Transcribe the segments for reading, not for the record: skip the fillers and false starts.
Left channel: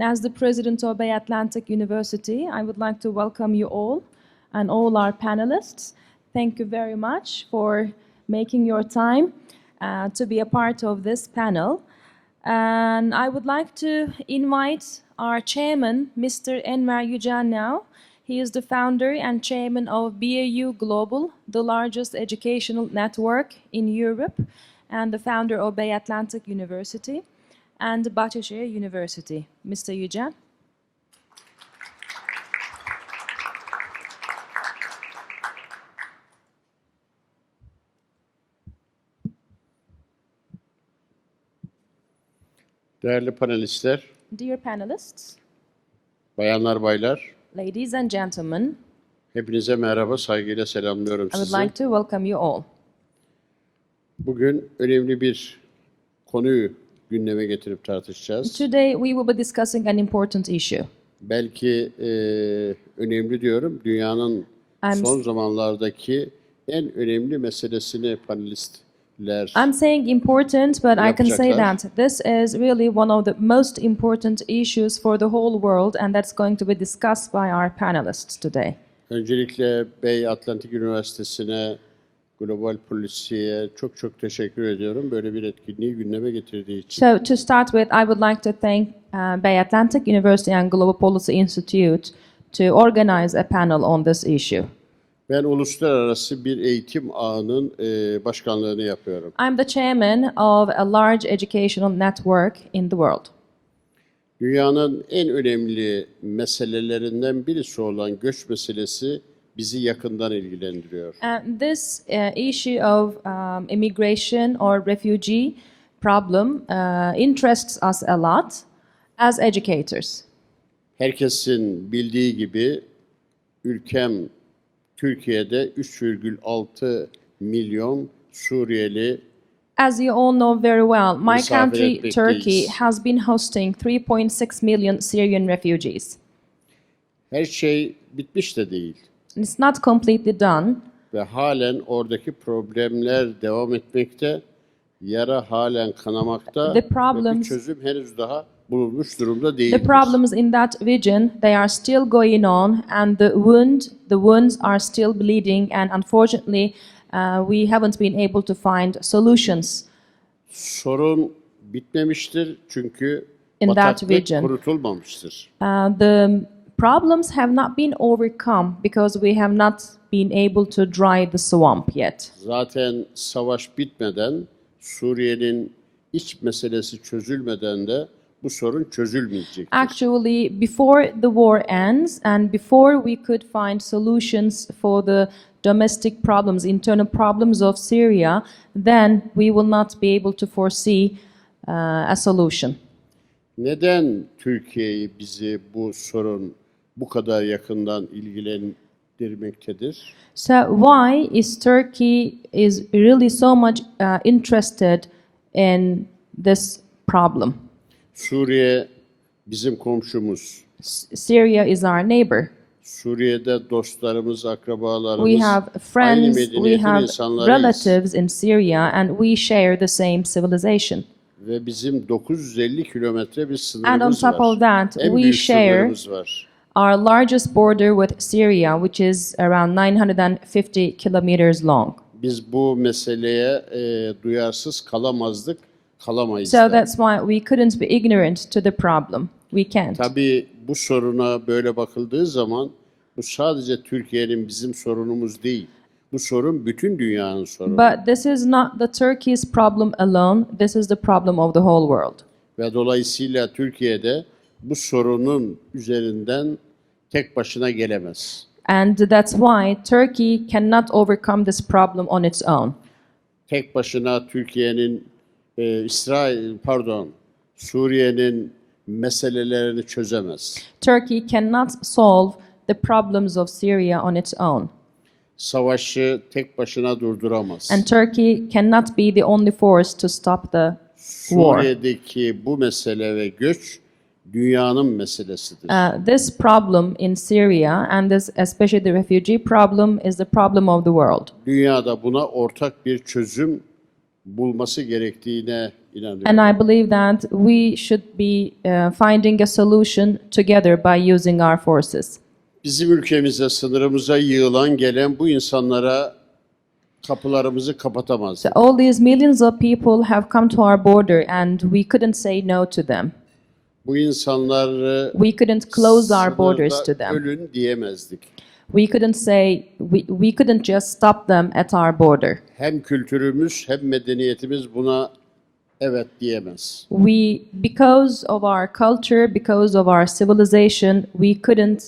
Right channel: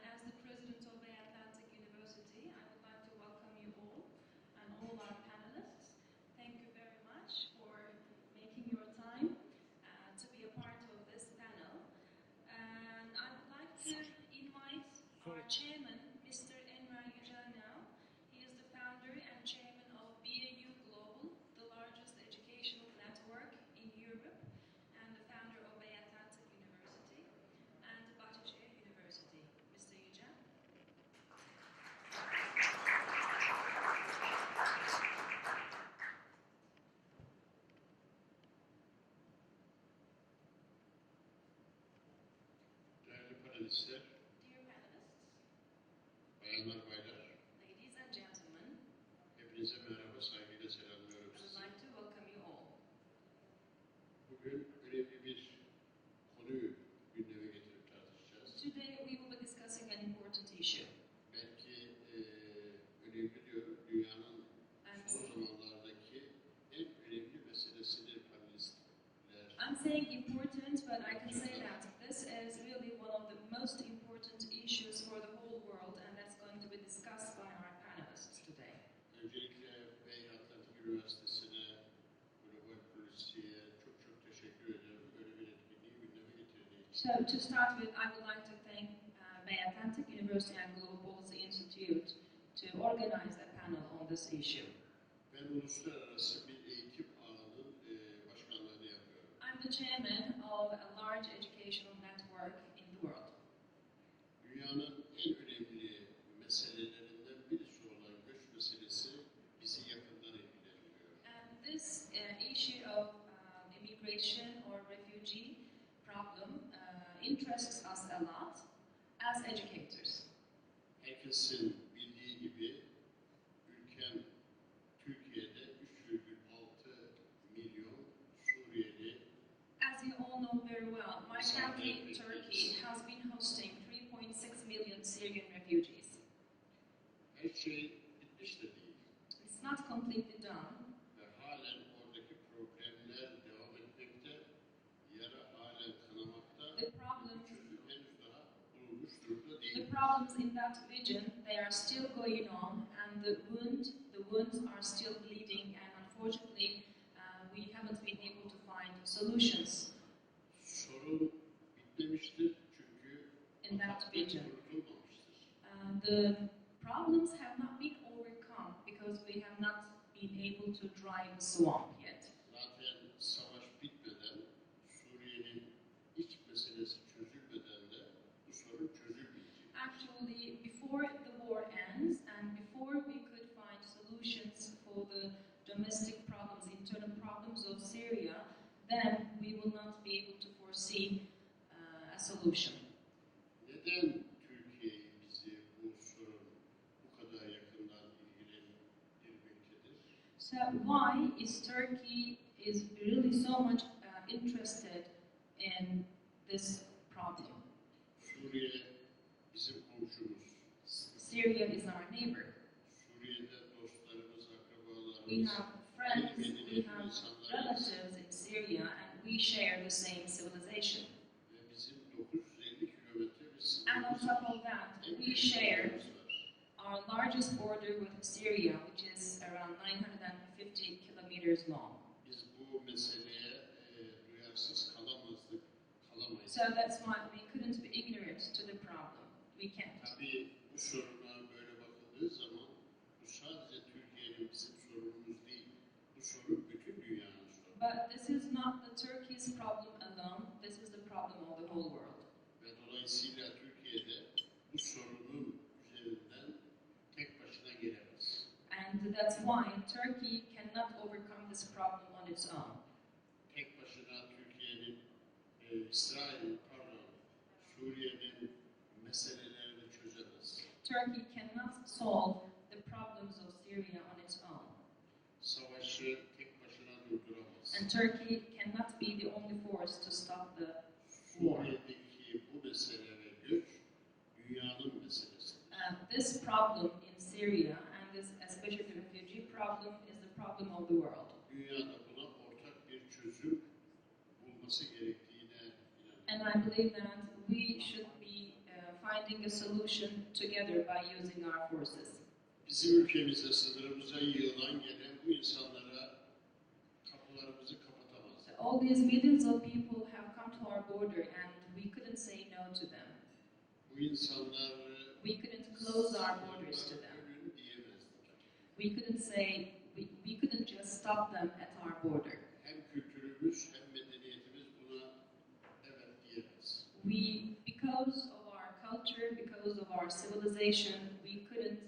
As the president of Bay Atlantic University, I would like to welcome you all and all our panelists. Thank you very much for making your time to be a part of this panel. And I would like to invite our chairman, Mr. Enver Yücel now. He is the founder and chairman of BAU Global, the largest educational network in Europe, and the founder of Bay Atlantic University and Bahçeşehir University. Mr. Yücel. Değerli panelistler, Dear panelists, bayanlar baylar, ladies and gentlemen, hepinize merhaba, saygıyla selamlıyorum I would sizi. like to welcome you all. Bugün önemli bir konuyu gündeme getirip tartışacağız. Today we will be discussing an important issue. Belki önemli diyorum, dünyanın son zamanlardaki en önemli meselesini panelistler I'm saying important, but I can say that this is really one of the most important issues for the whole world, and that's going to be discussed by our panelists today. Öncelikle Bay Atlantic Üniversitesi'ne, Global Policy'ye çok teşekkür ediyorum böyle bir etkinliği gündeme getirdiği için. So to start with, I would like to thank Bay Atlantic University and Global Policy Institute to organize a panel on this issue. Ben uluslararası bir eğitim ağının başkanlığını yapıyorum. I'm the chairman of a large educational network in the world. Dünyanın en önemli meselelerinden birisi olan göç meselesi bizi yakından ilgilendiriyor. And this issue of immigration or refugee problem interests us a lot as educators. Herkesin bildiği gibi ülkem Türkiye'de 3,6 milyon Suriyeli As you all know very well, my misafir country, etmekteyiz. Turkey, has been hosting 3.6 million Syrian refugees. Her şey bitmiş de değil It's not completely done, ve halen oradaki problemler devam etmekte, yara halen kanamakta The ve problems- bir çözüm henüz daha bulunmuş durumda değil. the problems in that region, they are still going on, and the wounds are still bleeding, and unfortunately, we haven't been able to find solutions. Sorun bitmemiştir çünkü In that bataklık region. kurutulmamıştır. The problems have not been overcome because we have not been able to dry the swamp yet. Zaten savaş bitmeden, Suriye'nin iç meselesi çözülmeden de bu sorun çözülmeyecektir. Actually, before the war ends and before we could find solutions for the domestic problems, internal problems of Syria, then we will not be able to foresee a solution. Neden Türkiye'yi bizi bu sorun bu kadar yakından ilgilendirmektedir? So why is Turkey is really so much interested in this problem? Suriye bizim komşumuz. Syria is our neighbor. Suriye'de dostlarımız, akrabalarımız, We have aynı friends, we medeniyetin have insanlarıyız. relatives in Syria, and we share the same civilization. Ve bizim 950 kilometre bir And on sınırımız top of var. that, En we büyük share sınırımız var. our largest border with Syria, which is around 950 kilometers long. Biz bu meseleye duyarsız kalamazdık, kalamayız So da. that's why we couldn't be ignorant to the problem. We can't. Tabii bu soruna böyle bakıldığı zaman bu sadece Türkiye'nin bizim sorunumuz değil. Bu sorun bütün dünyanın sorunu. But this is not the Turkey's problem alone. This is the problem of the whole world. Ve dolayısıyla Türkiye'de bu sorunun üzerinden tek başına gelemez. And that's why Turkey cannot overcome this problem on its own. Tek başına Türkiye'nin Suriye'nin meselelerini çözemez. Turkey cannot solve the problems of Syria on its own. Savaşı tek başına durduramaz. And Turkey cannot be the only force to stop the war. Suriye'deki bu mesele ve göç dünyanın meselesidir. This problem in Syria, and this, especially the refugee problem, is the problem of the world. Dünyada buna ortak bir çözüm bulması gerektiğine inanıyorum. And I believe that we should be finding a solution together by using our forces. Bizim ülkemize, sınırımıza yığılan gelen bu insanlara kapılarımızı kapatamaz. So all these millions of people have come to our border and we couldn't say no to them. Bu insanları We couldn't close our borders to sınırda them. ölün diyemezdik. We couldn't say, we couldn't just stop them at our border. Hem kültürümüz hem medeniyetimiz buna evet diyemez. Because of our culture, because of our civilization, we couldn't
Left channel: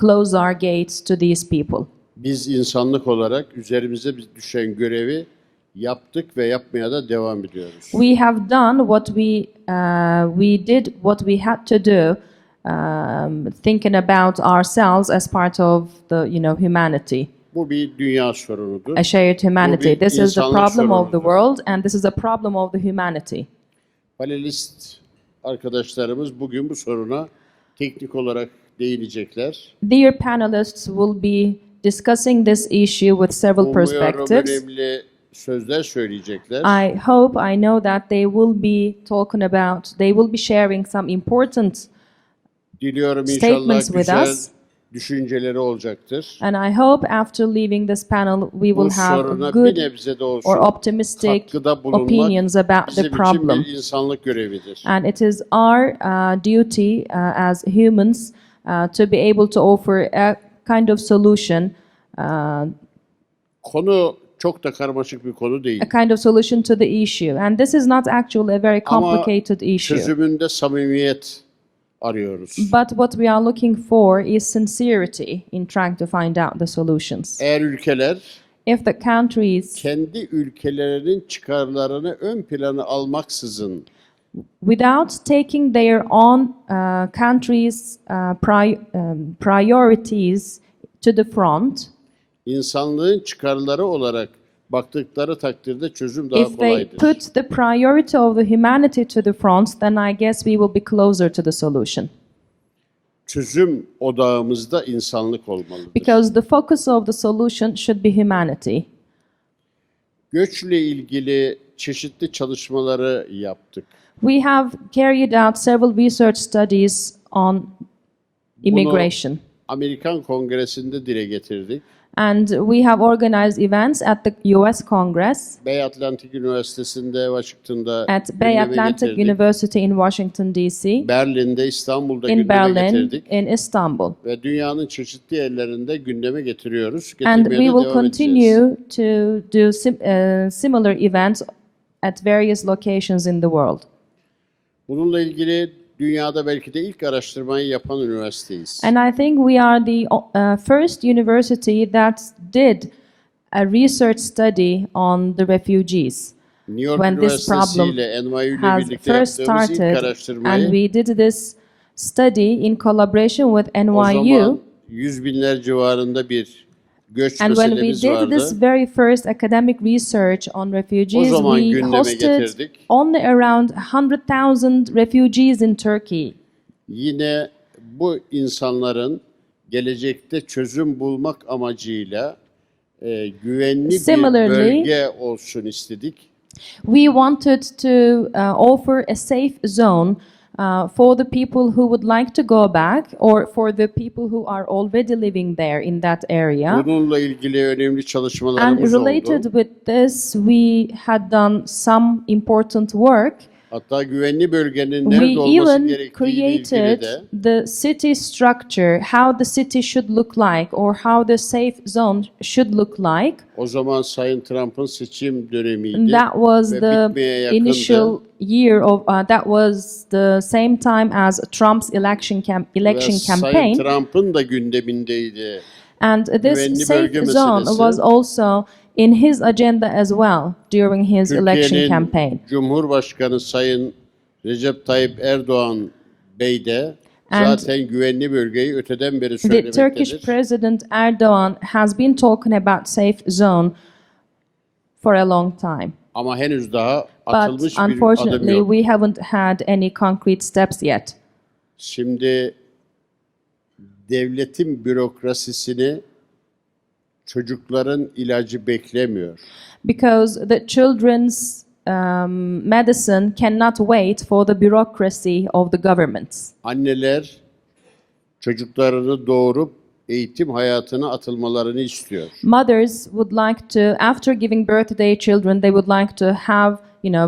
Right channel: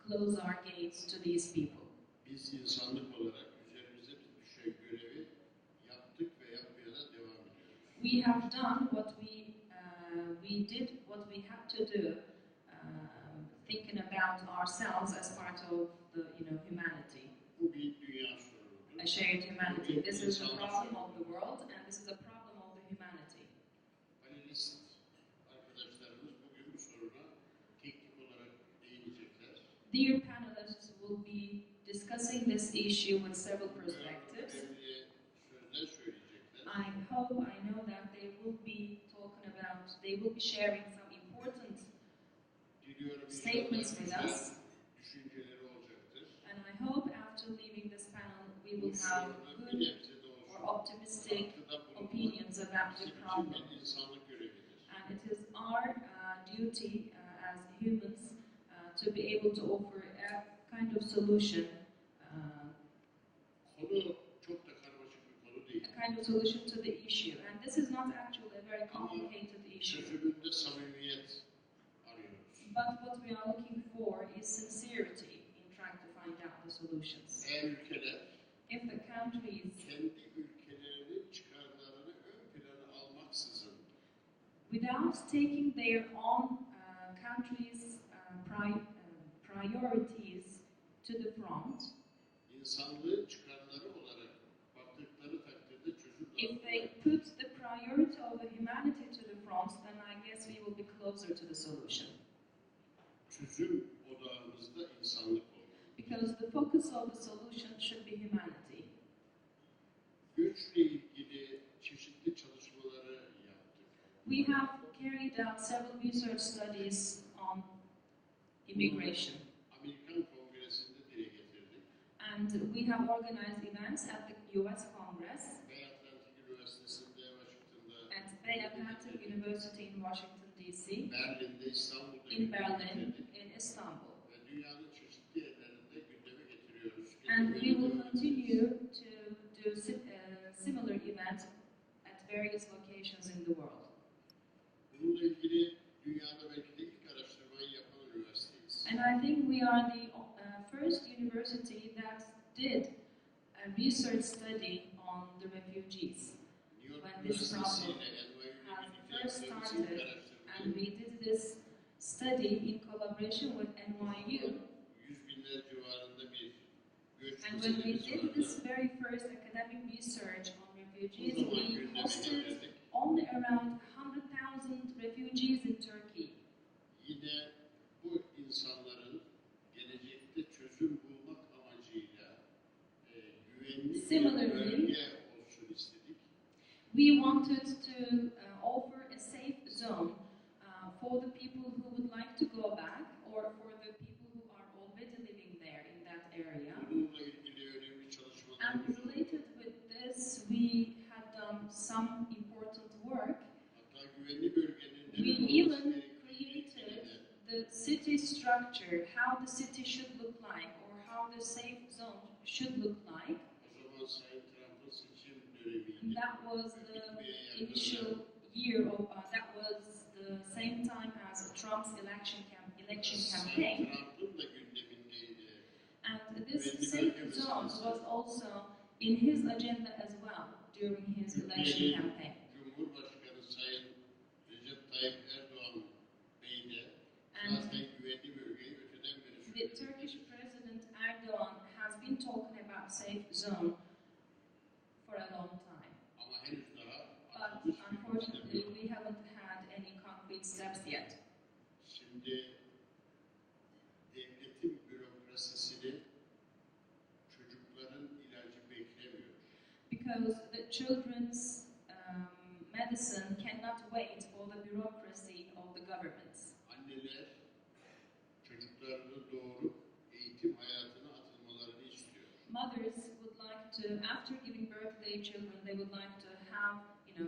close our gates to these people. Biz insanlık olarak üzerimize düşen görevi yaptık ve yapmaya da devam ediyoruz. We have done what we did what we had to do, thinking about ourselves as part of the humanity. Bu bir dünya sorunudur. A shared humanity. Bu bir This is the insanlık problem of the sorunudur. world, and this is a problem of the humanity. Panelist arkadaşlarımız bugün bu soruna teknik olarak değinecekler. Dear panelists will be discussing this issue with several Umuyorum perspectives. önemli sözler söyleyecekler. I know that they will be sharing some important Diliyorum inşallah statements with güzel us. düşünceleri olacaktır. And I hope after leaving this panel we will Bu have soruna good bir nebze de olsun or optimistic katkıda bulunmak opinions about bizim the için problem. bir insanlık görevidir. And it is our duty as humans to be able to offer a kind of solution, Konu çok da karmaşık bir konu değil. a kind of solution to the issue. And this is not actually a very Ama complicated issue. çözümünde samimiyet arıyoruz. But what we are looking for is sincerity in trying to find out the solutions. Eğer ülkeler If the countries, kendi ülkelerinin çıkarlarını ön plana almaksızın without taking their own countries' priorities to the front, insanlığın çıkarları olarak baktıkları takdirde çözüm daha if they kolaydır. put the priority of the humanity to the front, then I guess we will be closer to the solution. Çözüm odağımızda insanlık olmalıdır. Because the focus of the solution should be humanity. Göçle ilgili çeşitli çalışmaları yaptık. We have carried out several research studies on immigration. Amerikan Kongresi'nde dile getirdik. And we have organized events at the US Congress, Bay Atlantic Üniversitesi'nde, Washington'da at Bay gündeme Atlantic getirdik. University in Washington, D.C., Berlin'de, İstanbul'da in gündeme Berlin, getirdik. in Istanbul. Ve dünyanın çeşitli yerlerinde gündeme getiriyoruz. And Getirmeye we de will devam edeceğiz. continue to do similar events at various locations in the world. Bununla ilgili dünyada belki de ilk araştırmayı yapan üniversiteyiz. And I think we are the first university that did a research study on the refugees. New York When this Üniversitesi problem ile NYU ile has birlikte first yaptığımız ilk started, and araştırmayı we did this study in collaboration with o NYU. zaman 100 binler civarında bir göç And when we meselemiz did vardı. this very first academic research on refugees, O zaman we gündeme hosted getirdik. only around 100,000 refugees in Turkey. Yine bu insanların gelecekte çözüm bulmak amacıyla güvenli bir Similarly, bölge olsun istedik. We wanted to offer a safe zone for the people who would like to go back or for the people who are already living there in that area. Bununla ilgili önemli And çalışmalarımız related oldu. with this, we had done some important work. Hatta güvenli bölgenin We nerede olması even gerektiğiyle ilgili created de the city structure, how the city should look like or how the safe zone should look like. o zaman Sayın Trump'ın seçim And dönemiydi that was ve the bitmeye yakındı. initial year of that was the same time as Trump's election Ve Sayın campaign. Trump'ın da gündemindeydi. And Güvenli this bölge safe zone meselesi. was also in his agenda as well during his election Türkiye'nin campaign. Cumhurbaşkanı Sayın Recep Tayyip Erdoğan Bey de And zaten güvenli bölgeyi öteden beri The Turkish söylemektedir. President Erdogan has been talking about safe zone for a long time. Ama henüz daha But atılmış bir adım unfortunately, yok. we haven't had any concrete steps yet. Şimdi devletin bürokrasisini çocukların ilacı beklemiyor. Because the children's medicine cannot wait for the bureaucracy of the governments. Anneler çocuklarını doğurup eğitim hayatına atılmalarını istiyor. Mothers would like to, after giving birth to their children, they would like to have,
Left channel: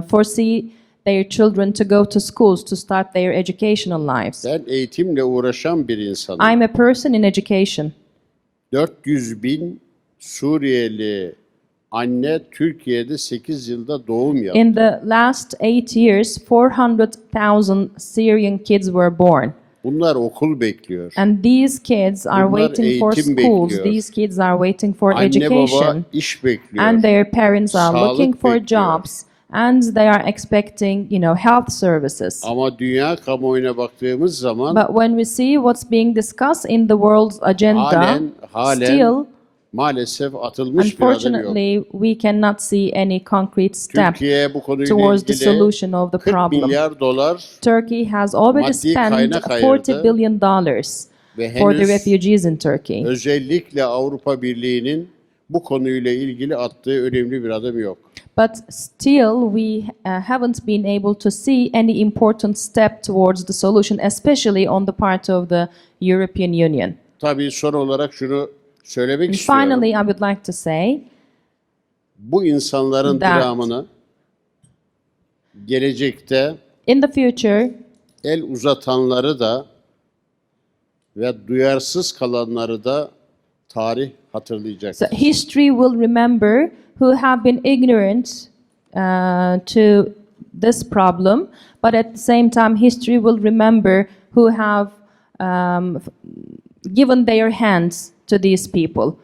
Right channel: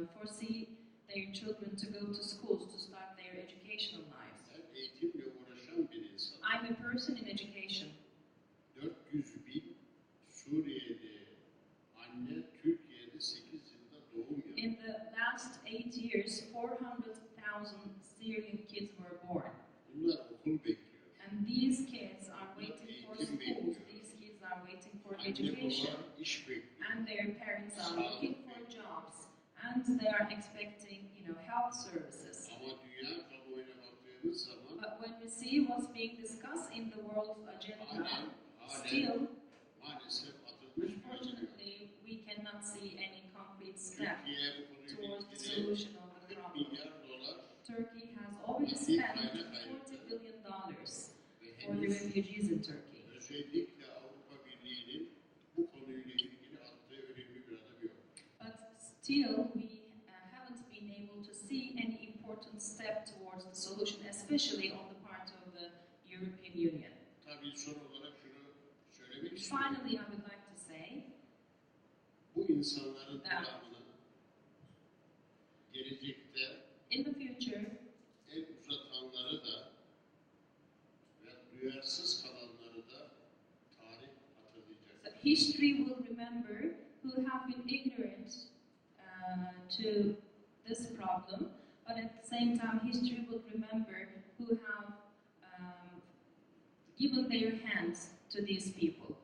foresee their children to go to schools to start their educational lives. Ben eğitimle uğraşan bir insanım. I'm a person in education. 400.000 Suriyeli anne Türkiye'de 8 yılda doğum yaptı. In the last 8 years, 400,000 Syrian kids were born. Bunlar okul bekliyor. And these kids are Bunlar waiting for eğitim schools. bekliyor. These kids are waiting for Anne baba education. iş bekliyor. And their parents are Sağlık looking for bekliyor. jobs. And they are expecting, health services. Ama dünya kamuoyuna baktığımız zaman But when we see what's being discussed in the world's agenda, halen still, maalesef atılmış bir adım yok. unfortunately, we cannot see any concrete step Türkiye bu konuyla towards the ilgili solution of the 40 problem. milyar dolar Turkey has already maddi spent kaynak $40 ayırdı billion ve for the henüz refugees in Turkey. özellikle Avrupa Birliği'nin bu konuyla ilgili attığı önemli bir adım yok. But still, we haven't been able to see any important step towards the solution, especially on the part of the European Union. Tabii son olarak şunu söylemek And istiyorum. finally, I would like to say Bu insanların that dramını gelecekte in the future, el uzatanları da ve duyarsız kalanları da tarih hatırlayacak. so history will remember who have been ignorant to this problem, but at the same time, history will remember who have given their hands to these people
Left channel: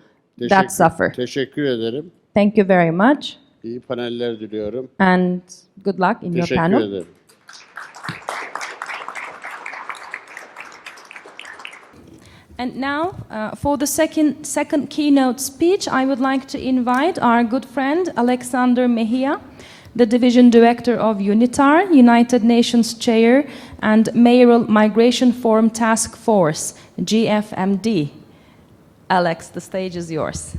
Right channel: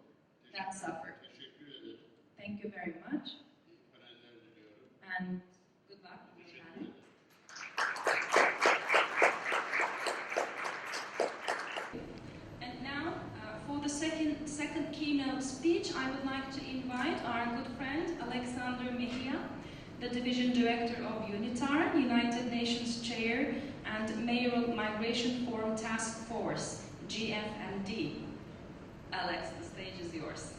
that suffer. Teşekkür ederim. Thank you very much, İyi paneller diliyorum. and good luck in your Teşekkür panel. ederim. And now, for the second keynote speech, I would like to invite our good friend Alexander Mejia, the Division Director of UNITAR, United Nations Chair, and Mayoral Migration Forum Task Force, GFMD. Alex, the stage is yours.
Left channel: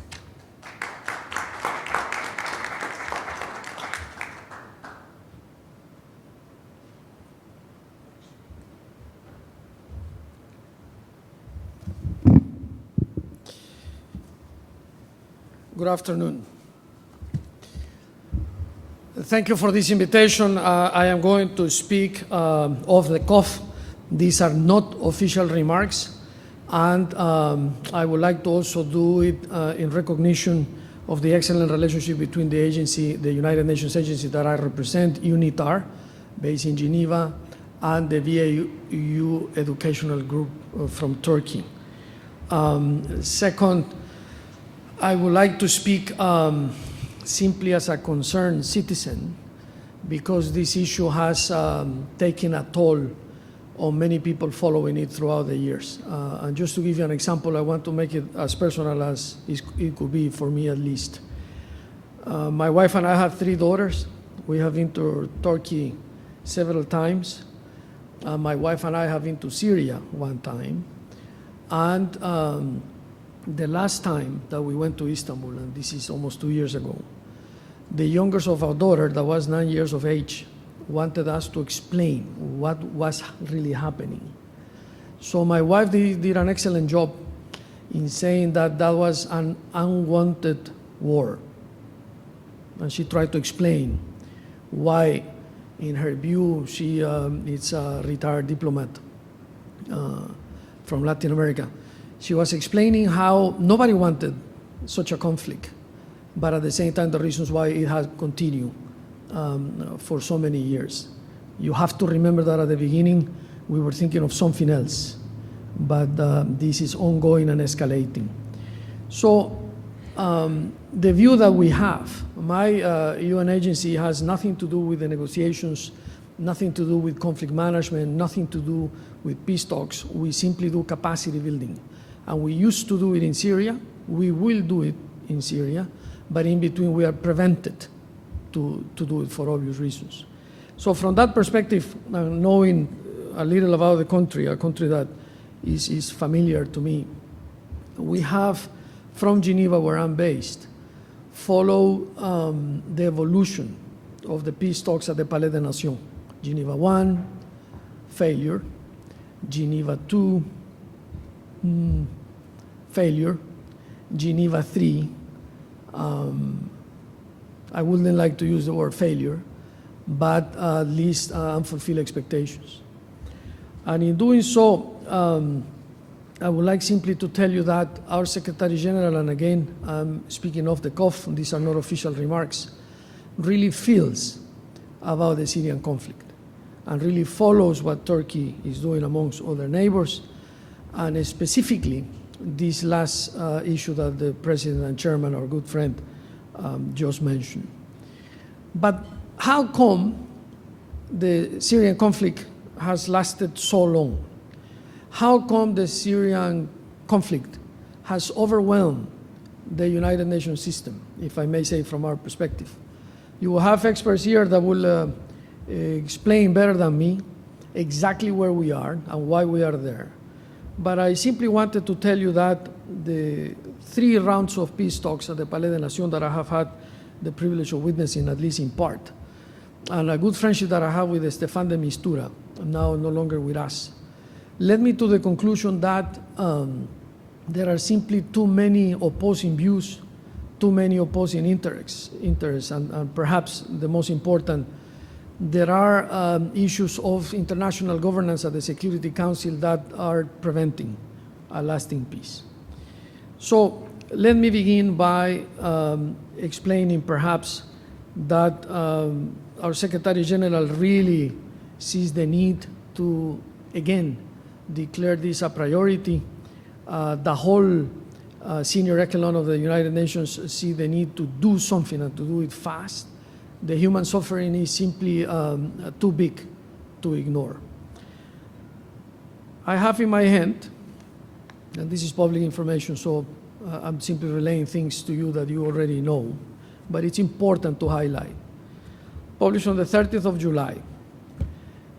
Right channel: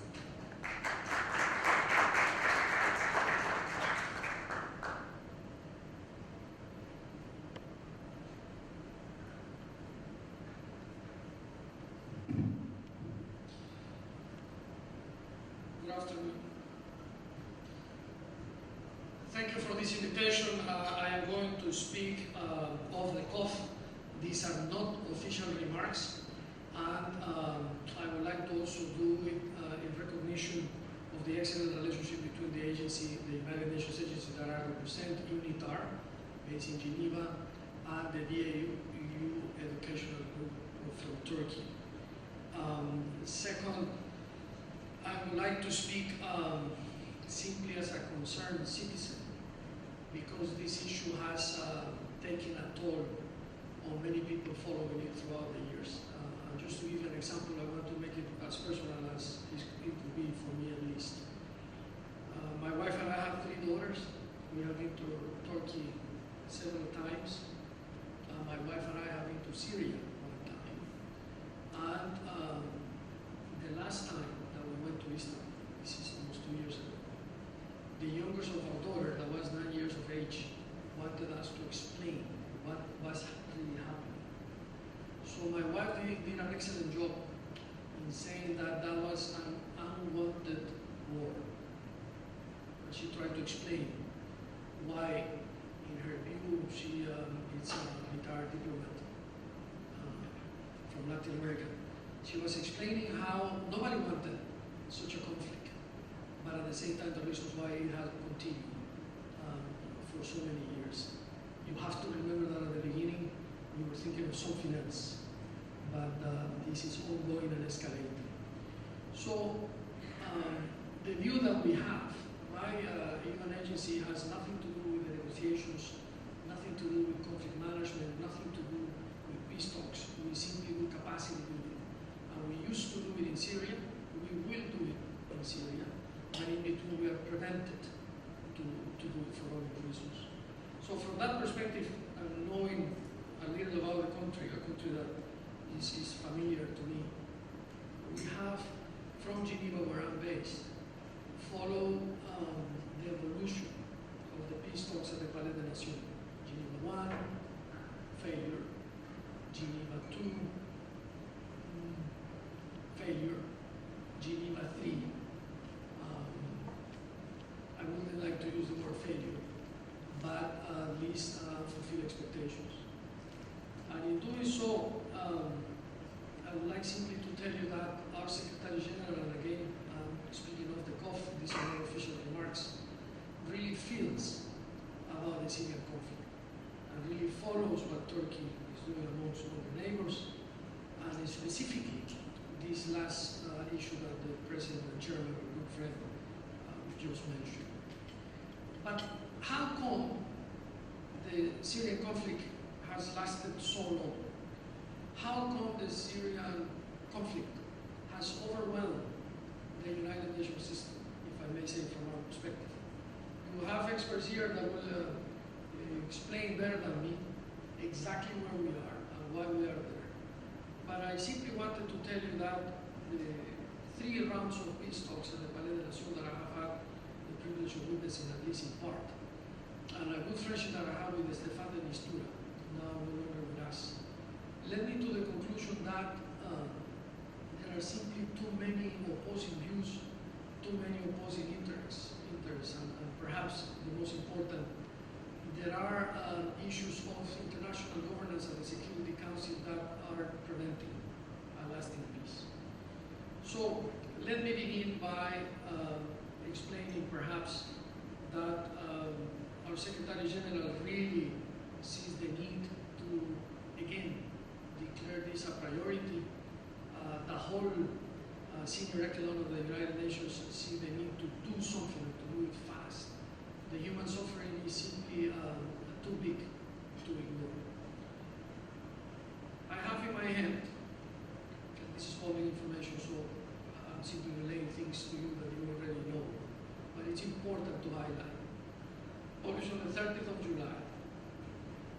Good afternoon. Thank you for this invitation. I am going to speak off the cuff. These are not official remarks, and I would like to also do it in recognition of the excellent relationship between the agency, the United Nations agency that I represent, UNITAR, based in Geneva, and the VAU Educational Group from Turkey. Second, I would like to speak simply as a concerned citizen, because this issue has taken a toll on many people following it throughout the years. And just to give you an example, I want to make it as personal as it could be for me at least. My wife and I have 3 daughters. We have been to Turkey several times. My wife and I have been to Syria one time. And the last time that we went to Istanbul, and this is almost 2 years ago, the youngest of our daughter, that was 9 years of age, wanted us to explain what was really happening. So my wife did an excellent job in saying that that was an unwanted war. And she tried to explain why, in her view, she is a retired diplomat from Latin America. She was explaining how nobody wanted such a conflict, but at the same time, the reasons why it has continued for so many years. You have to remember that at the beginning, we were thinking of something else, but this is ongoing and escalating. So the view that we have, my UN agency has nothing to do with the negotiations, nothing to do with conflict management, nothing to do with peace talks. We simply do capacity building. And we used to do it in Syria. We will do it in Syria. But in between, we are prevented to do it for obvious reasons. So from that perspective, knowing a little about the country, a country that is familiar to me, we have from Geneva, where I'm based, follow the evolution of the peace talks at the Palais des Nations. Geneva 1, failure. Geneva 2, failure. Geneva 3, I wouldn't like to use the word failure, but at least unfulfilled expectations. And in doing so, I would like simply to tell you that our Secretary General, and again, I'm speaking off the cuff, these are not official remarks, really feels about the Syrian conflict and really follows what Turkey is doing amongst other neighbors, and specifically this last issue that the President and Chairman, our good friend, just mentioned. But how come the Syrian conflict has lasted so long? How come the Syrian conflict has overwhelmed the United Nations system, if I may say from our perspective? You will have experts here that will explain better than me exactly where we are and why we are there. But I simply wanted to tell you that the 3 rounds of peace talks at the Palais des Nations that I have had the privilege of witnessing, at least in part, and a good friendship that I have with Stefan de Mistura, now no longer with us, led me to the conclusion that there are simply too many opposing views, too many opposing interests, and perhaps the most important, there are issues of international governance at the Security Council that are preventing a lasting peace. So let me begin by explaining perhaps that our Secretary General really sees the need to, again, declare this a priority. The whole senior echelon of the United Nations see the need to do something and to do it fast. The human suffering is simply too big to ignore. I have in my hand, and this is public information, so I'm simply relaying things to you that you already know, but it's important to highlight. Published on the 30th of July,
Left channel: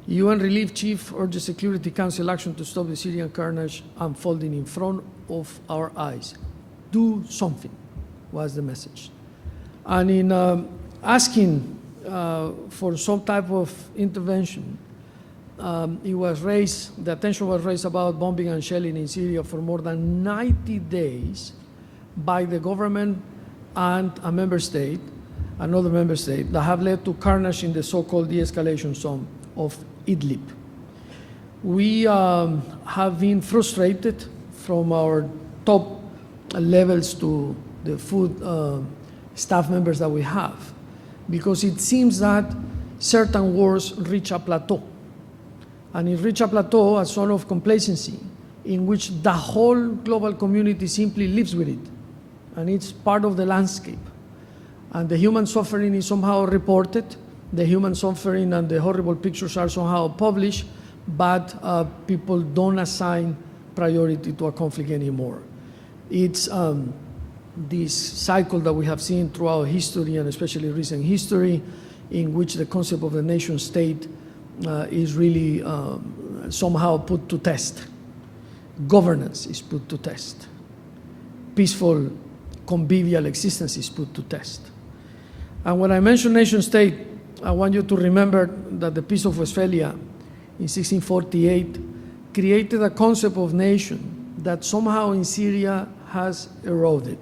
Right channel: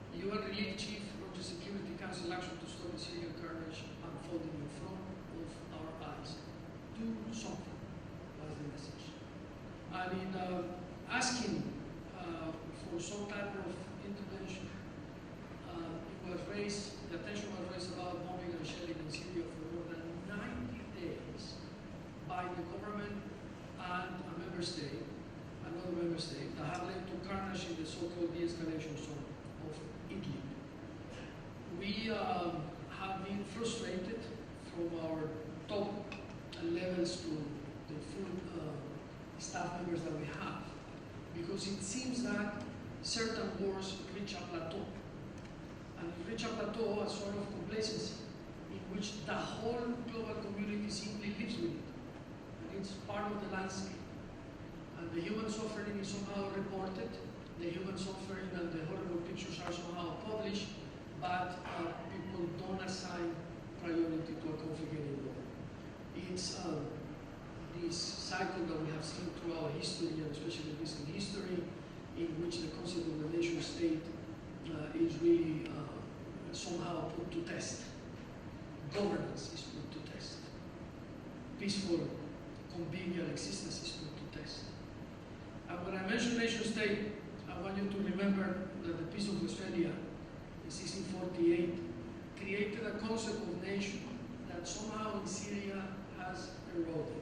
UN Relief Chief urges Security Council action to stop the Syrian carnage unfolding in front of our eyes. Do something, was the message. And in asking for some type of intervention, the attention was raised about bombing and shelling in Syria for more than 90 days by the government and a member state, another member state, that have led to carnage in the so-called de-escalation zone of Idlbi. We have been frustrated from our top levels to the food staff members that we have, because it seems that certain wars reach a plateau. And it reach a plateau, a sort of complacency, in which the whole global community simply lives with it. And it's part of the landscape. And the human suffering is somehow reported, the human suffering and the horrible pictures are somehow published, but people don't assign priority to a conflict anymore. It's this cycle that we have seen throughout history, and especially recent history, in which the concept of the nation state is really somehow put to test. Governance is put to test. Peaceful, convivial existence is put to test. And when I mention nation state, I want you to remember that the Peace of Westphalia in 1648 created a concept of nation that somehow in Syria has eroded.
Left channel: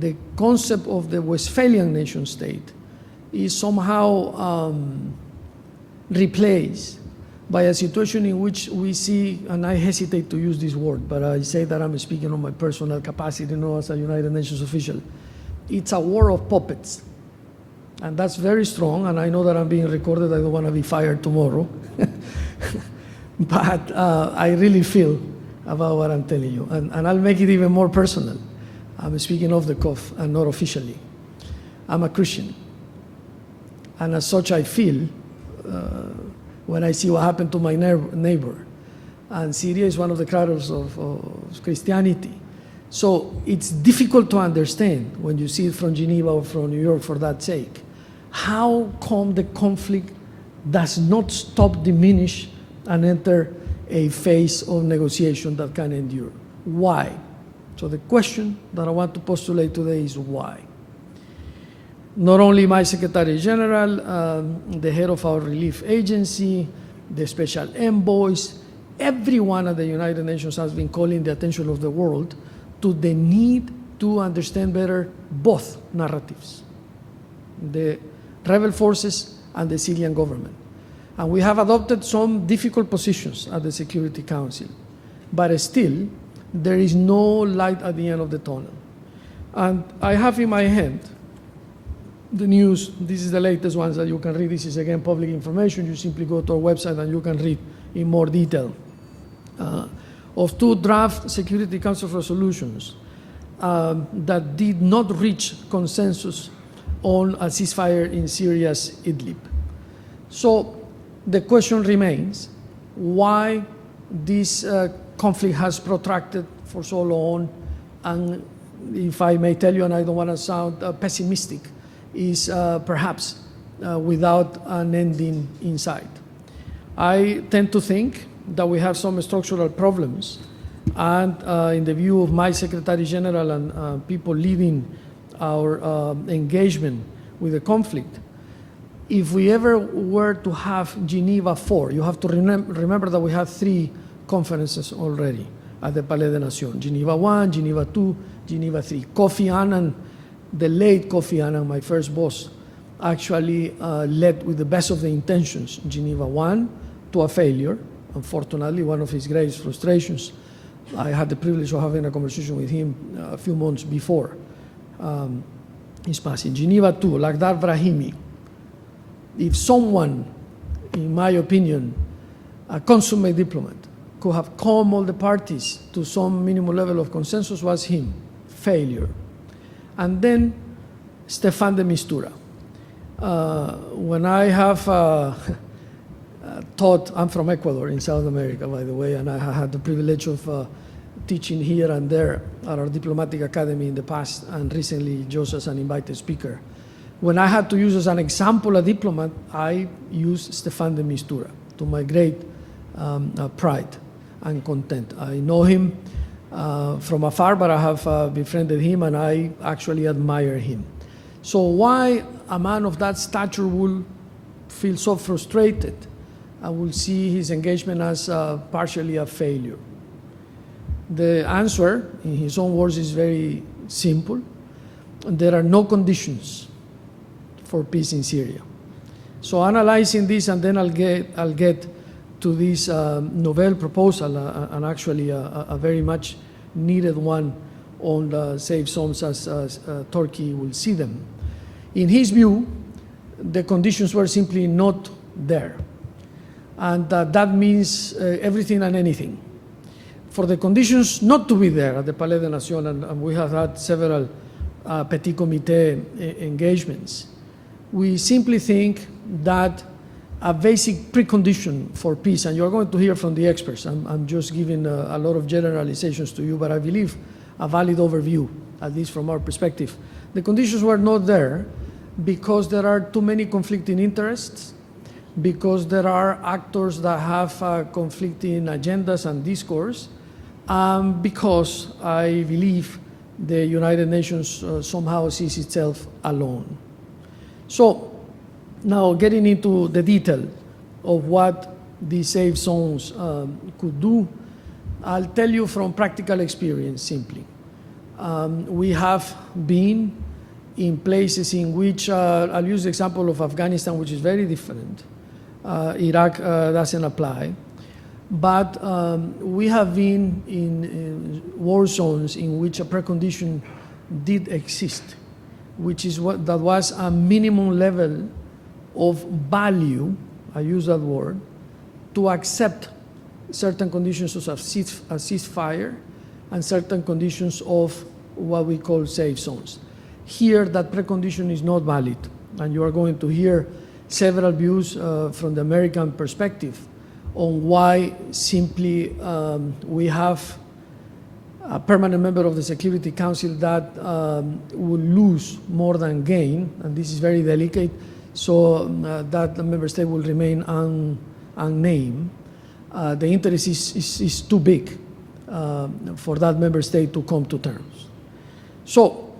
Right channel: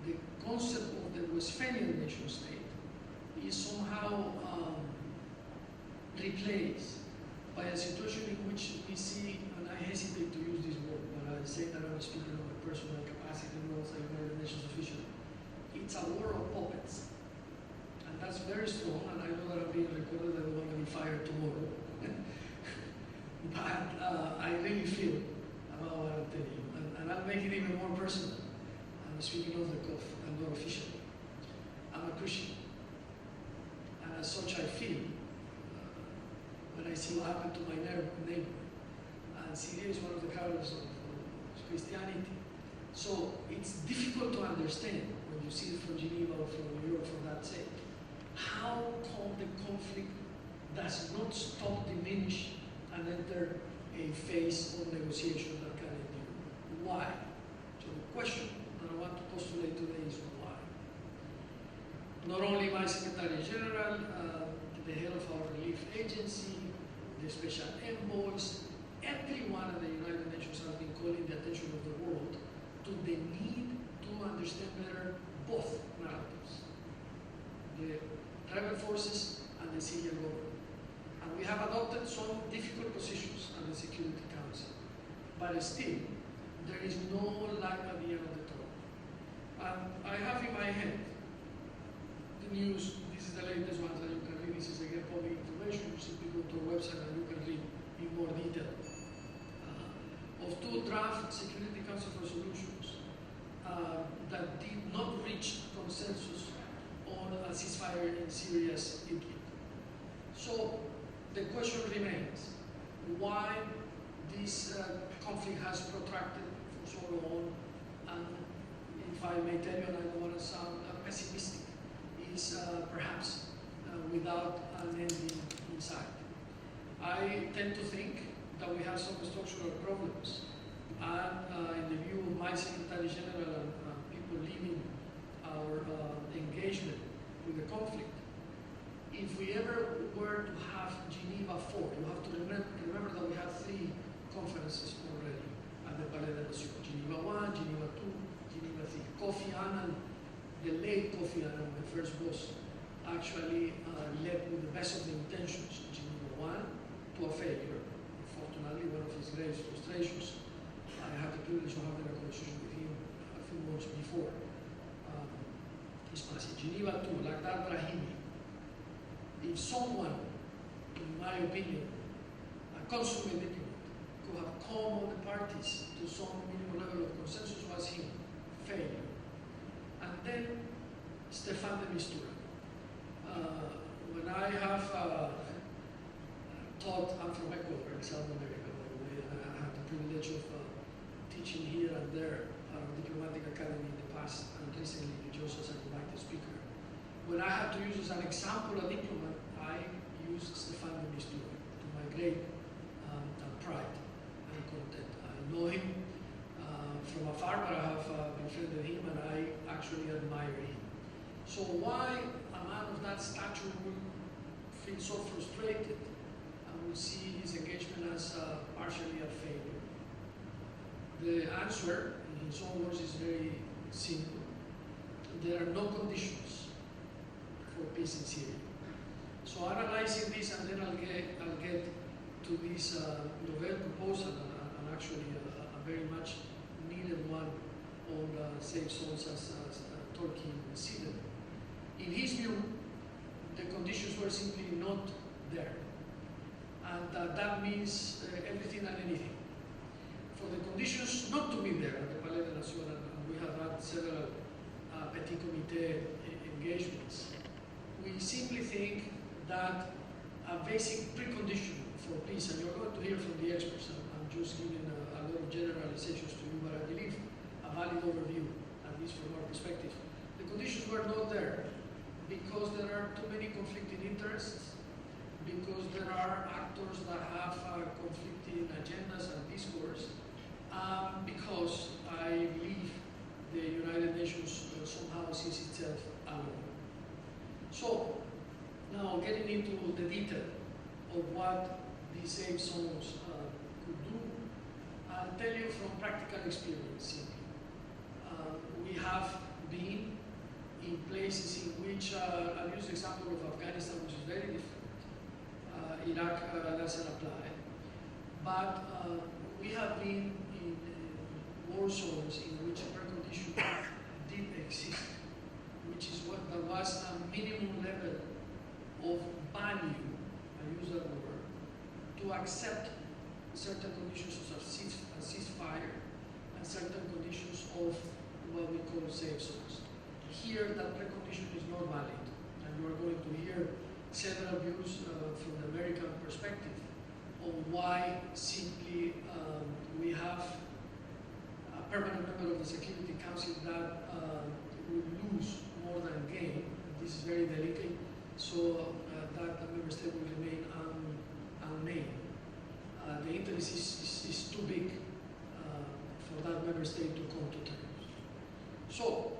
The concept of the Westphalian nation state is somehow replaced by a situation in which we see, and I hesitate to use this word, but I say that I'm speaking on my personal capacity, not as a United Nations official. It's a war of puppets. And that's very strong, and I know that I'm being recorded. I don't want to be fired tomorrow. But I really feel about what I'm telling you. And I'll make it even more personal. I'm speaking off the cuff and not officially. I'm a Christian. And as such, I feel when I see what happened to my neighbor. And Syria is one of the cradles of Christianity. So it's difficult to understand when you see it from Geneva or from New York for that sake. How come the conflict does not stop, diminish, and enter a phase of negotiation that can endure? Why? So the question that I want to postulate today is why. Not only my Secretary General, the head of our relief agency, the special envoys, everyone at the United Nations has been calling the attention of the world to the need to understand better both narratives, the rebel forces and the Syrian government. And we have adopted some difficult positions at the Security Council, but still, there is no light at the end of the tunnel. And I have in my hand the news. This is the latest ones that you can read. This is again public information. You simply go to our website and you can read in more detail. Of 2 draft Security Council resolutions that did not reach consensus on a ceasefire in Syria's Idlib. So the question remains, why this conflict has protracted for so long, and if I may tell you, and I don't want to sound pessimistic, is perhaps without an ending in sight. I tend to think that we have some structural problems, and in the view of my Secretary General and people leading our engagement with the conflict, if we ever were to have Geneva 4, you have to remember that we have 3 conferences already at the Palais des Nations, Geneva 1, Geneva 2, Geneva 3. Kofi Annan, the late Kofi Annan, my first boss, actually led with the best of the intentions Geneva 1 to a failure. Unfortunately, one of his greatest frustrations. I had the privilege of having a conversation with him a few months before his passing. Geneva 2, Lakhdar Brahimi. If someone, in my opinion, a consummate diplomat, could have calmed all the parties to some minimum level of consensus, was him. Failure. And then Stefan de Mistura. When I have taught, I'm from Ecuador in South America, by the way, and I had the privilege of teaching here and there at our diplomatic academy in the past, and recently just as an invited speaker. When I had to use as an example a diplomat, I used Stefan de Mistura, to my great pride and content. I know him from afar, but I have befriended him, and I actually admire him. So why a man of that stature will feel so frustrated and will see his engagement as partially a failure? The answer, in his own words, is very simple. There are no conditions for peace in Syria. So analyzing this, and then I'll get to this novel proposal, and actually a very much needed one on the safe zones as Turkey will see them. In his view, the conditions were simply not there. And that means everything and anything. For the conditions not to be there at the Palais des Nations, and we have had several Petit Comité engagements, we simply think that a basic precondition for peace, and you're going to hear from the experts, I'm just giving a lot of generalizations to you, but I believe a valid overview, at least from our perspective. The conditions were not there because there are too many conflicting interests, because there are actors that have conflicting agendas and discourse, because I believe the United Nations somehow sees itself alone. So now getting into the detail of what these safe zones could do, I'll tell you from practical experience simply. We have been in places in which, I'll use the example of Afghanistan, which is very different. Iraq doesn't apply. But we have been in war zones in which a precondition did exist, which is that was a minimum level of value, I use that word, to accept certain conditions of a ceasefire and certain conditions of what we call safe zones. Here, that precondition is not valid, and you are going to hear several views from the American perspective on why simply we have a permanent member of the Security Council that will lose more than gain, and this is very delicate, so that the member state will remain unnamed. The interest is too big for that member state to come to terms. So,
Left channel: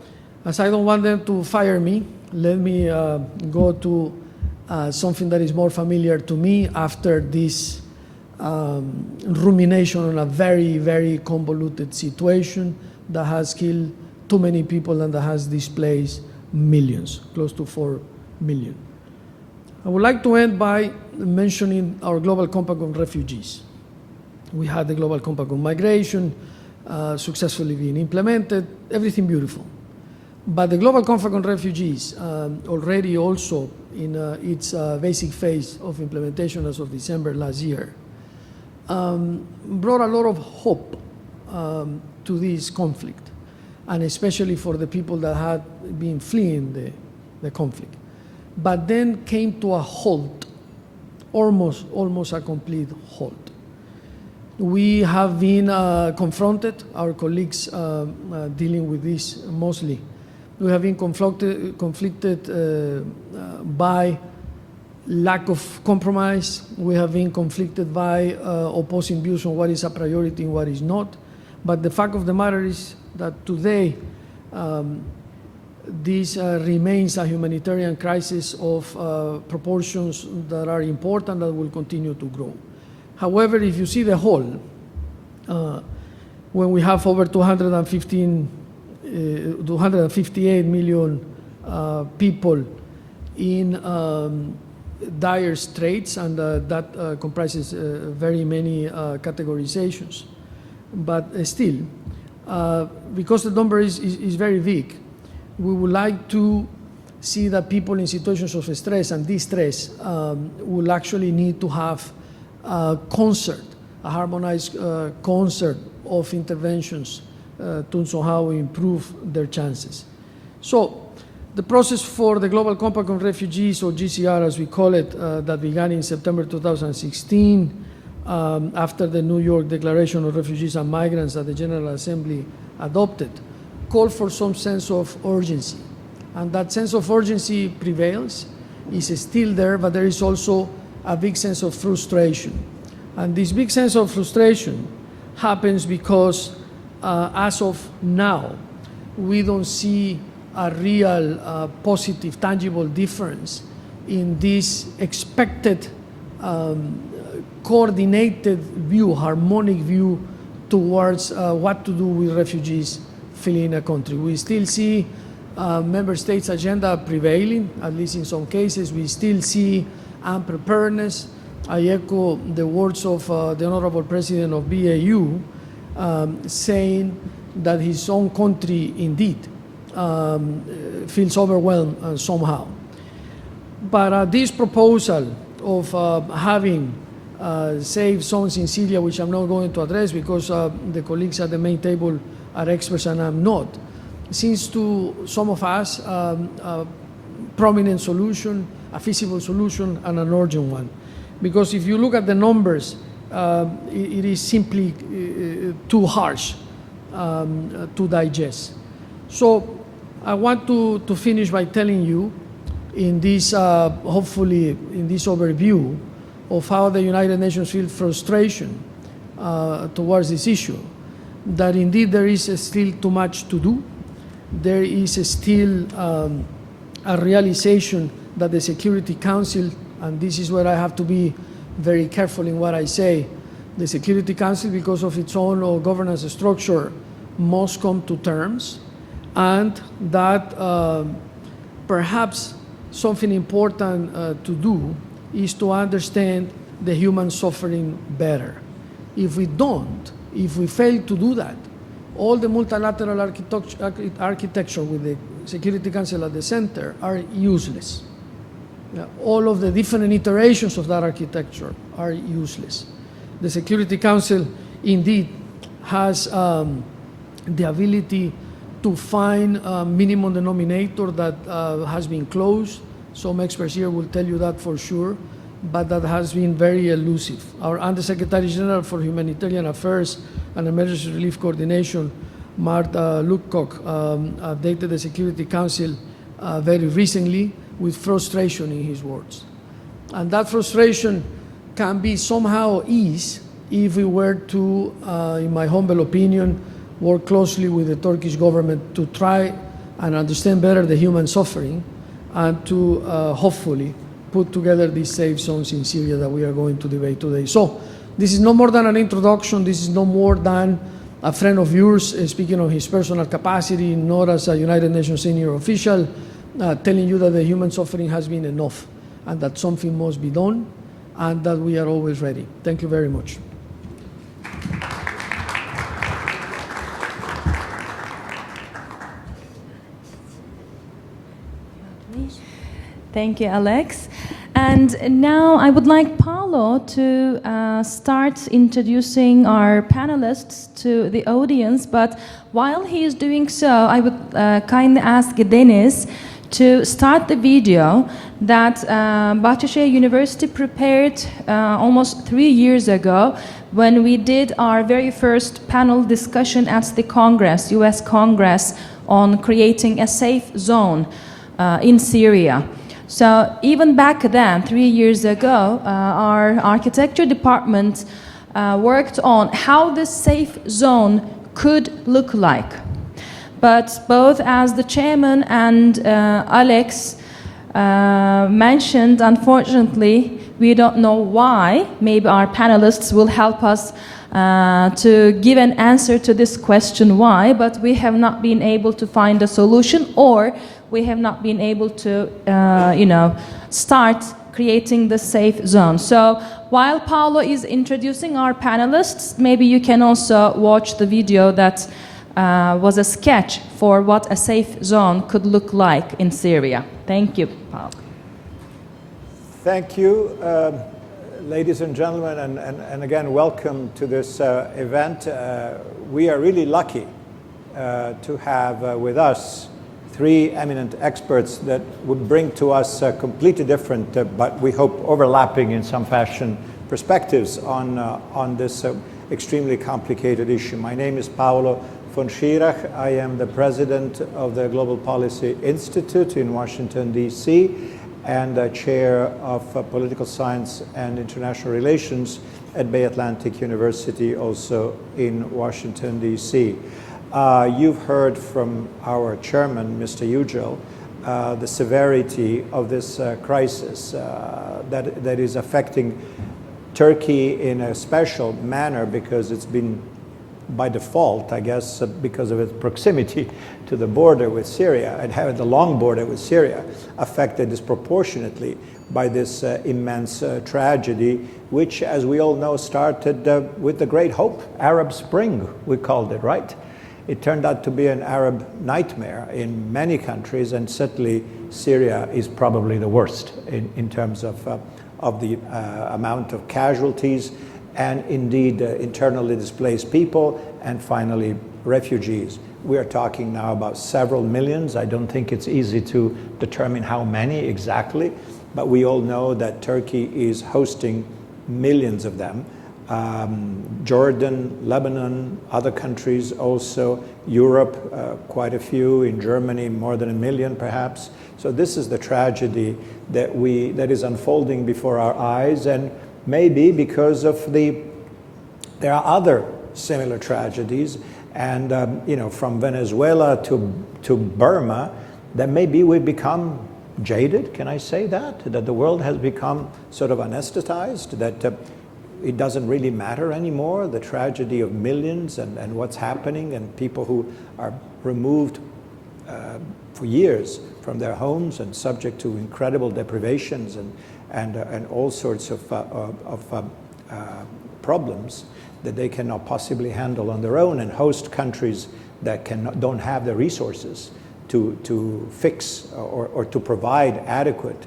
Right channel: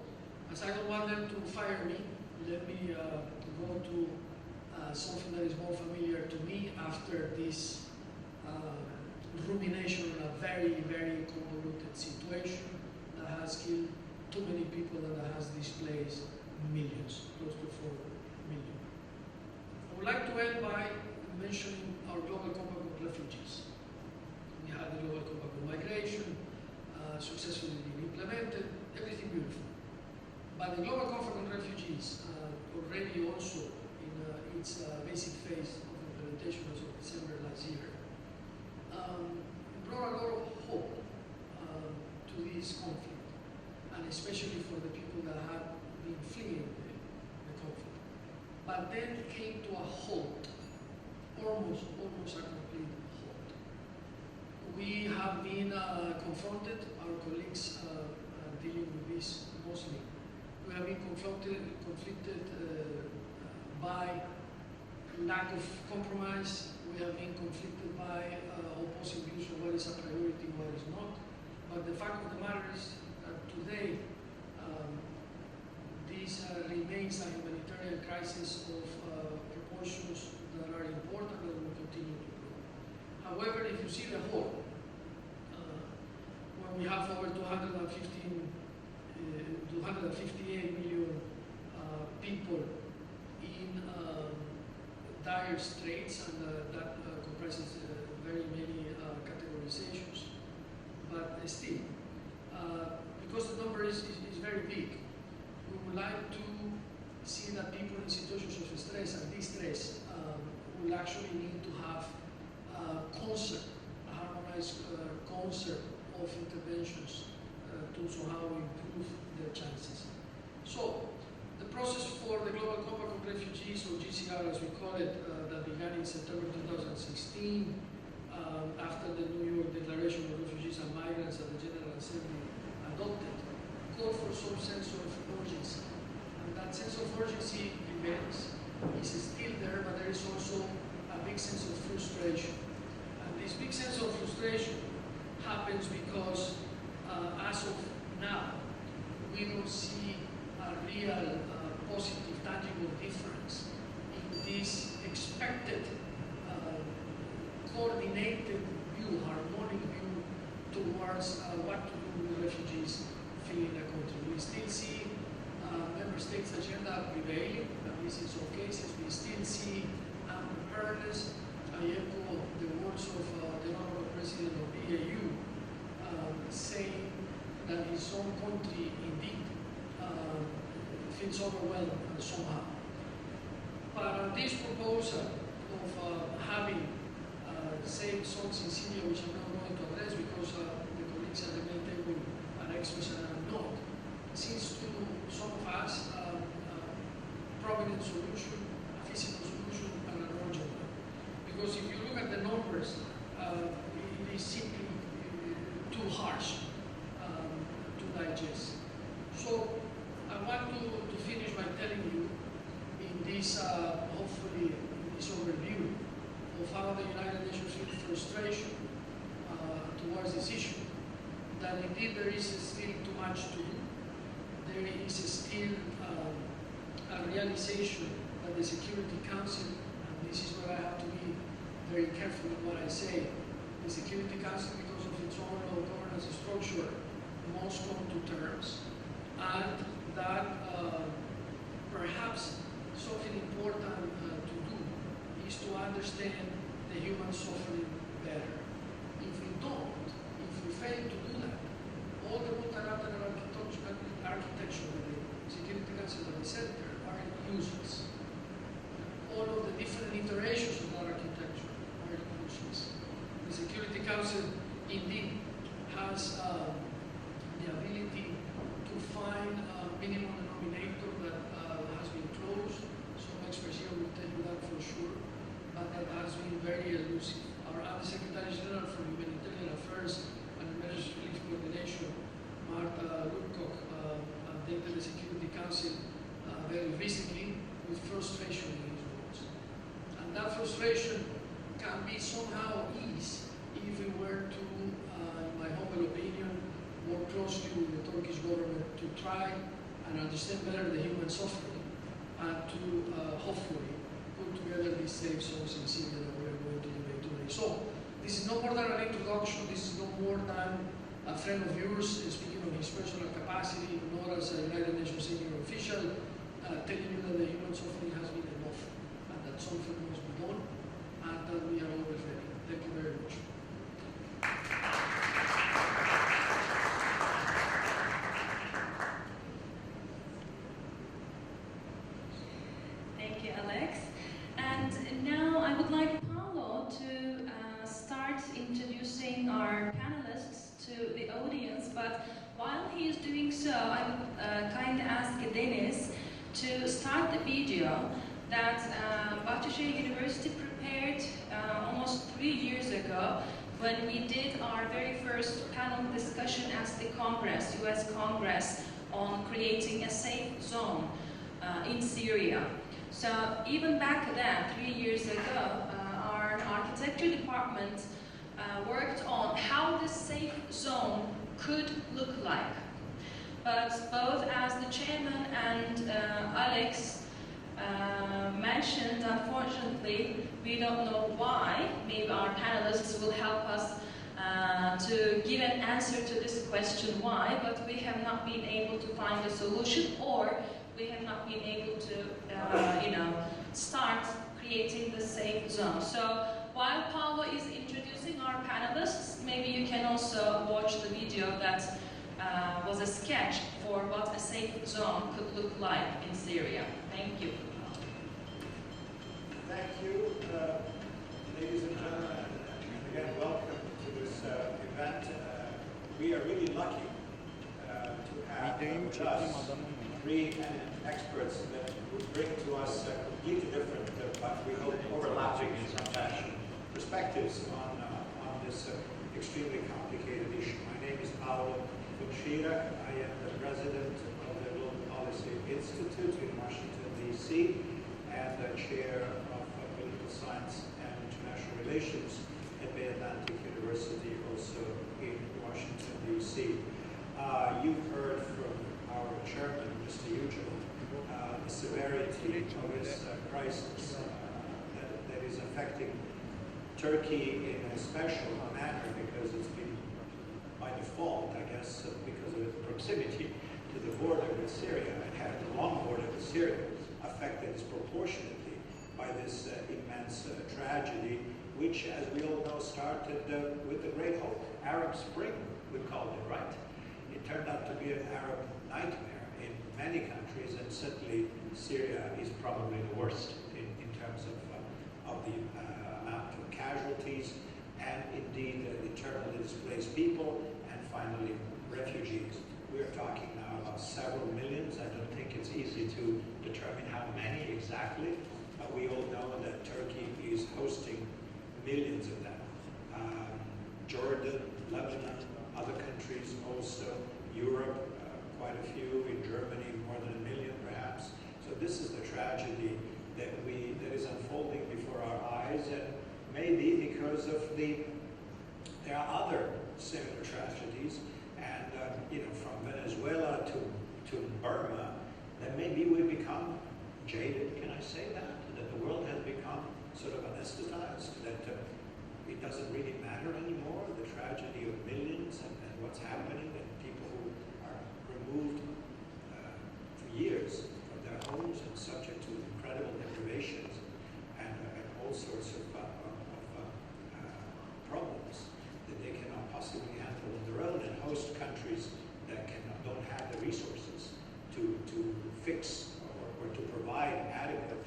as I don't want them to fire me, let me go to something that is more familiar to me after this rumination on a very, very convoluted situation that has killed too many people and that has displaced millions, close to 4 million. I would like to end by mentioning our Global Compact on Refugees. We had the Global Compact on Migration successfully being implemented, everything beautiful. But the Global Compact on Refugees, already also in its basic phase of implementation as of December last year, brought a lot of hope to this conflict, and especially for the people that had been fleeing the conflict. But then came to a halt, almost a complete halt. We have been confronted, our colleagues dealing with this mostly, we have been conflicted by lack of compromise. We have been conflicted by opposing views on what is a priority and what is not. But the fact of the matter is that today, this remains a humanitarian crisis of proportions that are important, that will continue to grow. However, if you see the whole, when we have over 258 million people in dire straits, and that comprises very many categorizations. But still, because the number is very big, we would like to see that people in situations of stress and distress will actually need to have a concert, a harmonized concert of interventions to somehow improve their chances. So the process for the Global Compact on Refugees, or GCR as we call it, that began in September 2016 after the New York Declaration of Refugees and Migrants that the General Assembly adopted, called for some sense of urgency. And that sense of urgency prevails, is still there, but there is also a big sense of frustration. And this big sense of frustration happens because as of now, we don't see a real positive, tangible difference in this expected coordinated view, harmonic view towards what to do with refugees fleeing a country. We still see member states' agenda prevailing, at least in some cases. We still see unpreparedness. I echo the words of the Honorable President of BAU saying that his own country indeed feels overwhelmed somehow. But this proposal of having safe zones in Syria, which I'm not going to address because the colleagues at the main table are experts and I'm not, seems to some of us a prominent solution, a feasible solution, and an urgent one. Because if you look at the numbers, it is simply too harsh to digest. So I want to finish by telling you in this, hopefully in this overview of how the United Nations feels frustration towards this issue, that indeed there is still too much to do. There is still a realization that the Security Council, and this is where I have to be very careful in what I say, the Security Council, because of its own governance structure, must come to terms, and that perhaps something important to do is to understand the human suffering better. If we don't, if we fail to do that, all the multilateral architecture with the Security Council at the center are useless. All of the different iterations of that architecture are useless. The Security Council indeed has the ability to find a minimum denominator that has been closed. Some experts here will tell you that for sure, but that has been very elusive. Our Undersecretary General for Humanitarian Affairs and Emergency Relief Coordination, Martha Lutcock, updated the Security Council very recently with frustration in his words. And that frustration can be somehow eased if we were to, in my humble opinion, work closely with the Turkish government to try and understand better the human suffering and to hopefully put together these safe zones in Syria that we are going to debate today. So this is no more than an introduction. This is no more than a friend of yours speaking on his personal capacity, not as a United Nations senior official, telling you that the human suffering has been enough and that something must be done and that we are always ready. Thank you very much. Thank you, Alex. And now I would like Paolo to start introducing our panelists to the audience. But while he is doing so, I would kindly ask Dennis to start the video that Bahçeşehir University prepared almost 3 years ago when we did our very first panel discussion at the Congress, US Congress, on creating a safe zone in Syria. So even back then, 3 years ago, our architecture department worked on how this safe zone could look like. But both as the chairman and Alex mentioned, unfortunately, we don't know why. Maybe our panelists will help us to give an answer to this question, why, but we have not been able to find a solution, or we have not been able to, start creating the safe zone. So while Paolo is introducing our panelists, maybe you can also watch the video that was a sketch for what a safe zone could look like in Syria. Thank you, Paolo. Thank you, ladies and gentlemen, and again, welcome to this event. We are really lucky to have with us 3 eminent experts that would bring to us completely different, but we hope overlapping in some fashion, perspectives on this extremely complicated issue. My name is Paolo von Schirach. I am the president of the Global Policy Institute in Washington, D.C., and chair of political science and international relations at Bay Atlantic University, also in Washington, D.C. You've heard from our chairman, Mr. Yücel, the severity of this crisis that is affecting Turkey in a special manner because it's been, by default, I guess, because of its proximity to the border with Syria and having the long border with Syria, affected disproportionately by this immense tragedy, which, as we all know, started with the Great Hope, Arab Spring, we called it, right? It turned out to be an Arab nightmare in many countries, and certainly Syria is probably the worst in terms of the amount of casualties, and indeed internally displaced people, and finally refugees. We are talking now about several millions. I don't think it's easy to determine how many exactly, but we all know that Turkey is hosting millions of them. Jordan, Lebanon, other countries also, Europe, quite a few, in Germany more than 1 million perhaps. So this is the tragedy that is unfolding before our eyes, and maybe because of there are other similar tragedies, and from Venezuela to Burma, that maybe we've become jaded, can I say that? That the world has become sort of anesthetized, that it doesn't really matter anymore, the tragedy of millions and what's happening, and people who are removed for years from their homes and subject to incredible deprivations and all sorts of problems that they cannot possibly handle on their own, and host countries that don't have the resources to fix or to provide adequate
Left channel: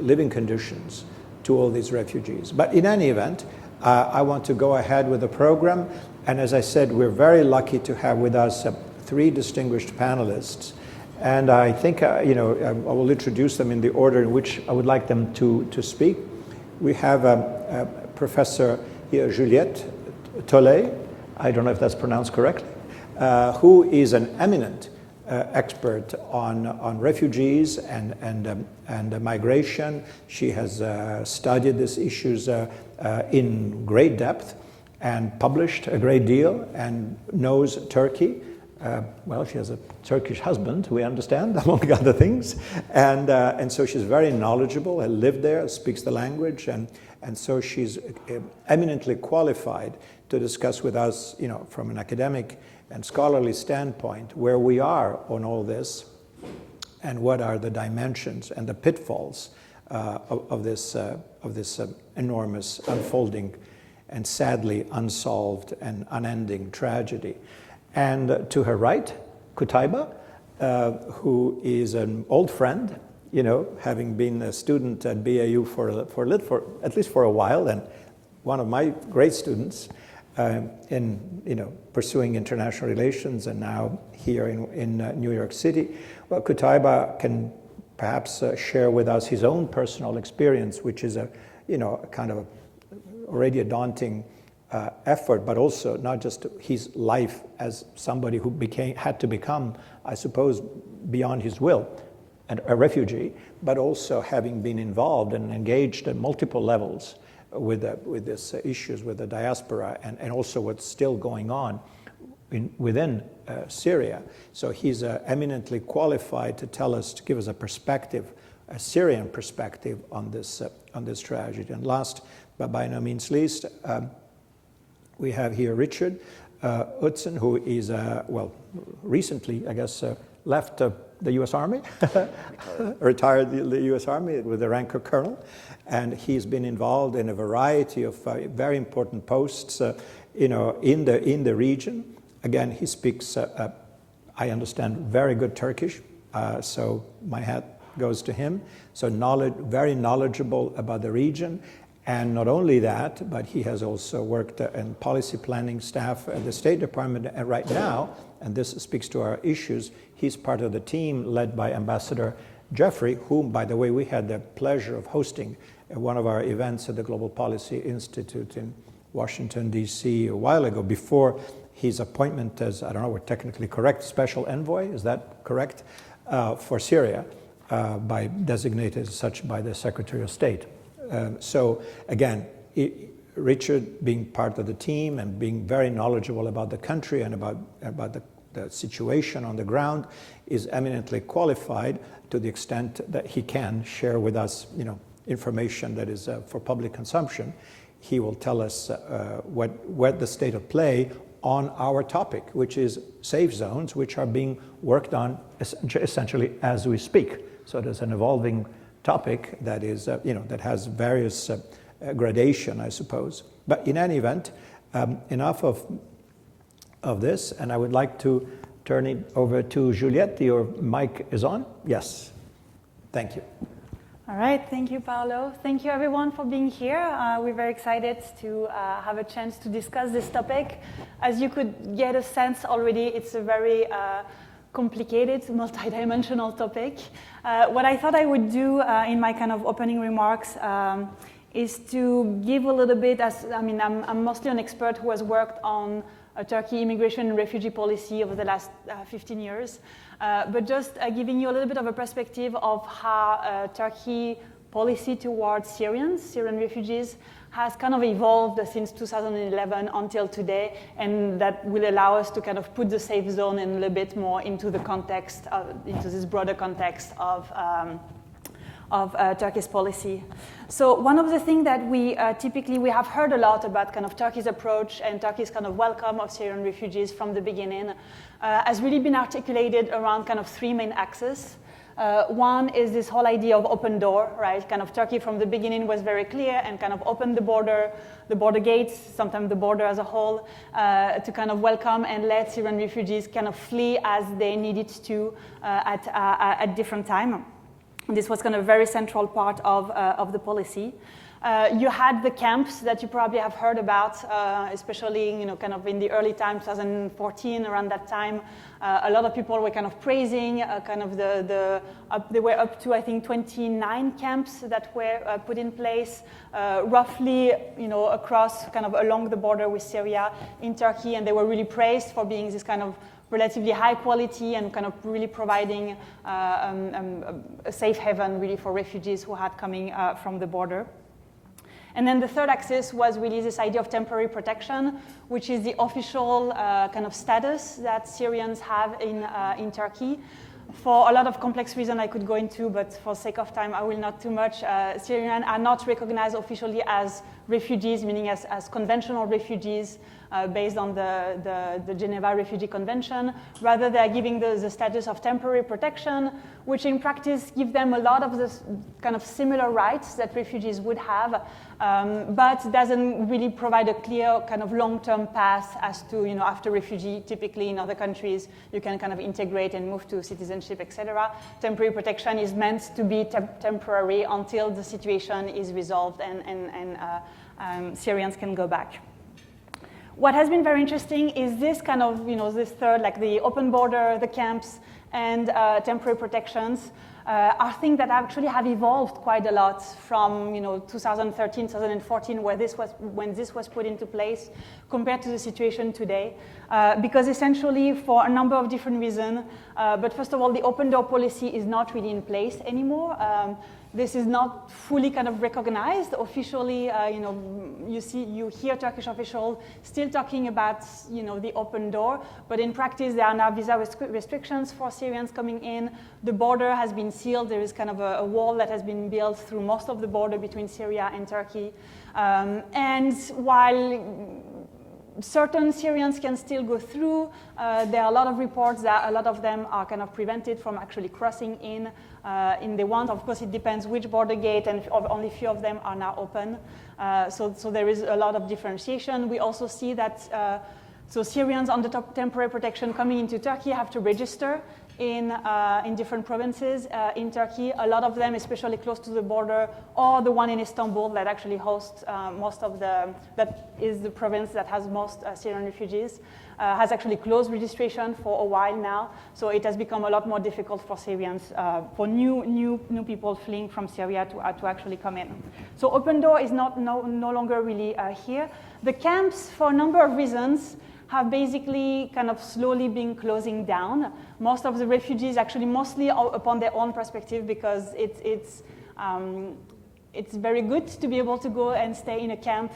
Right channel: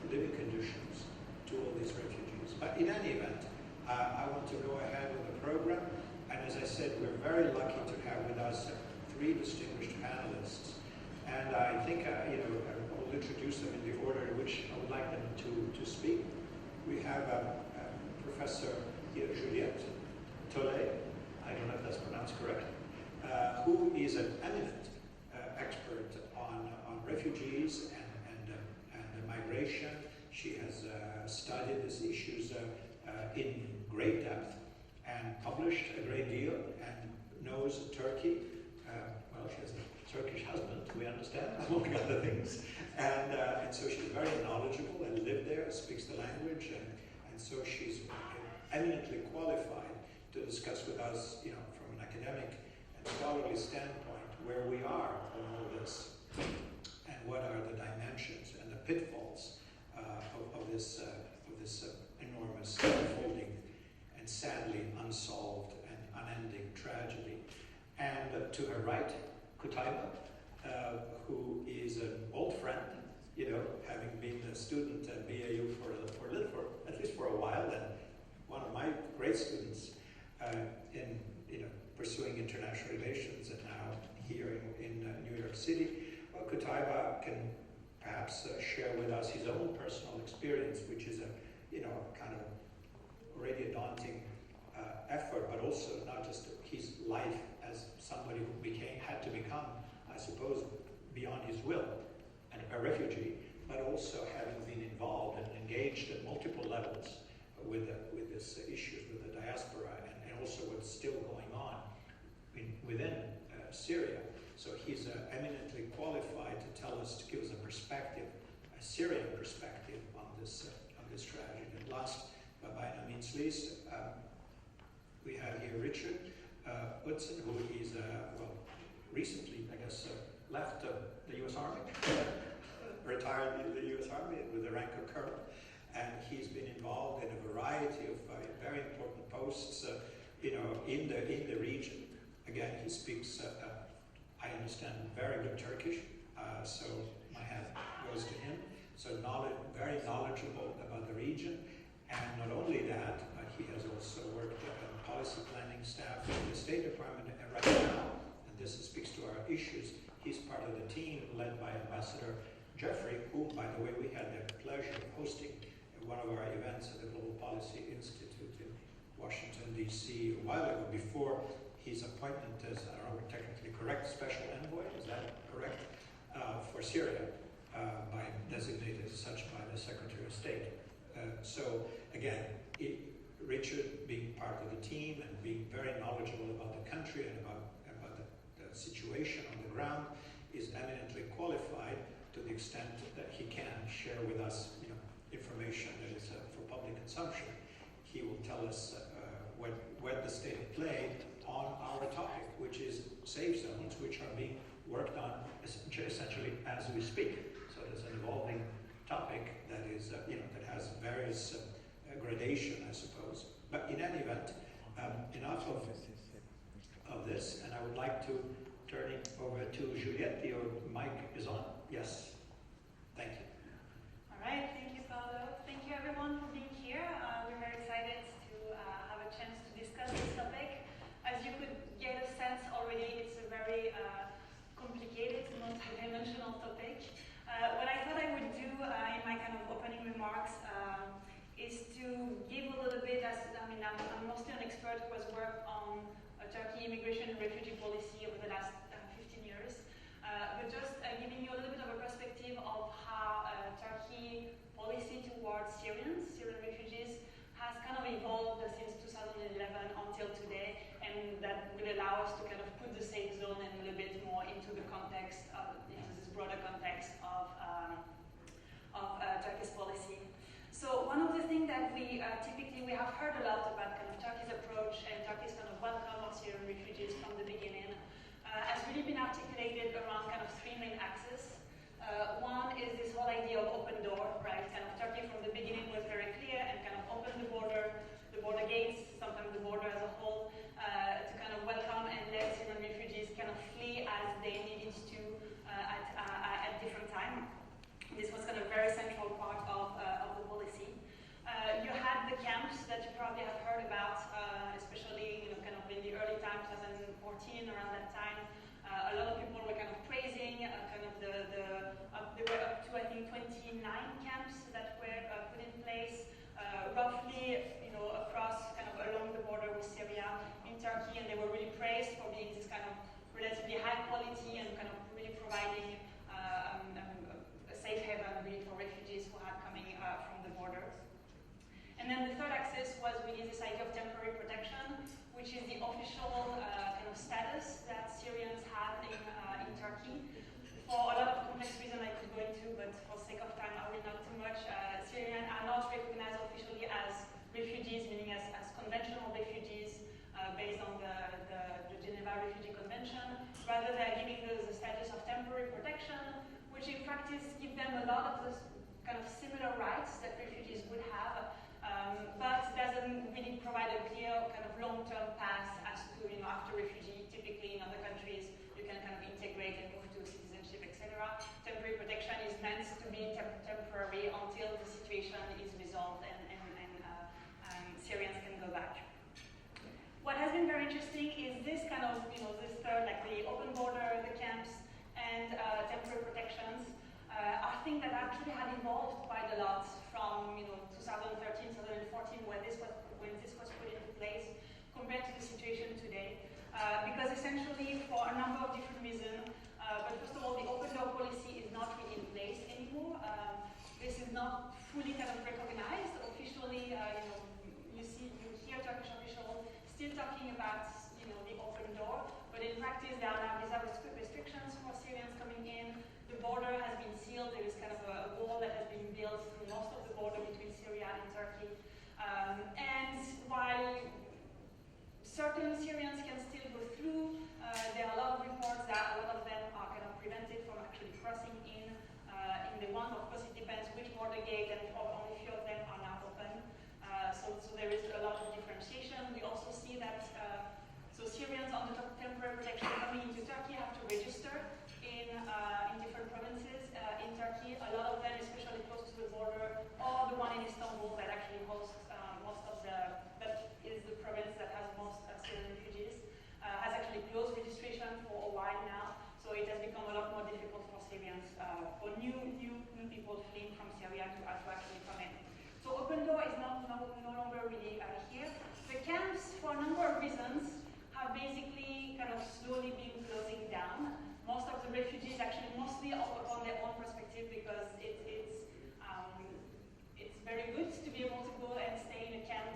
living conditions to all these refugees. But in any event, I want to go ahead with the program, and as I said, we're very lucky to have with us 3 distinguished panelists, and I think I will introduce them in the order in which I would like them to speak. We have Professor Juliette Tolay, I don't know if that's pronounced correctly, who is an eminent expert on refugees and migration. She has studied these issues in great depth. and published a great deal and knows Turkey. Well, she has a Turkish husband, we understand, among other things. And so she's very knowledgeable, has lived there, speaks the language, and so she's eminently qualified to discuss with us, from an academic and scholarly standpoint, where we are on all this and what are the dimensions and the pitfalls of this enormous unfolding and sadly unsolved and unending tragedy. And to her right, Qutaiba, who is an old friend, having been a student at BAU for at least for a while, and one of my great students in pursuing international relations, and now here in New York City. Well, Qutaiba can perhaps share with us his own personal experience, which is a kind of already a daunting effort, but also not just his life as somebody who had to become, I suppose, beyond his will, a refugee, but also having been involved and engaged at multiple levels with these issues with the diaspora, and also what's still going on within Syria. So he's eminently qualified to give us a perspective, a Syrian perspective on this tragedy. And last, but by no means least, we have here Richard Outzen, who is, recently, I guess, left the U.S. Army, retired the U.S. Army with the rank of colonel, and he's been involved in a variety of very important posts, in the region. Again, he speaks, I understand, very good Turkish, so my hat goes to him. So very knowledgeable about the region. And not only that, but he has also worked in policy planning staff at the State Department. And right now, and this speaks to our issues, he's part of the team led by Ambassador Jeffrey, whom, by the way, we had the pleasure of hosting at one of our events at the Global Policy Institute in Washington, D.C. a while ago, before his appointment as, I don't know, we're technically correct, special envoy, is that correct, for Syria, designated as such by the Secretary of State. So again, Richard being part of the team and being very knowledgeable about the country and about the situation on the ground is eminently qualified to the extent that he can share with us, information that is for public consumption. He will tell us what the state of play on our topic, which is safe zones, which are being worked on essentially as we speak. So there's an evolving topic that is, that has various gradation, I suppose. But in any event, enough of this, and I would like to turn it over to Juliette. Your mic is on? Yes. Thank you. All right, thank you, Paolo. Thank you, everyone, for being here. We're very excited to have a chance to discuss this topic. As you could get a sense already, it's a very complicated, multidimensional topic. What I thought I would do in my kind of opening remarks is to give a little bit, I'm mostly an expert who has worked on Turkey immigration and refugee policy over the last 15 years. But just giving you a little bit of a perspective of how Turkey policy towards Syrian refugees has kind of evolved since 2011 until today, and that will allow us to kind of put the safe zone in a little bit more into the context, into this broader context of Turkey's policy. So one of the things that we typically have heard a lot about kind of Turkey's approach and Turkey's kind of welcome of Syrian refugees from the beginning has really been articulated around kind of three main axes. One is this whole idea of open door, right? Kind of Turkey from the beginning was very clear and kind of opened the border gates, sometimes the border as a whole, to kind of welcome and let Syrian refugees kind of flee as they needed to at different time. This was kind of a very central part of the policy. You had the camps that you probably have heard about, especially kind of in the early time, 2014, around that time. A lot of people were kind of praising kind of they were up to, I think, 29 camps that were put in place, roughly, across kind of along the border with Syria in Turkey, and they were really praised for being this kind of relatively high quality and kind of really providing a safe haven really for refugees who had coming from the border. And then the third axis was really this idea of temporary protection, which is the official kind of status that Syrians have in Turkey. For a lot of complex reasons I could go into, but for sake of time, I will not too much. Syrians are not recognized officially as refugees, meaning as conventional refugees based on the Geneva Refugee Convention. Rather, they are giving the status of temporary protection, which in practice give them a lot of the kind of similar rights that refugees would have, but doesn't really provide a clear kind of long-term path as to, after refugee, typically in other countries, you can kind of integrate and move to citizenship, etc. Temporary protection is meant to be temporary until the situation is resolved and Syrians can go back. What has been very interesting is this kind of, this third, like the open border, the camps, and temporary protections are things that actually have evolved quite a lot from 2013, 2014, when this was put into place, compared to the situation today. Because essentially, for a number of different reasons, but first of all, the open door policy is not really in place anymore. This is not fully kind of recognized officially. You hear Turkish officials still talking about the open door, but in practice there are now visa restrictions for Syrians coming in. The border has been sealed. There is kind of a wall that has been built through most of the border between Syria and Turkey. And while certain Syrians can still go through, there are a lot of reports that a lot of them are kind of prevented from actually crossing in they want. Of course, it depends which border gate, and only a few of them are now open. So there is a lot of differentiation. We also see that so Syrians on the temporary protection coming into Turkey have to register in different provinces in Turkey. A lot of them, especially close to the border, or the one in Istanbul that actually hosts that is the province that has most Syrian refugees, has actually closed registration for a while now. So it has become a lot more difficult for Syrians, for new people fleeing from Syria to actually come in. So Open Door is no longer really here. The camps, for a number of reasons, have basically kind of slowly been closing down. Most of the refugees actually mostly upon their own perspective, because it's very good to be able to go and stay in a camp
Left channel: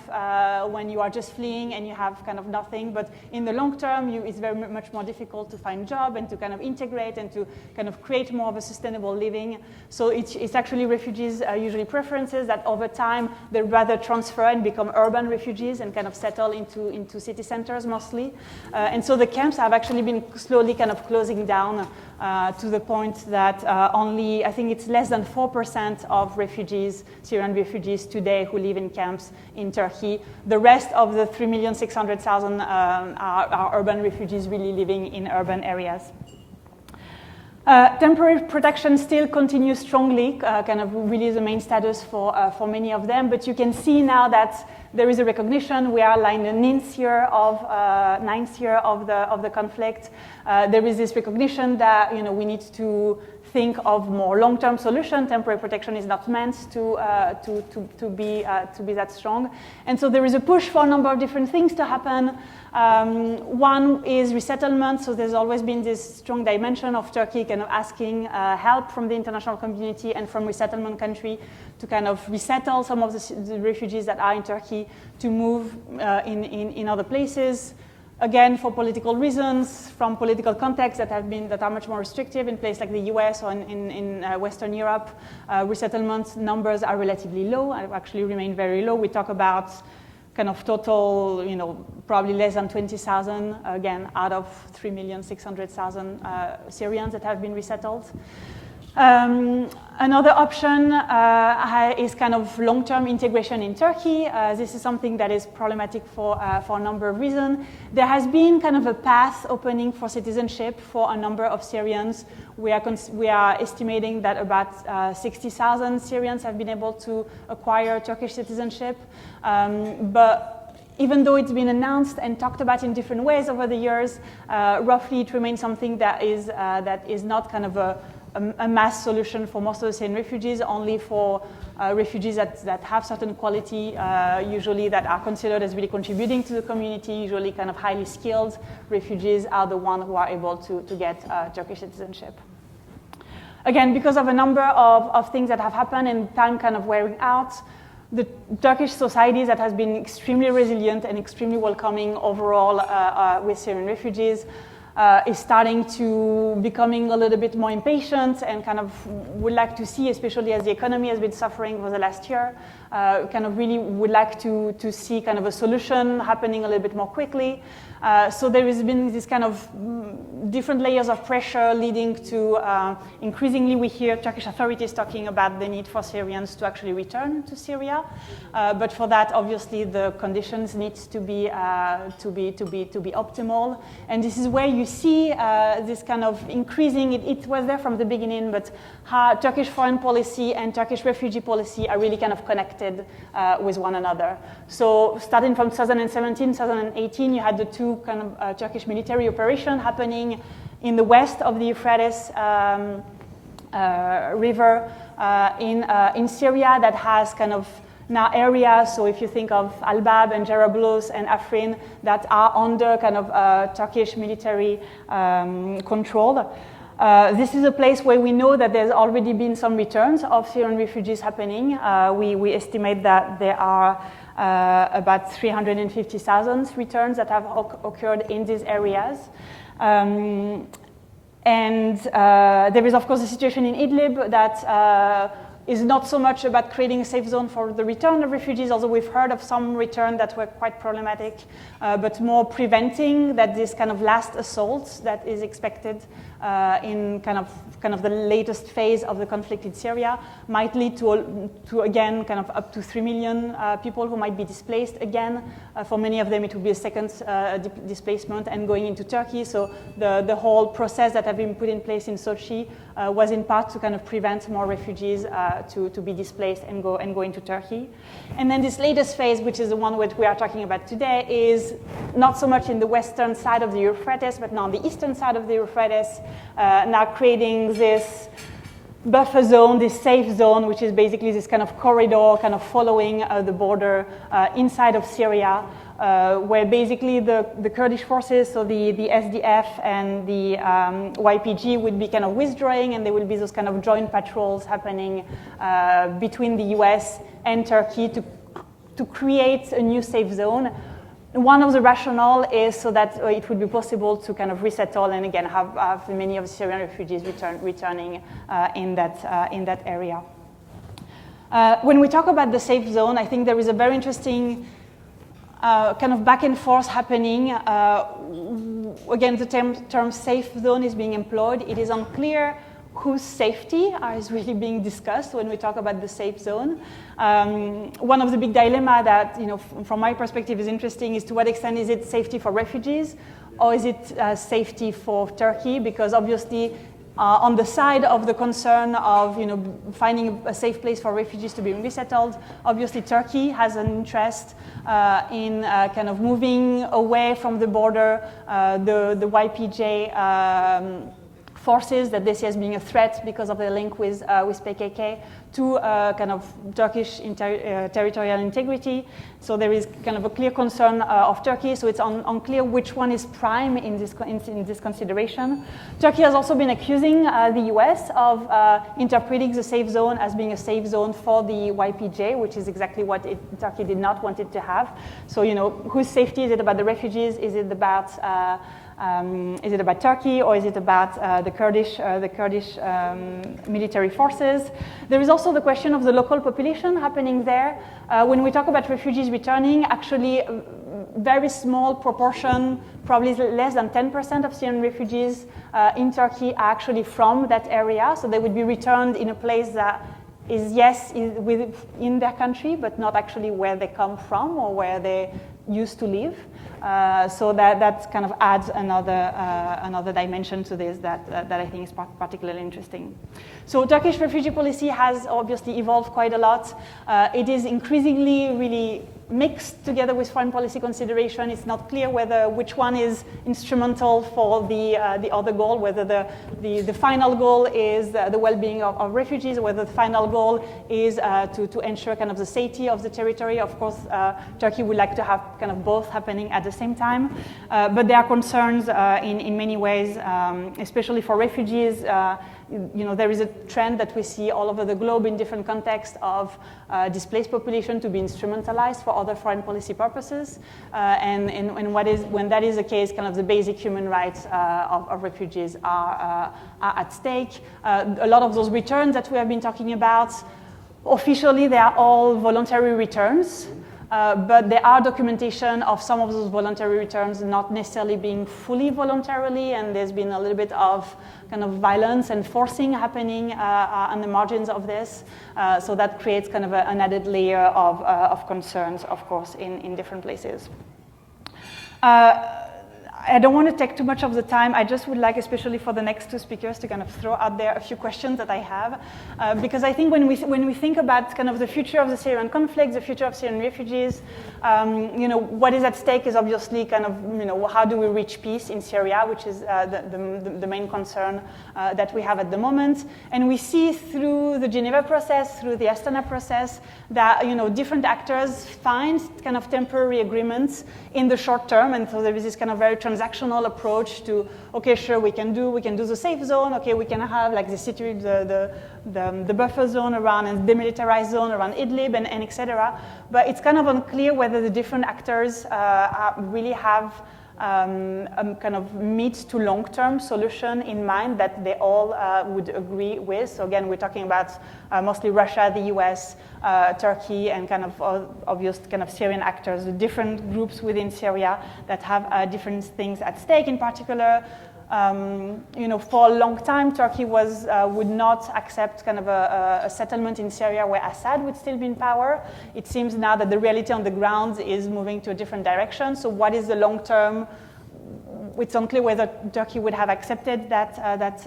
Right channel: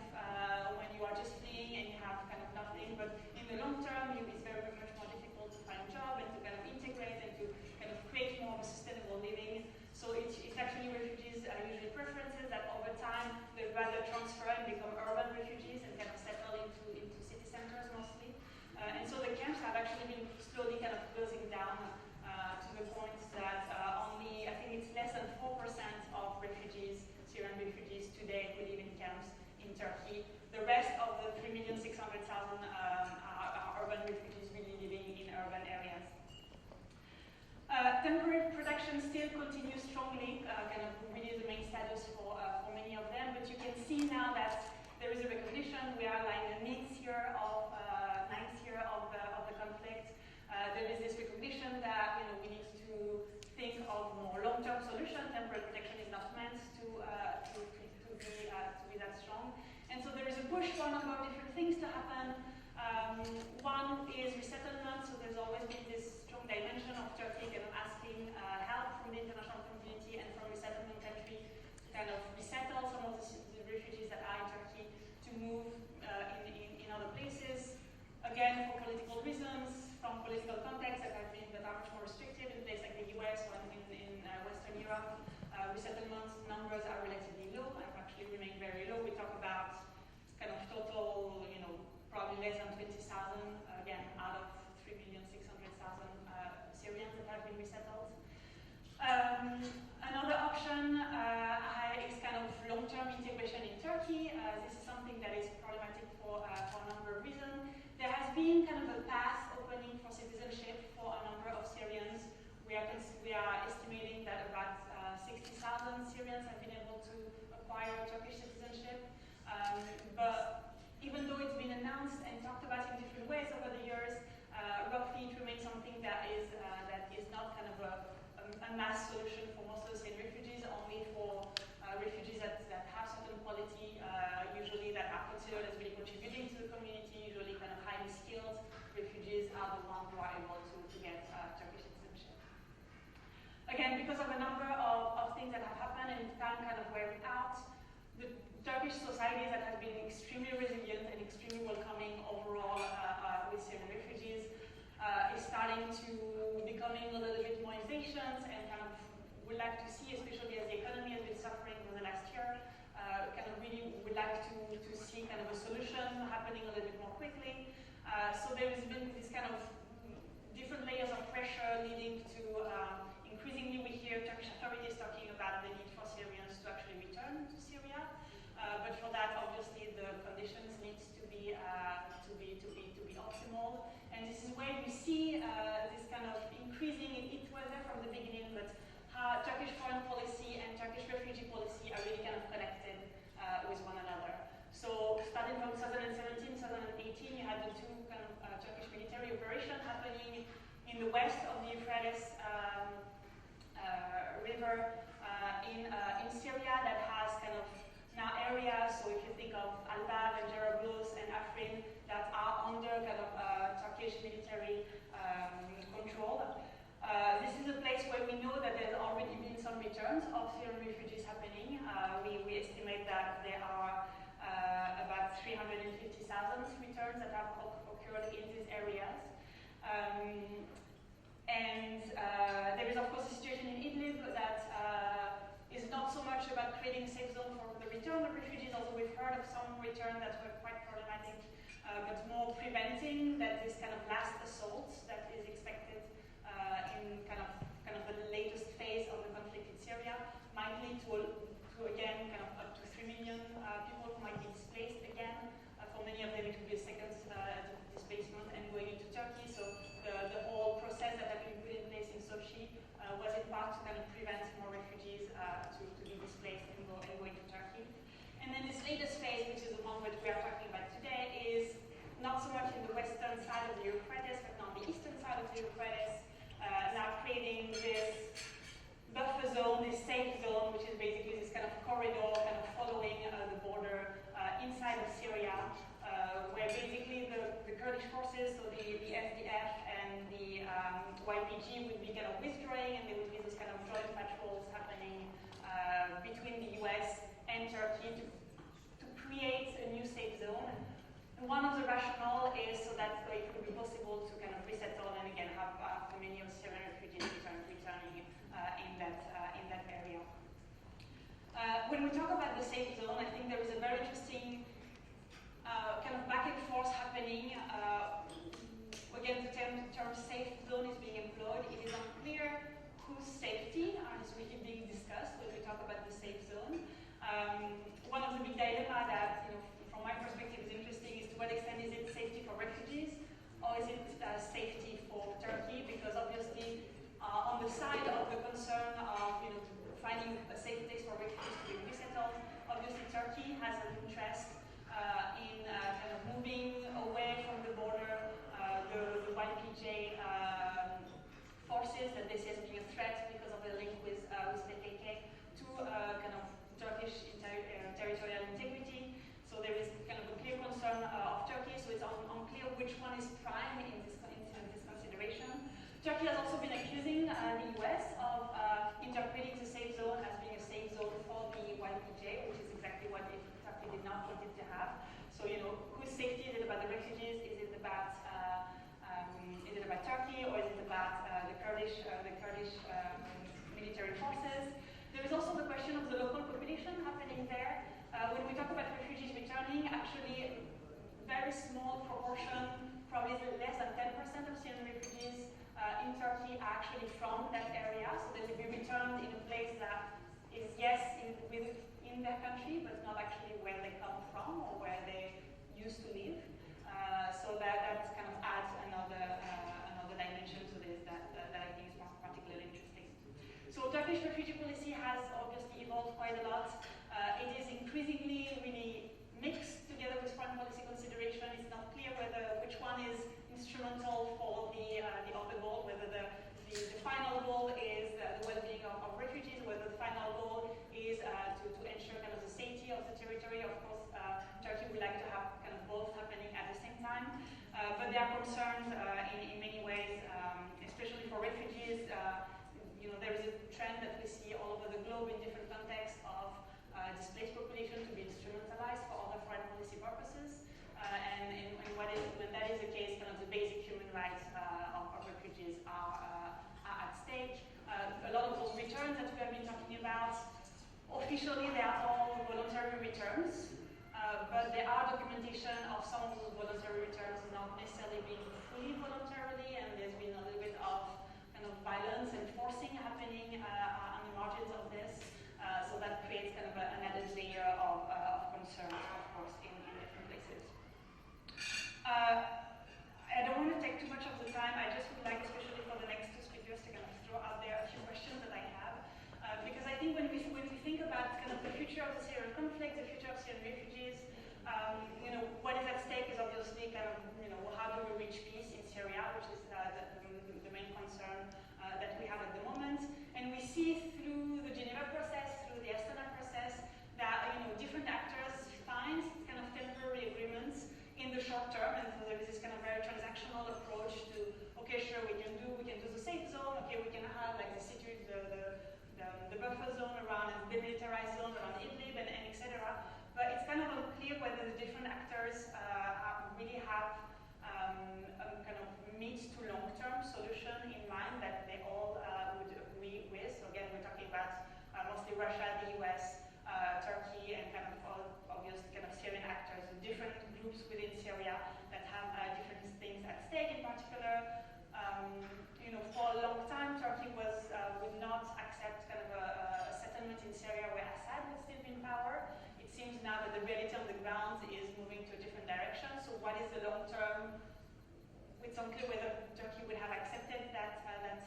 when you are just fleeing and you have kind of nothing. But in the long term, it's very much more difficult to find a job and to kind of integrate and to kind of create more of a sustainable living. So it's actually refugees' usually preferences that over time they rather transfer and become urban refugees and kind of settle into city centers mostly. And so the camps have actually been slowly kind of closing down to the point that only, I think it's less than 4% of refugees, Syrian refugees today who live in camps in Turkey. The rest of the 3,600,000 are urban refugees really living in urban areas. Temporary protection still continues strongly, kind of really the main status for many of them, but you can see now that there is a recognition. We are in the ninth year of the conflict. There is this recognition that we need to think of more long-term solution. Temporary protection is not meant to be that strong, and so there is a push for a number of different things to happen. One is resettlement. So there's always been this strong dimension of Turkey kind of asking help from the international community and from resettlement country to kind of resettle some of the refugees that are in Turkey to move in other places. Again, for political reasons, from political contexts that are much more restrictive in places like the US or in Western Europe, resettlement numbers are relatively low, actually remain very low. We talk about kind of total, probably less than 20,000, again, out of 3,600,000 Syrians that have been resettled. Another option is kind of long-term integration in Turkey. This is something that is problematic for a number of reasons. There has been kind of a path opening for citizenship for a number of Syrians. We are estimating that about 60,000 Syrians have been able to acquire Turkish citizenship. But even though it's been announced and talked about in different ways over the years, roughly it remains something that is not kind of a mass solution for most of the Syrian refugees, only for refugees that have certain quality, usually that are considered as really contributing to the community, usually kind of highly skilled refugees are the ones who are able to get Turkish citizenship. Again, because of a number of things that have happened and time kind of wearing out, the Turkish society that has been extremely resilient and extremely welcoming overall with Syrian refugees is starting to becoming a little bit more impatient and kind of would like to see, especially as the economy has been suffering for the last year, kind of really would like to see kind of a solution happening a little bit more quickly. So there has been this kind of different layers of pressure leading to increasingly we hear Turkish authorities talking about the need for Syrians to actually return to Syria. But for that, obviously, the conditions need to be optimal. And this is where you see this kind of increasing. It was there from the beginning, but how Turkish foreign policy and Turkish refugee policy are really kind of connected with one another. So starting from 2017, 2018, you had the two kind of Turkish military operation happening in the west of the Euphrates river in Syria that has kind of now areas. So if you think of Al-Bab and Jarablus and Afrin that are under kind of Turkish military control. This is a place where we know that there's already been some returns of Syrian refugees happening. We estimate that there are about 350,000 returns that have occurred in these areas. And there is, of course, a situation in Idlib that is not so much about creating a safe zone for the return of refugees, although we've heard of some return that were quite problematic, but more preventing that this kind of last assault that is expected in kind of the latest phase of the conflict in Syria might lead to again kind of up to 3 million people who might be displaced again. For many of them, it will be a second displacement and going into Turkey. So the whole process that have been put in place in Sochi was in part to kind of prevent more refugees to be displaced and go into Turkey. And then this latest phase, which is the one which we are talking about today, is not so much in the western side of the Euphrates, but now on the eastern side of the Euphrates, now creating this buffer zone, this safe zone, which is basically this kind of corridor kind of following the border inside of Syria, where basically the Kurdish forces, so the SDF and the YPG would be kind of withdrawing, and there will be those kind of joint patrols happening between the US and Turkey to create a new safe zone. One of the rationale is so that it would be possible to kind of resettle and again have many of the Syrian refugees returning in that area. When we talk about the safe zone, I think there is a very interesting kind of back and forth happening. Again, the term safe zone is being employed. It is unclear whose safety is really being discussed when we talk about the safe zone. One of the big dilemma that, from my perspective is interesting is to what extent is it safety for refugees or is it safety for Turkey? Because obviously on the side of the concern of finding a safe place for refugees to be resettled, obviously Turkey has an interest in kind of moving away from the border the YPJ forces that they see as being a threat because of their link with PKK to kind of Turkish territorial integrity. So there is kind of a clear concern of Turkey. So it's unclear which one is prime in this consideration. Turkey has also been accusing the US of interpreting the safe zone as being a safe zone for the YPJ, which is exactly what Turkey did not want it to have. So whose safety is it about the refugees? Is it about Turkey or is it about the Kurdish military forces? There is also the question of the local population happening there. When we talk about refugees returning, actually a very small proportion, probably less than 10% of Syrian refugees in Turkey are actually from that area. So they would be returned in a place that is, yes, in their country, but not actually where they come from or where they used to live. So that kind of adds another dimension to this that I think is particularly interesting. So Turkish refugee policy has obviously evolved quite a lot. It is increasingly really mixed together with foreign policy consideration. It's not clear which one is instrumental for the other goal, whether the final goal is the well-being of refugees, or whether the final goal is to ensure kind of the safety of the territory. Of course, Turkey would like to have kind of both happening at the same time, but there are concerns in many ways, especially for refugees. there is a trend that we see all over the globe in different contexts of displaced population to be instrumentalized for other foreign policy purposes. And when that is the case, kind of the basic human rights of refugees are at stake. A lot of those returns that we have been talking about, officially they are all voluntary returns. But there are documentation of some of those voluntary returns not necessarily being fully voluntarily, and there's been a little bit of kind of violence and forcing happening on the margins of this. So that creates kind of an added layer of concerns, of course, in different places. I don't want to take too much of the time. I just would like, especially for the next two speakers, to kind of throw out there a few questions that I have. Because I think when we think about kind of the future of the Syrian conflict, the future of Syrian refugees, what is at stake is obviously kind of, how do we reach peace in Syria, which is the main concern that we have at the moment. And we see through the Geneva process, through the Astana process, that different actors find kind of temporary agreements in the short term, and so there is this kind of very transactional approach to, okay, sure, we can do the safe zone, okay, we can have like the city, the buffer zone around and demilitarized zone around Idlib and et cetera. But it's kind of unclear whether the different actors really have a kind of mid to long-term solution in mind that they all would agree with. So again, we're talking about mostly Russia, the US, Turkey, and kind of obvious kind of Syrian actors, the different groups within Syria that have different things at stake. In particular, for a long time, Turkey would not accept kind of a settlement in Syria where Assad would still be in power. It seems now that the reality on the ground is moving to a different direction. So what is the long term? It's unclear whether Turkey would have accepted that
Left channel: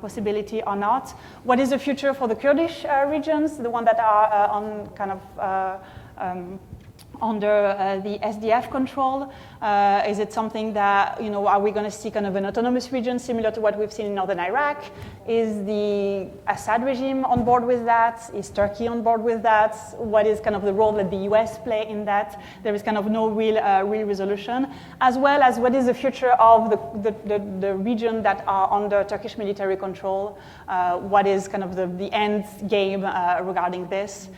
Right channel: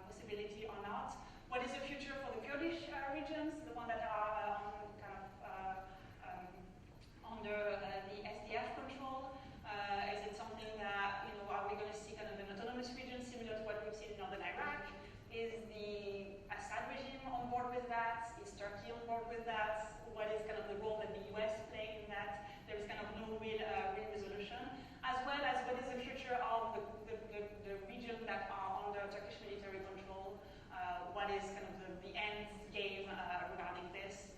possibility or not. What is the future for the Kurdish regions, the one that are on kind of under the SDF control? Is it something that, are we going to see kind of an autonomous region similar to what we've seen in northern Iraq? Is the Assad regime on board with that? Is Turkey on board with that? What is kind of the role that the US play in that? There is kind of no real resolution. As well as what is the future of the region that are under Turkish military control? What is kind of the end game regarding this?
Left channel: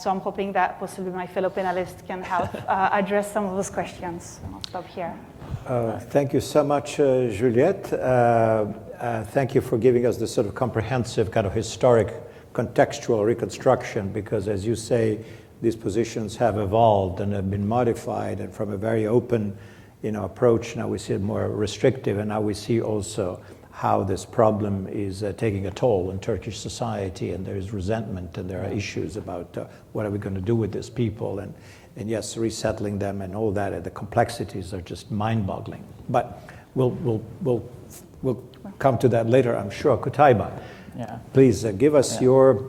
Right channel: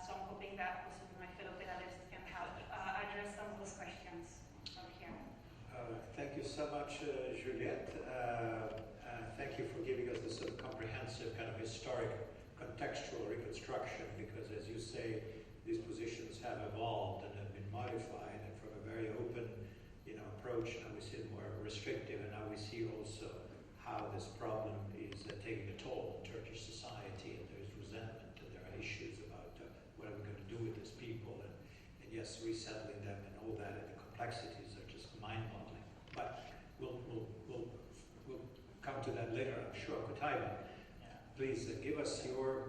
So I'm hoping that possibly my fellow panelists can help address some of those questions. I'll stop here. Thank you so much, Juliette. Thank you for giving us this sort of comprehensive kind of historic contextual reconstruction, because as you say, these positions have evolved and have been modified, and from a very open approach, now we see it more restrictive, and now we see also how this problem is taking a toll in Turkish society, and there is resentment, and there are issues about what are we going to do with these people, and yes, resettling them and all that, and the complexities are just mind-boggling. But we'll come to that later, I'm sure. Qutaiba, please give us your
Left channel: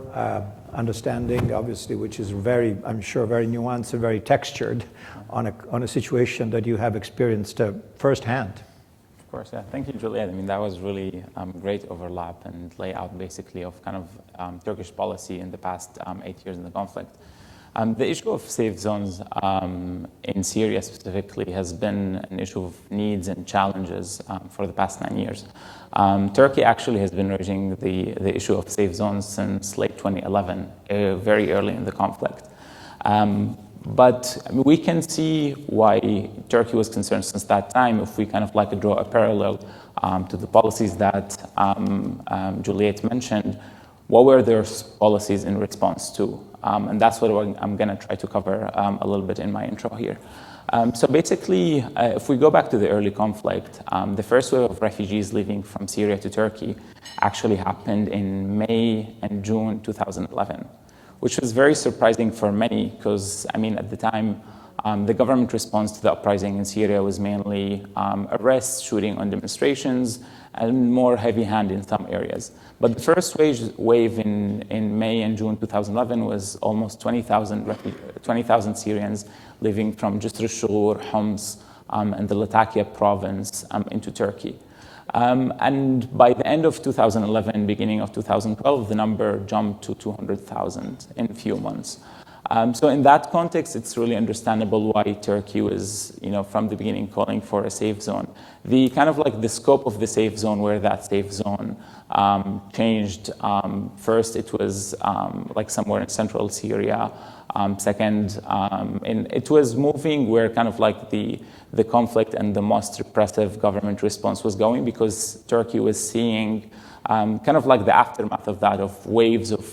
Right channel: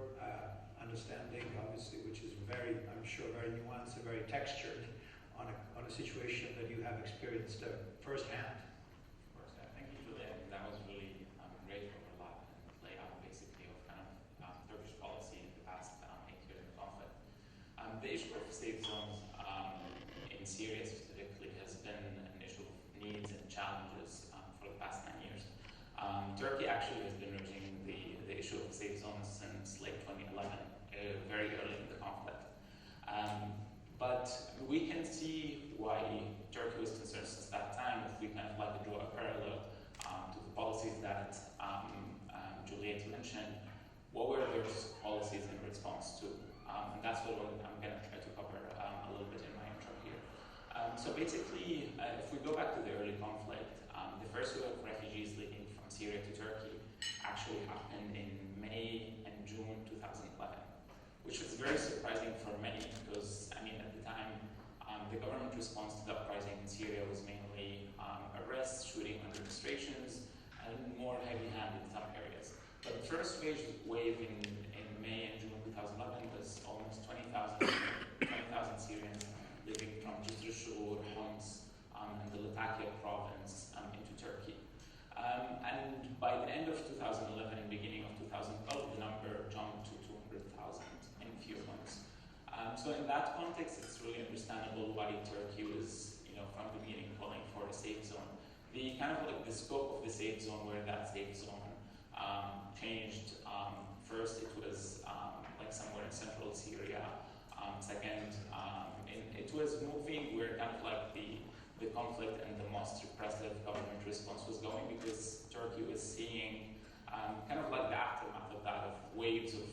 understanding, obviously, which is very, I'm sure, very nuanced and very textured on a situation that you have experienced firsthand. Of course, yeah. Thank you, Juliette. I mean, that was really great overlap and layout, basically, of kind of Turkish policy in the past 8 years in the conflict. The issue of safe zones in Syria specifically has been an issue of needs and challenges for the past 9 years. Turkey actually has been raising the issue of safe zones since late 2011, very early in the conflict. But we can see why Turkey was concerned since that time if we kind of like to draw a parallel to the policies that Juliette mentioned. What were their policies in response to? And that's what I'm going to try to cover a little bit in my intro here. So basically, if we go back to the early conflict, the first wave of refugees leaving from Syria to Turkey actually happened in May and June 2011. Which was very surprising for many because, I mean, at the time, the government response to the uprising in Syria was mainly arrests, shooting on demonstrations, and more heavy-handed in some areas. But the first wave in May and June 2011 was almost 20,000 Syrians living from Jisr al-Shughur, Homs, and the Latakia province into Turkey. And by the end of 2011, beginning of 2012, the number jumped to 200,000 in a few months. So in that context, it's really understandable why Turkey was, from the beginning calling for a safe zone. The kind of like the scope of the safe zone, where that safe zone changed. First, it was like somewhere in central Syria. Second, it was moving where kind of like the conflict and the most repressive government response was going, because Turkey was seeing kind of like the aftermath of that, of waves of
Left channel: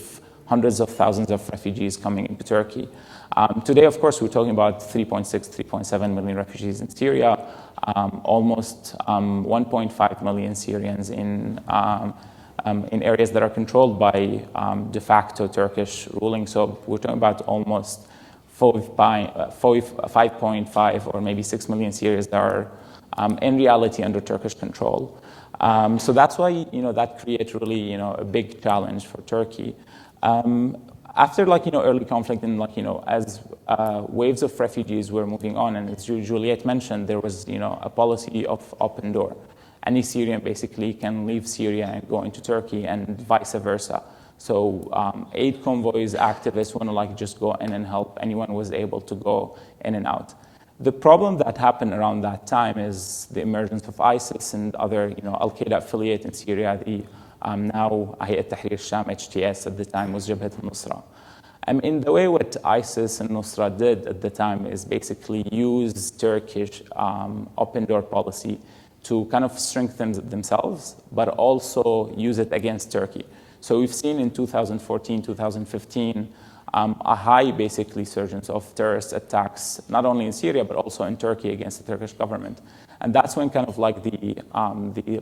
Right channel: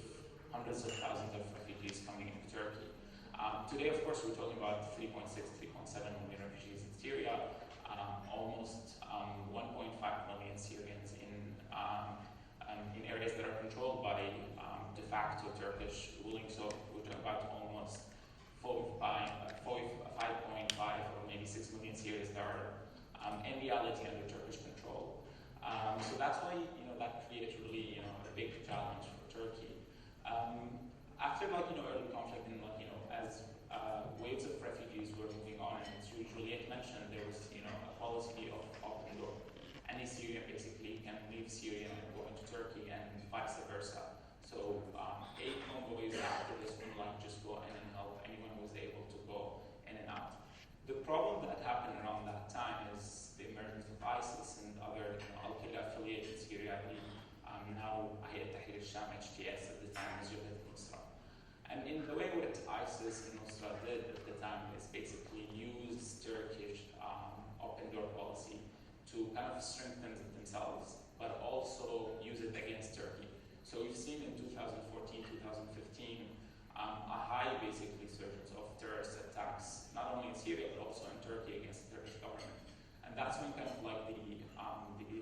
hundreds of thousands of refugees coming into Turkey. Today, of course, we're talking about 3.6, 3.7 million refugees in Syria, almost 1.5 million Syrians in areas that are controlled by de facto Turkish ruling. So we're talking about almost 5.5 or maybe 6 million Syrians that are in reality under Turkish control. So that's why that creates really a big challenge for Turkey. After early conflict and as waves of refugees were moving on, and as Juliette mentioned, there was a policy of Opendoor. Any Syrian basically can leave Syria and go into Turkey, and vice versa. So aid convoys, activists want to just go in and help. Anyone was able to go in and out. The problem that happened around that time is the emergence of ISIS and other Al-Qaeda affiliate in Syria. The now Hayat Tahrir Sham, HTS, at the time was Jabhat al-Nusra. In the way what ISIS and Nusra did at the time is basically use Turkish open-door policy to kind of strengthen themselves, but also use it against Turkey. So we've seen in 2014, 2015, a high basically surge of terrorist attacks, not only in Syria, but also in Turkey against the Turkish government. And that's when kind of like the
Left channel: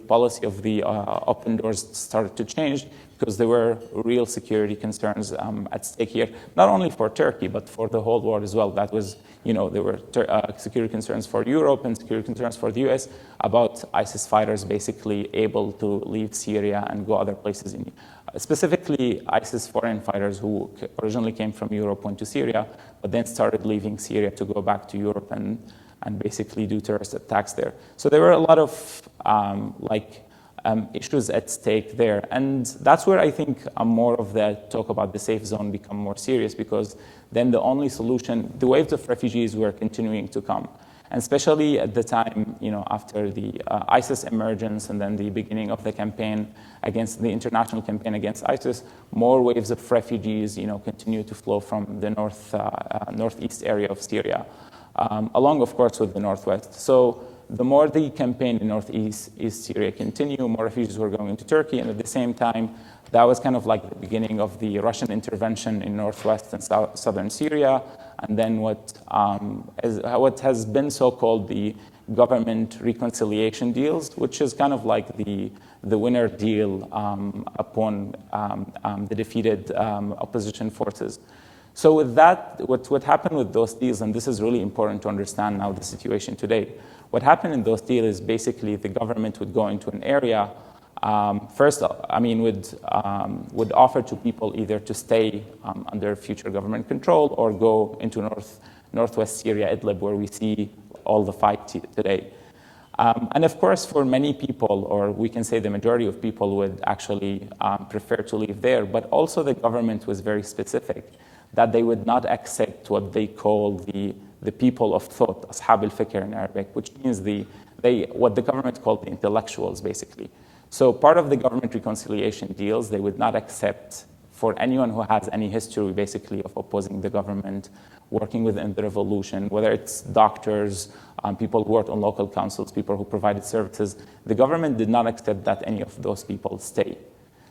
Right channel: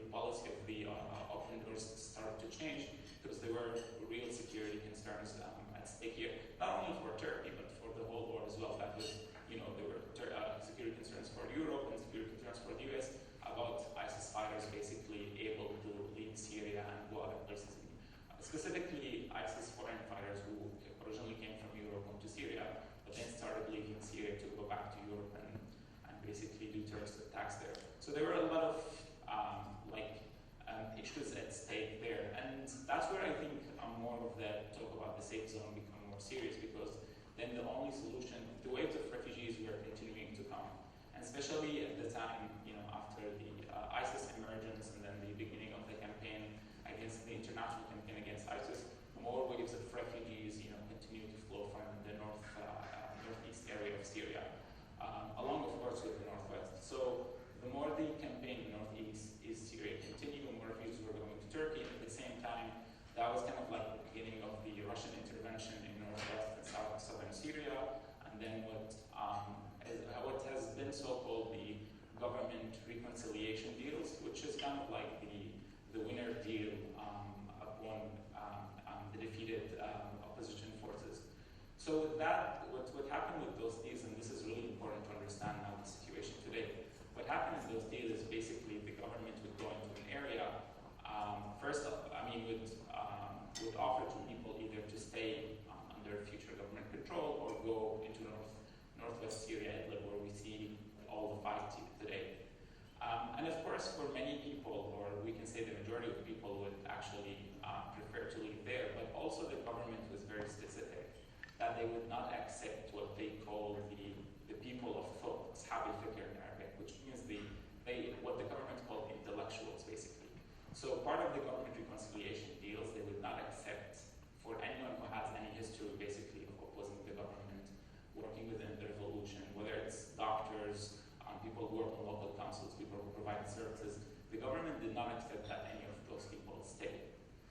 policy of the open doors started to change, because there were real security concerns at stake here, not only for Turkey, but for the whole world as well. That was, there were security concerns for Europe and security concerns for the US about ISIS fighters basically able to leave Syria and go other places. Specifically, ISIS foreign fighters who originally came from Europe went to Syria, but then started leaving Syria to go back to Europe and basically do terrorist attacks there. So there were a lot of issues at stake there. And that's where I think more of the talk about the safe zone become more serious, because then the only solution, the waves of refugees were continuing to come. And especially at the time, after the ISIS emergence and then the beginning of the campaign against the international campaign against ISIS, more waves of refugees, continue to flow from the northeast area of Syria. Along, of course, with the northwest. So the more the campaign in northeast Syria continued, more refugees were going into Turkey, and at the same time, that was kind of like the beginning of the Russian intervention in northwest and southern Syria, and then what has been so-called the government reconciliation deals, which is kind of like the winner deal upon the defeated opposition forces. So with that, what happened with those deals, and this is really important to understand now the situation today, what happened in those deals is basically the government would go into an area, would offer to people either to stay under future government control or go into northwest Syria, Idlbi, where we see all the fight today. And of course, for many people, or we can say the majority of people would actually prefer to live there, but also the government was very specific that they would not accept what they call the people of thought, ashab al-fikr in Arabic, which means what the government called the intellectuals, basically. So part of the government reconciliation deals, they would not accept for anyone who has any history, basically, of opposing the government, working within the revolution, whether it's doctors, people who worked on local councils, people who provided services. The government did not accept that any of those people stay.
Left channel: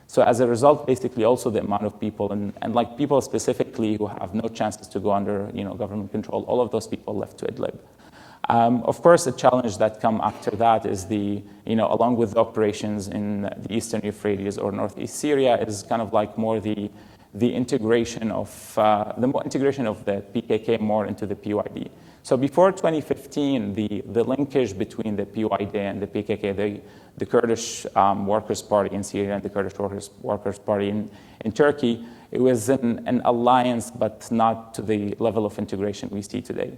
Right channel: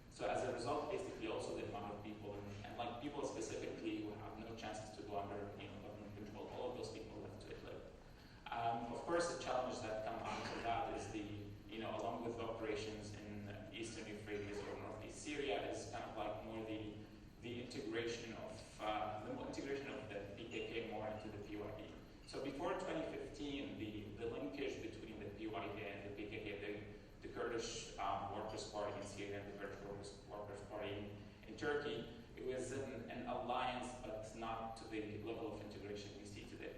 So as a result, basically also the amount of people, and like people specifically who have no chances to go under government control, all of those people left to Idlib. Of course, the challenge that come after that is along with the operations in the eastern Euphrates or northeast Syria, is kind of like more the integration of the PKK more into the PYD. So before 2015, the linkage between the PYD and the PKK, the Kurdish Workers' Party in Syria and the Kurdish Workers' Party in Turkey, it was an alliance, but not to the level of integration we see today.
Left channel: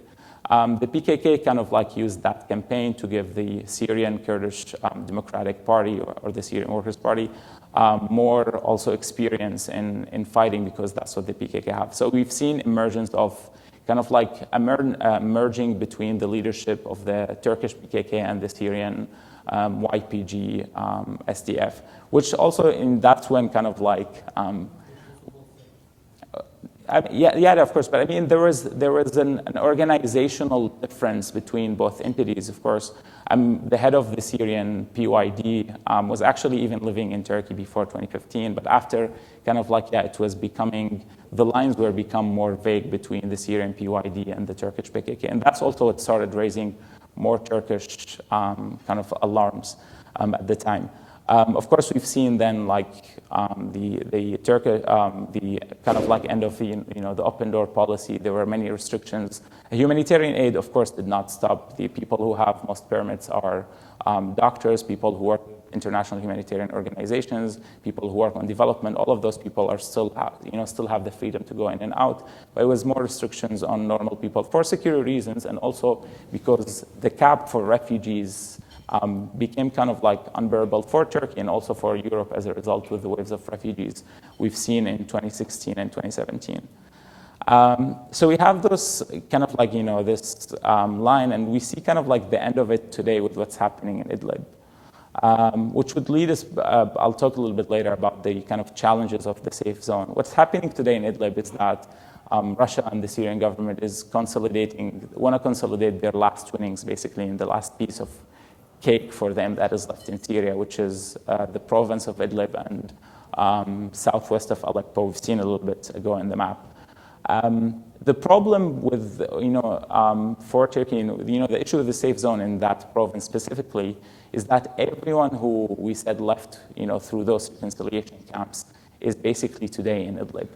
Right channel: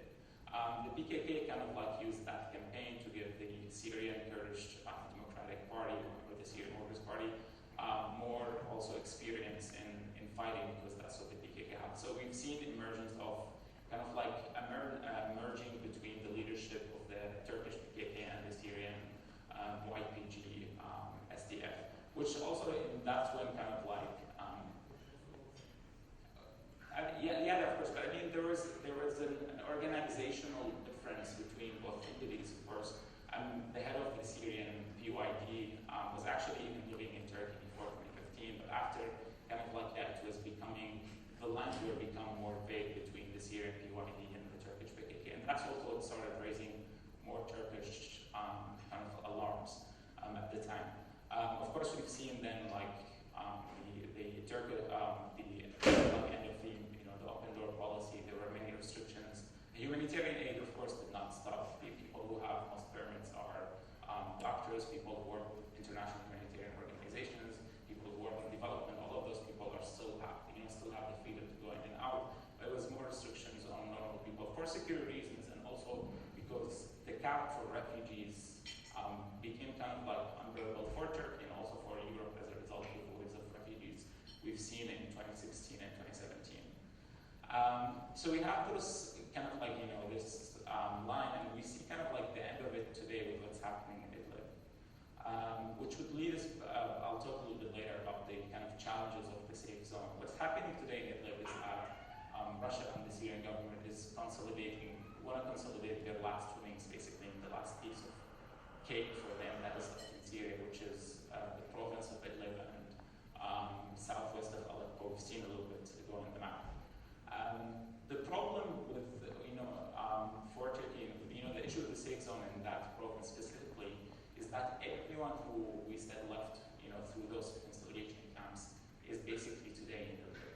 The PKK kind of like used that campaign to give the Syrian Kurdish Democratic Party or the Syrian Workers' Party more also experience in fighting, because that's what the PKK have. So we've seen emergence of kind of like merging between the leadership of the Turkish PKK and the Syrian YPG SDF, which also that's when kind of like, yeah, of course, but I mean, there was an organizational difference between both entities, of course. The head of the Syrian PYD was actually even living in Turkey before 2015, but after kind of like, yeah, it was becoming, the lines were become more vague between the Syrian PYD and the Turkish PKK, and that's also what started raising more Turkish kind of alarms at the time. Of course, we've seen then like the kind of like end of the the Opendoor policy. There were many restrictions. Humanitarian aid, of course, did not stop. The people who have most permits are doctors, people who work in international humanitarian organizations, people who work on development. All of those people are still have the freedom to go in and out. But it was more restrictions on normal people for security reasons, and also because the cap for refugees became kind of like unbearable for Turkey and also for Europe as a result with the waves of refugees we've seen in 2016 and 2017. So we have those kind of like, this line, and we see kind of like the end of it today with what's happening in Idlib, which would lead us, I'll talk a little bit later about the kind of challenges of the safe zone. What's happening today in Idlib is that Russia and the Syrian government is want to consolidate their last winnings, basically, in the last piece of cake for them that is left in Syria, which is the province of Idlib and southwest of Aleppo. We've seen a little bit ago in the map. The problem with, for Turkey, the issue with the safe zone in that province specifically is that everyone who we said left, through those reconciliation camps is basically today in Idlib.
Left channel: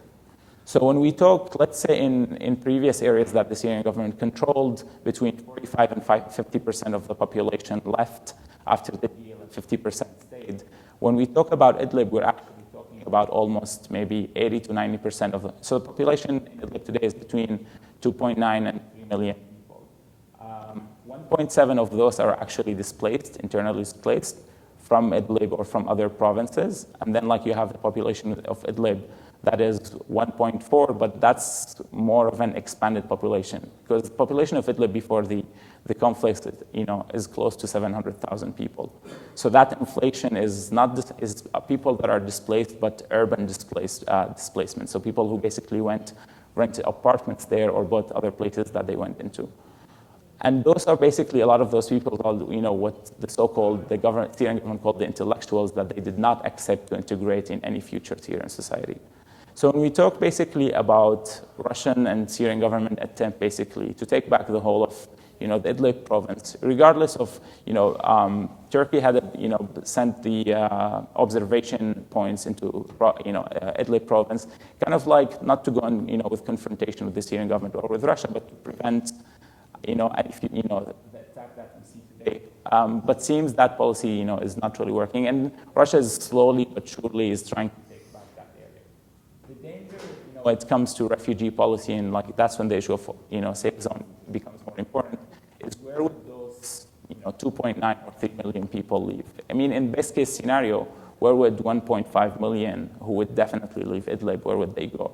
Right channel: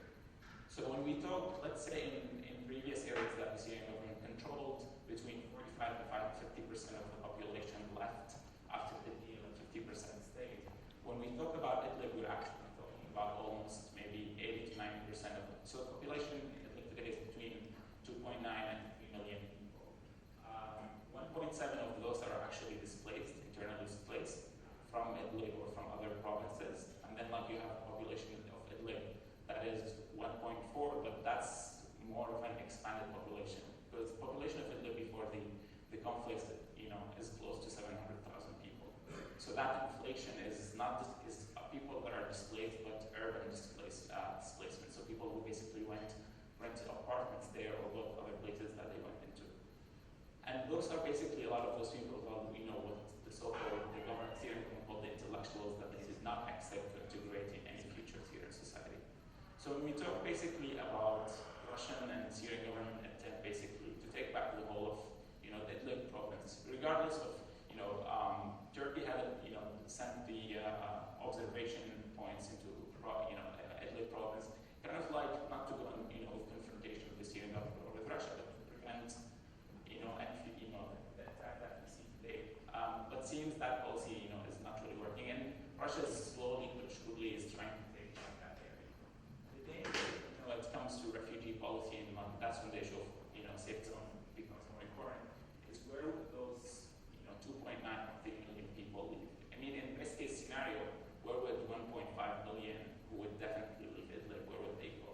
So when we talk, let's say in previous areas that the Syrian government controlled, between 45 and 50% of the population left after the deal, and 50% stayed. When we talk about Idlib, we're actually talking about almost maybe 80 to 90% of them. So the population in Idlib today is between 2.9 and 3 million people. 1.7 of those are actually displaced, internally displaced from Idlib or from other provinces. And then like you have the population of Idlib that is 1.4, but that's more of an expanded population, because the population of Idlib before the conflict, is close to 700,000 people. So that inflation is not is people that are displaced, but urban displacement. So people who basically rented apartments there or bought other places that they went into. And those are basically a lot of those people called, what the so-called, Syrian government called the intellectuals, that they did not accept to integrate in any future Syrian society. So when we talk basically about Russian and Syrian government attempt basically to take back the whole of, the Idlib province, regardless of, Turkey had, sent the observation points into, Idlib province, kind of like not to go on, with confrontation with the Syrian government or with Russia, but to prevent, the attack that we see today. But seems that policy, is not really working, and Russia is slowly but surely is trying to take back that area. The danger, when it comes to refugee policy, and like that's when the issue of, safe zone becomes more important, is where would those, 2.9 or 3 million people leave? I mean, in best case scenario, where would 1.5 million who would definitely leave Idlib, where would they go?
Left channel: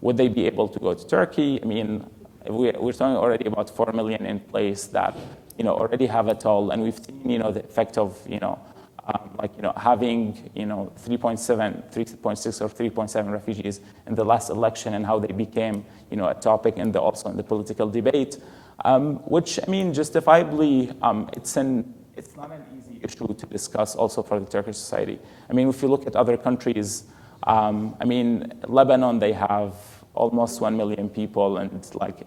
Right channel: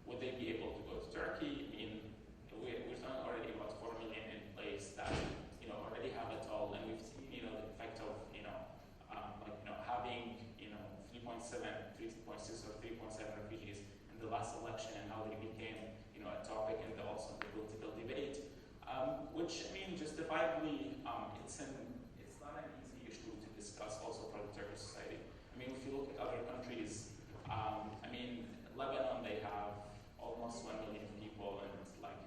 Would they be able to go to Turkey? I mean, we're talking already about 4 million in place that, already have a toll, and we've seen, the effect of, having, 3.6 or 3.7 refugees in the last election, and how they became, a topic also in the political debate, which, I mean, justifiably, it's not an easy issue to discuss also for the Turkish society. I mean, if you look at other countries, Lebanon, they have almost 1 million people, and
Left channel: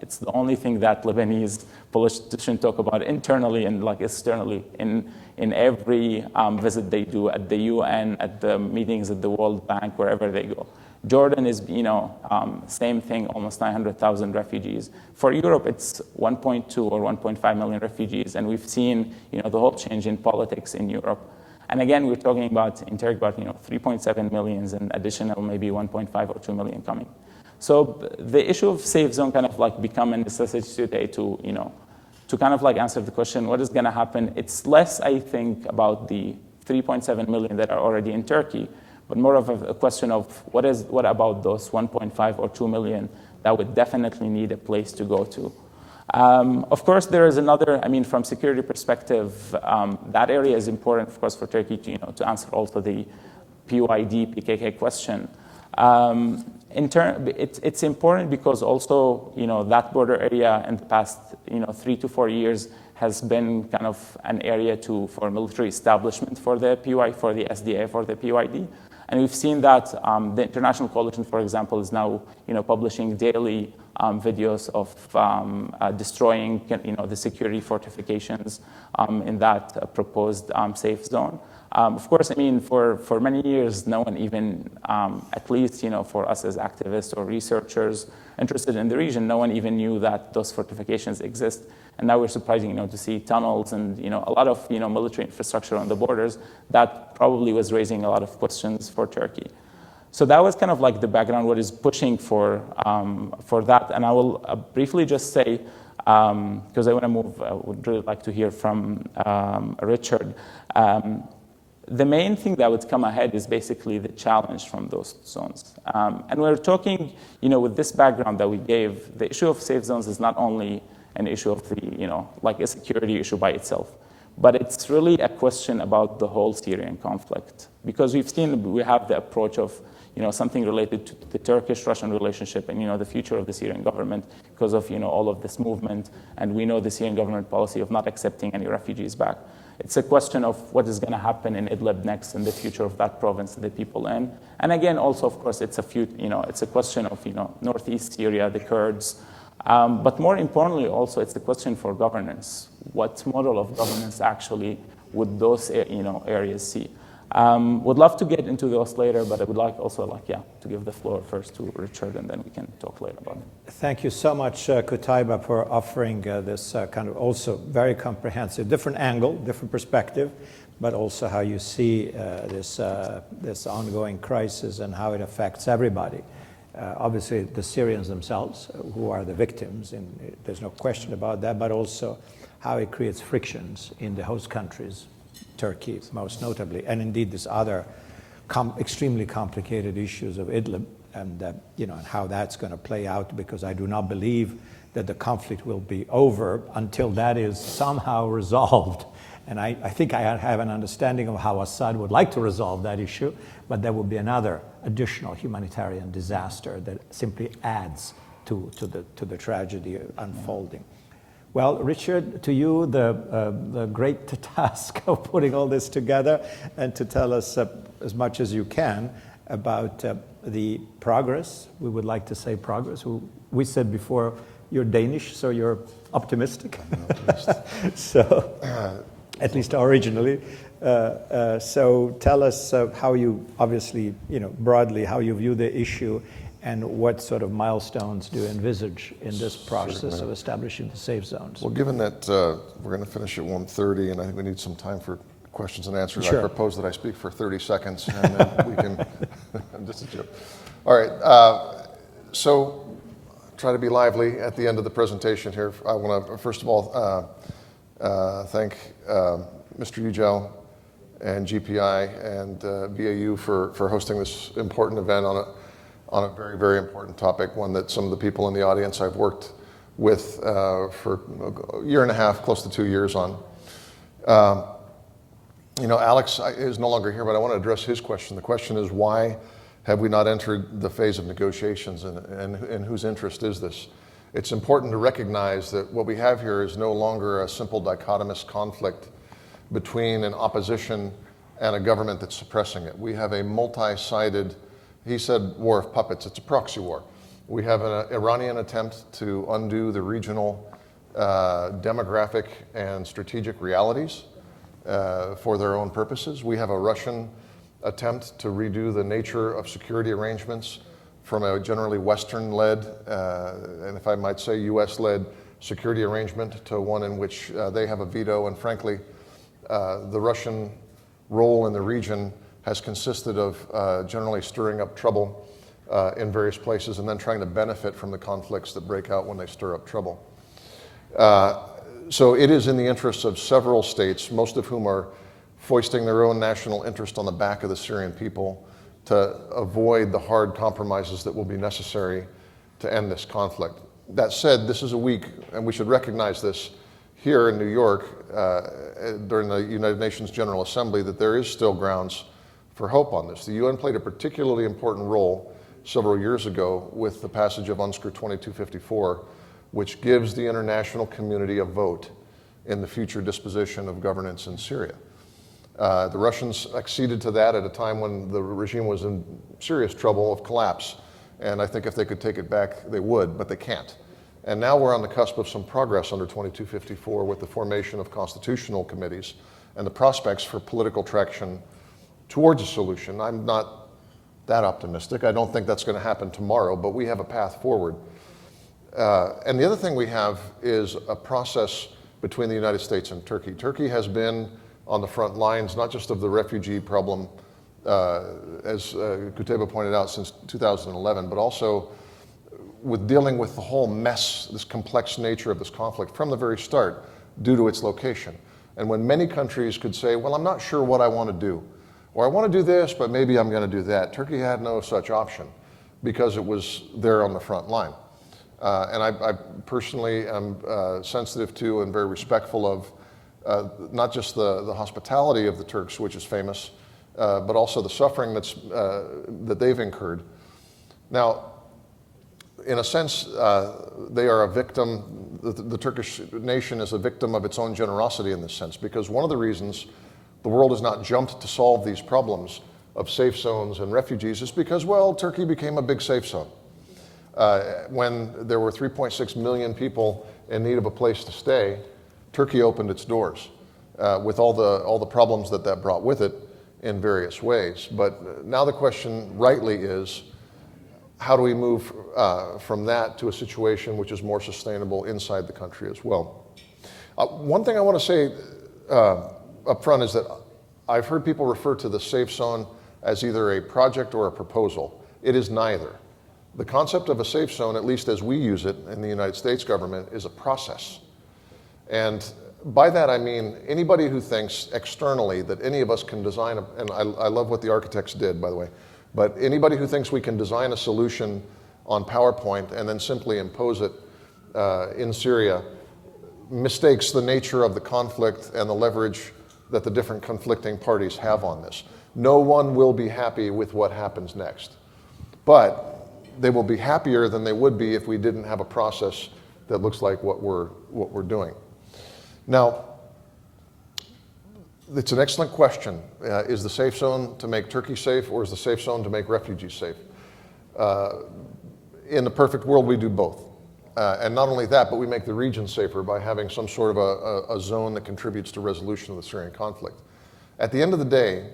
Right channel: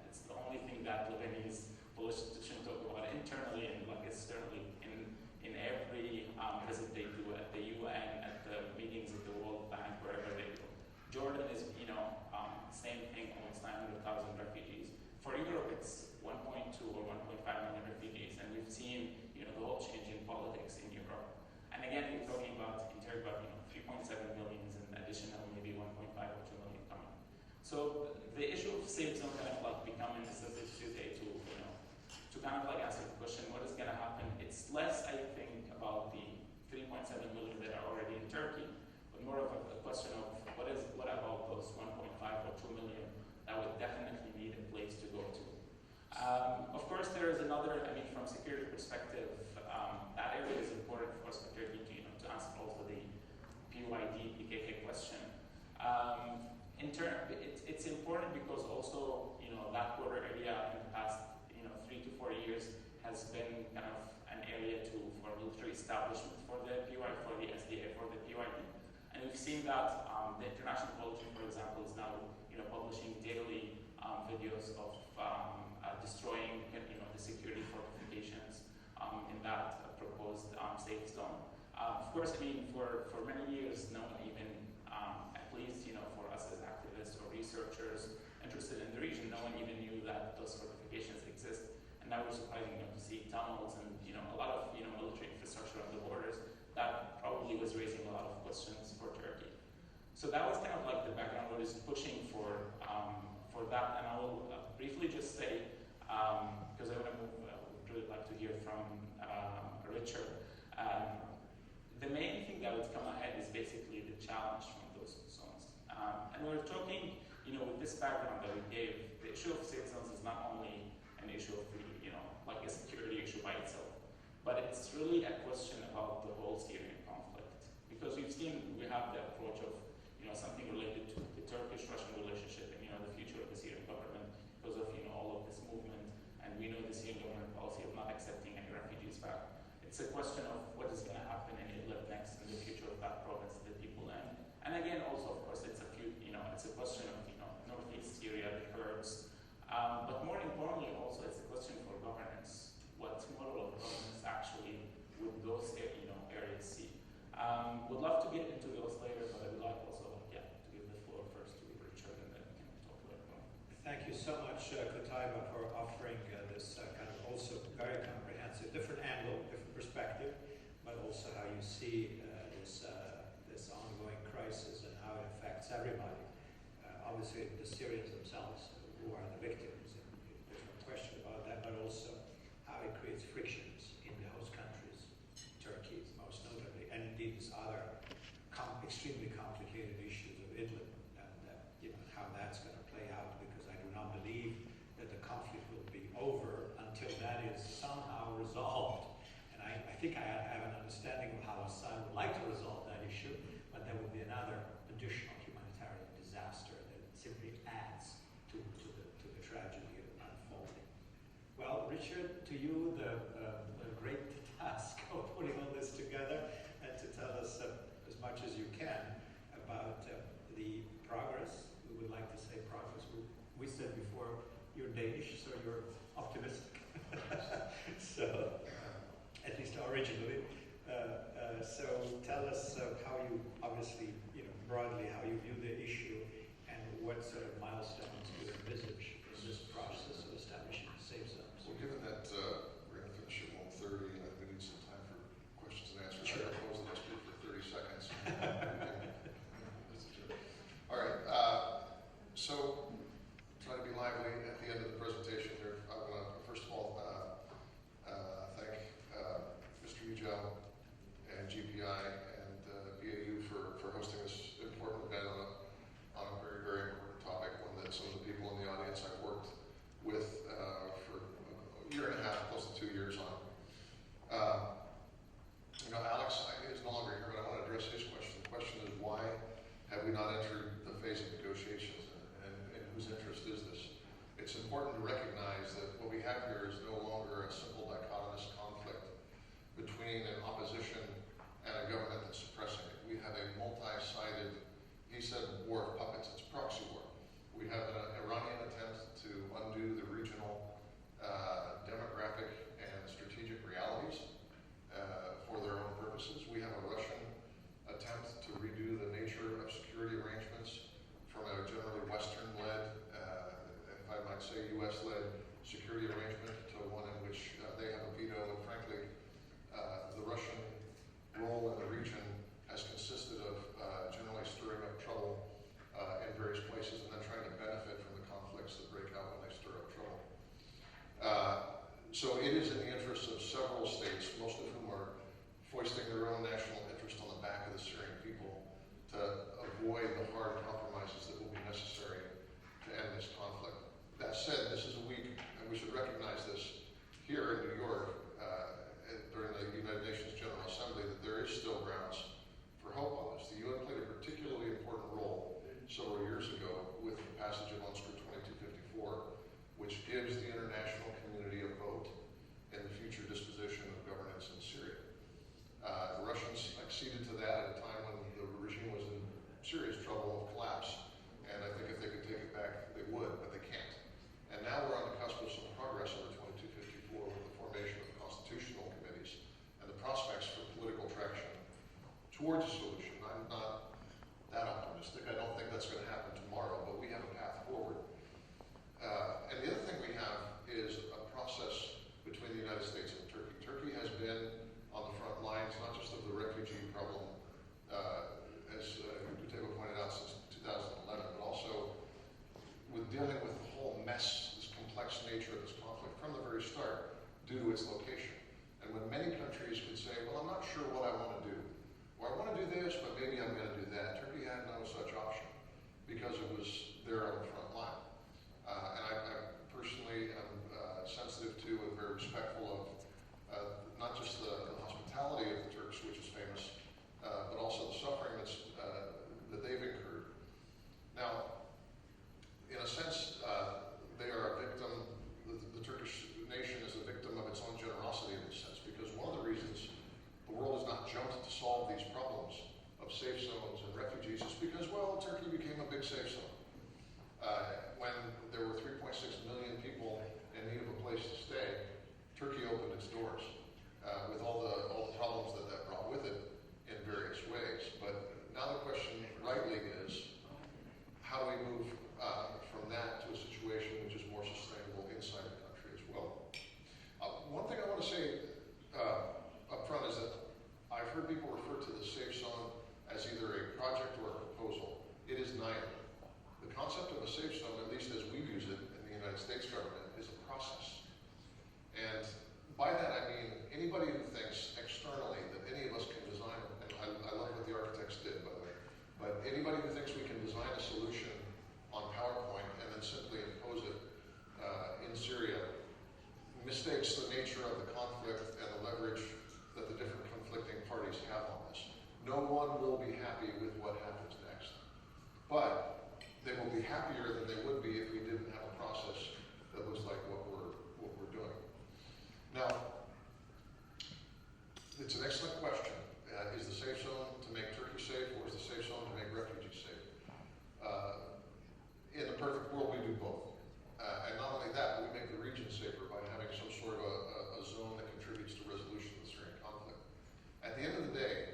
it's the only thing that Lebanese politicians talk about internally and externally in every visit they do at the UN, at the meetings at the World Bank, wherever they go. Jordan is, same thing, almost 900,000 refugees. For Europe, it's 1.2 or 1.5 million refugees, and we've seen, the whole change in politics in Europe. And again, we're talking about, in Turkey, about, 3.7 million and additional maybe 1.5 or 2 million coming. So the issue of safe zone kind of become a necessity today to, to kind of answer the question, what is going to happen? It's less, I think, about the 3.7 million that are already in Turkey, but more of a question of what about those 1.5 or 2 million that would definitely need a place to go to. Of course, there is another, I mean, from security perspective, that area is important, of course, for Turkey to answer also the PYD, PKK question. It's important because also, that border area in the past, 3 to 4 years has been kind of an area for military establishment for the SDA, for the PYD. And we've seen that the international coalition, for example, is now, publishing daily videos of destroying, the security fortifications in that proposed safe zone. Of course, I mean, for many years, no one even, at least, for us as activists or researchers interested in the region, no one even knew that those fortifications exist. And now we're surprised, to see tunnels and, a lot of, military infrastructure on the borders. That probably was raising a lot of questions for Turkey. So that was kind of like the background, what is pushing for that. And I will briefly just say, because I want to move, I would really like to hear from Richard. The main thing that would come ahead is basically the challenge from those zones. And we're talking, with this background that we gave, the issue of safe zones is not only an issue of the, like a security issue by itself, but it's really a question about the whole Syrian conflict. Because we have the approach of, something related to the Turkish-Russian relationship and, the future of the Syrian government because of, all of this movement. And we know the Syrian government policy of not accepting any refugees back. It's a question of what is going to happen in Idlib next and the future of that province and the people in. And again, also, of course, it's a question of, northeast Syria, the Kurds. But more importantly, also, it's a question for governance. What model of governance actually would those, areas see? Would love to get into those later, but I would to give the floor first to Richard, and then we can talk later about it. Thank you so much, Qutaiba, for offering this kind of also very comprehensive, different angle, different perspective, but also how you see this ongoing crisis and how it affects everybody. Obviously, the Syrians themselves, who are the victims, and there's no question about that, but also how it creates frictions in the host countries, Turkey most notably, and indeed these other extremely complicated issues of Idlib, and and how that's going to play out, because I do not believe that the conflict will be over until that is somehow resolved. And I think I have an understanding of how Assad would like to resolve that issue, but there will be another additional humanitarian disaster that simply adds to the tragedy unfolding. Well, Richard, to you, the great task of putting all this together and to tell us as much as you can about the progress. We would like to say progress. We said before, you're Danish, so you're optimistic. I'm an optimist. So, at least originally. So tell us how you, obviously, broadly, how you view the issue and what sort of milestones do you envisage in this process of establishing the safe zones? Well, given that we're going to finish at 1:30, and I think we need some time for questions and answers, sure. I propose that I speak for 30 seconds, and then we can, just a joke. All right, so try to be lively at the end of the presentation here. I want to, first of all, thank Mr. Yücel and GPI and BAU for hosting this important event on a very, very important topic, one that some of the people in the audience I've worked with for a year and a half, close to 2 years on. Alex is no longer here, but I want to address his question. The question is, why have we not entered the phase of negotiations, and in whose interest is this? It's important to recognize that what we have here is no longer a simple dichotomous conflict between an opposition and a government that's suppressing it. We have a multi-sided, he said war of puppets, it's a proxy war. We have an Iranian attempt to undo the regional demographic and strategic realities for their own purposes. We have a Russian attempt to redo the nature of security arrangements from a generally Western-led, and if I might say US-led security arrangement to one in which they have a veto, and frankly, the Russian role in the region has consisted of generally stirring up trouble in various places and then trying to benefit from the conflicts that break out when they stir up trouble. So it is in the interests of several states, most of whom are foisting their own national interest on the back of the Syrian people to avoid the hard compromises that will be necessary to end this conflict. That said, this is a week, and we should recognize this here in New York during the United Nations General Assembly, that there is still grounds for hope on this. The UN played a particularly important role several years ago with the passage of UNSCR 2254, which gives the international community a vote in the future disposition of governance in Syria. The Russians acceded to that at a time when the regime was in serious trouble of collapse. And I think if they could take it back, they would, but they can't. And now we're on the cusp of some progress under 2254 with the formation of constitutional committees and the prospects for political traction towards a solution. I'm not that optimistic. I don't think that's going to happen tomorrow, but we have a path forward. And the other thing we have is a process between the United States and Turkey. Turkey has been on the front lines, not just of the refugee problem, as Qutaiba pointed out, since 2011, but also with dealing with the whole mess, this complex nature of this conflict from the very start due to its location. And when many countries could say, well, I'm not sure what I want to do, or I want to do this, but maybe I'm going to do that, Turkey had no such option because it was there on the front line. And I personally am sensitive to and very respectful of not just the hospitality of the Turks, which is famous, but also the suffering that they've incurred. Now, in a sense, they are a victim, the Turkish nation is a victim of its own generosity in this sense, because one of the reasons the world has not jumped to solve these problems of safe zones and refugees is because, well, Turkey became a big safe zone. When there were 3.6 million people in need of a place to stay, Turkey opened its doors with all the problems that brought with it in various ways. But now the question rightly is, how do we move from that to a situation which is more sustainable inside the country as well? One thing I want to say up front is that I've heard people refer to the safe zone as either a project or a proposal. It is neither. The concept of a safe zone, at least as we use it in the United States government, is a process. And by that I mean anybody who thinks externally that any of us can design, and I love what the architects did, by the way, but anybody who thinks we can design a solution on PowerPoint and then simply impose it in Syria mistakes the nature of the conflict and the leverage that the different conflicting parties have on this. No one will be happy with what happens next. But they will be happier than they would be if we didn't have a process that looks like what we're doing. Now, it's an excellent question. Is the safe zone to make Turkey safe, or is the safe zone to make refugees safe? In the perfect world, we do both. And not only that, but we make the region safer by having some sort of a zone that contributes to resolution of the Syrian conflict. At the end of the day,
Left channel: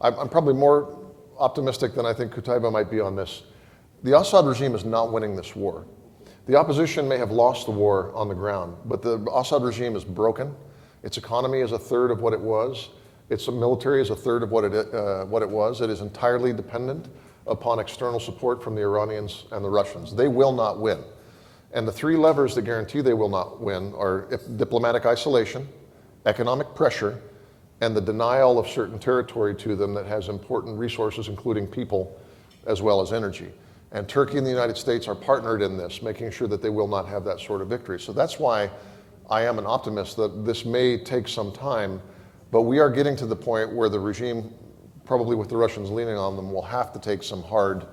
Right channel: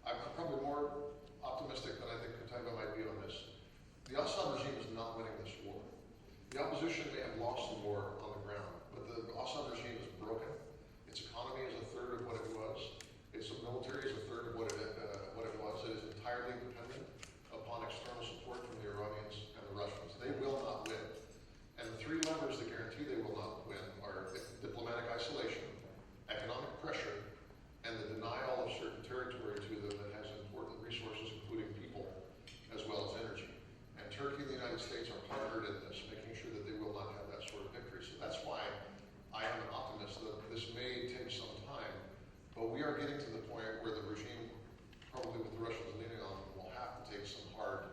I'm probably more optimistic than I think Qutaiba might be on this. The Assad regime is not winning this war. The opposition may have lost the war on the ground, but the Assad regime is broken. Its economy is a third of what it was. Its military is a third of what it was. It is entirely dependent upon external support from the Iranians and the Russians. They will not win. And the three levers that guarantee they will not win are diplomatic isolation, economic pressure, and the denial of certain territory to them that has important resources, including people, as well as energy. And Turkey and the United States are partnered in this, making sure that they will not have that sort of victory. So that's why I am an optimist that this may take some time, but we are getting to the point where the regime, probably with the Russians leaning on them, will have to take some hard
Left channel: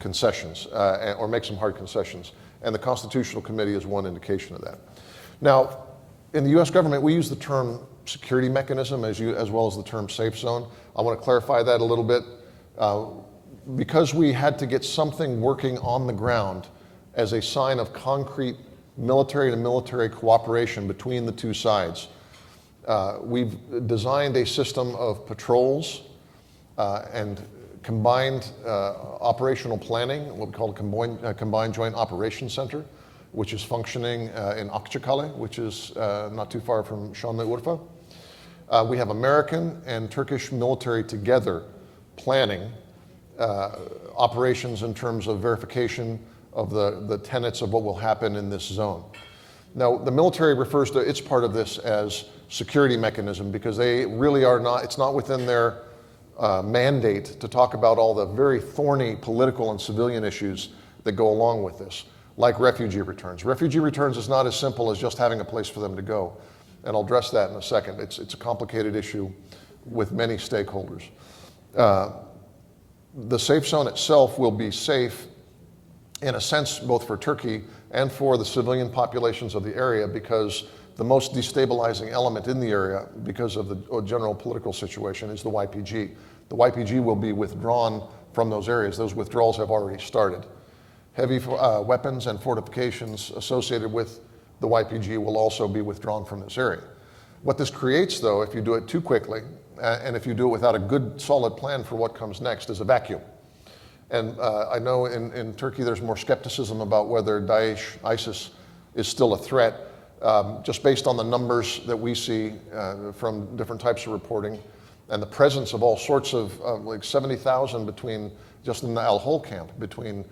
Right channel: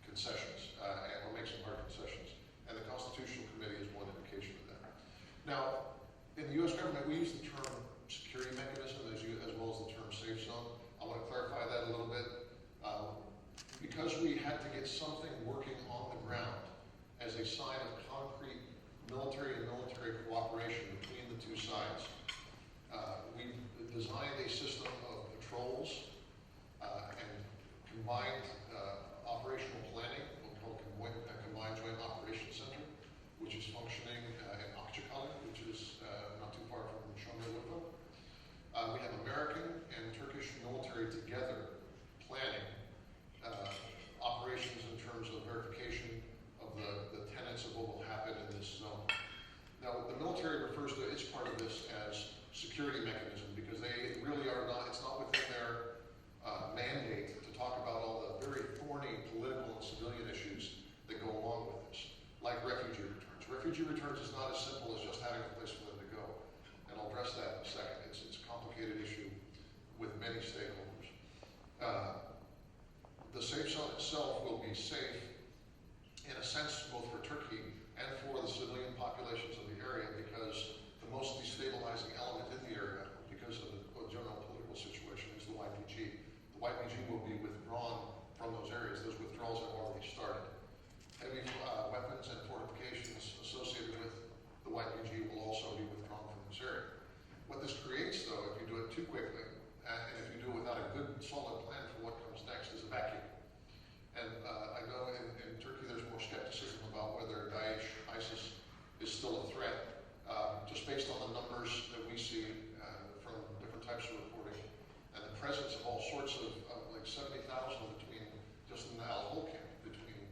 concessions, or make some hard concessions. And the Constitutional Committee is one indication of that. Now, in the US government, we use the term security mechanism as well as the term safe zone. I want to clarify that a little bit. Because we had to get something working on the ground as a sign of concrete military to military cooperation between the two sides, we've designed a system of patrols and combined operational planning, what we call a combined joint operations center, which is functioning in Akçakale, which is not too far from Şanlıurfa. We have American and Turkish military together planning operations in terms of verification of the tenets of what will happen in this zone. Now, the military refers to its part of this as security mechanism because they really are not, it's not within their mandate to talk about all the very thorny political and civilian issues that go along with this, like refugee returns. Refugee returns is not as simple as just having a place for them to go. And I'll address that in a second. It's a complicated issue with many stakeholders. The safe zone itself will be safe in a sense both for Turkey and for the civilian populations of the area because the most destabilizing element in the area because of the general political situation is the YPG. The YPG will be withdrawn from those areas. Those withdrawals have already started. Heavy weapons and fortifications associated with the YPG will also be withdrawn from this area. What this creates, though, if you do it too quickly, and if you do it without a good, solid plan for what comes next, is a vacuum. And I know in Turkey there's more skepticism about whether Daesh, ISIS, is still a threat, just based on the numbers that we see from different types of reporting, and the presence of all sorts of, like 70,000 between, just in the Al-Hol camp, between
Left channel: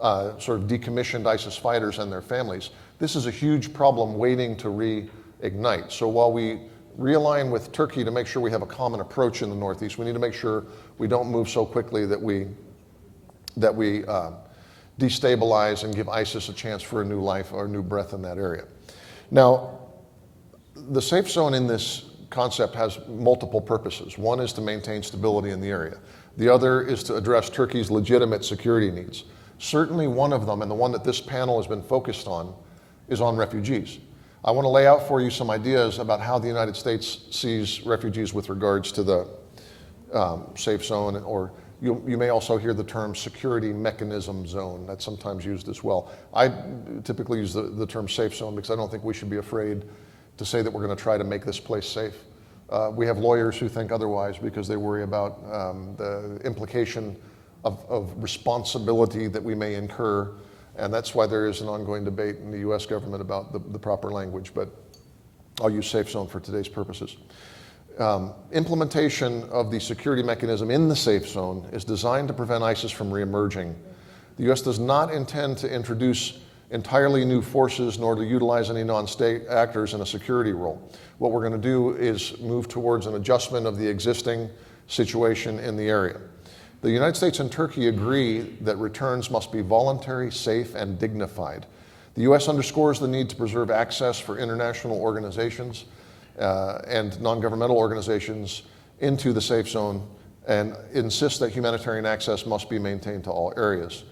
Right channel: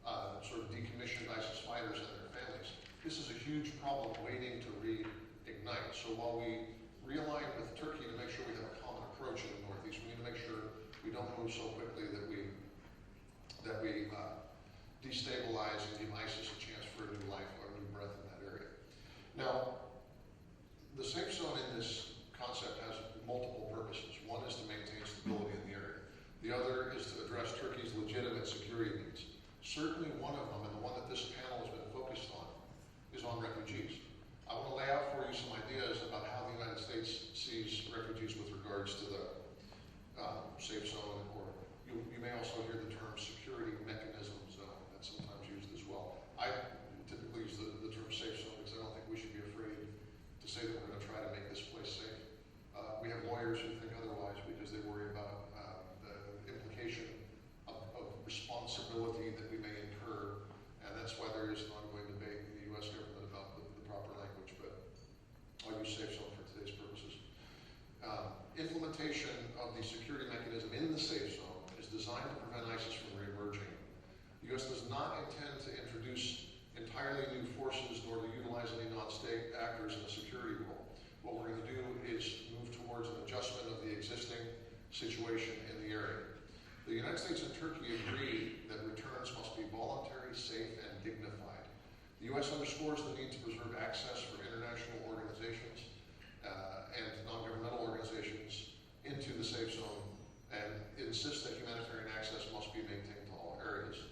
sort of decommissioned ISIS fighters and their families. This is a huge problem waiting to reignite. So while we realign with Turkey to make sure we have a common approach in the Northeast, we need to make sure we don't move so quickly that we destabilize and give ISIS a chance for a new life or a new breath in that area. Now, the safe zone in this concept has multiple purposes. One is to maintain stability in the area. The other is to address Turkey's legitimate security needs. Certainly one of them, and the one that this panel has been focused on, is on refugees. I want to lay out for you some ideas about how the United States sees refugees with regards to the safe zone, or you may also hear the term security mechanism zone. That's sometimes used as well. I typically use the term safe zone because I don't think we should be afraid to say that we're going to try to make this place safe. We have lawyers who think otherwise because they worry about the implication of responsibility that we may incur, and that's why there is an ongoing debate in the US government about the proper language, but I'll use safe zone for today's purposes. Implementation of the security mechanism in the safe zone is designed to prevent ISIS from reemerging. The US does not intend to introduce entirely new forces nor to utilize any non-state actors in a security role. What we're going to do is move towards an adjustment of the existing situation in the area. The United States and Turkey agree that returns must be voluntary, safe, and dignified. The US underscores the need to preserve access for international organizations and non-governmental organizations into the safe zone and insists that humanitarian access must be maintained to all areas.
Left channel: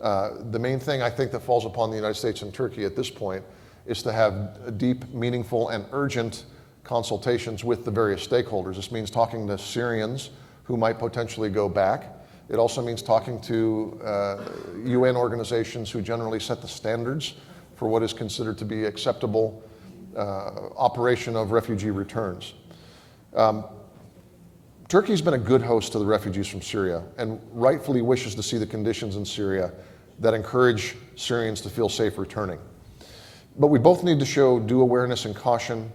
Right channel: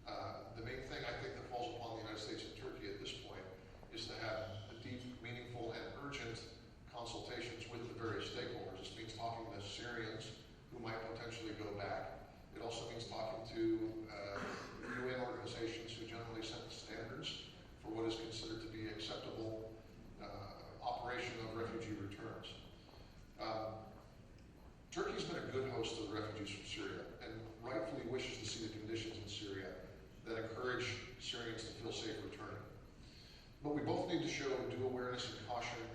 The main thing I think that falls upon the United States and Turkey at this point is to have deep, meaningful, and urgent consultations with the various stakeholders. This means talking to Syrians who might potentially go back. It also means talking to UN organizations who generally set the standards for what is considered to be acceptable operation of refugee returns. Turkey's been a good host to the refugees from Syria and rightfully wishes to see the conditions in Syria that encourage Syrians to feel safe returning. But we both need to show due awareness and caution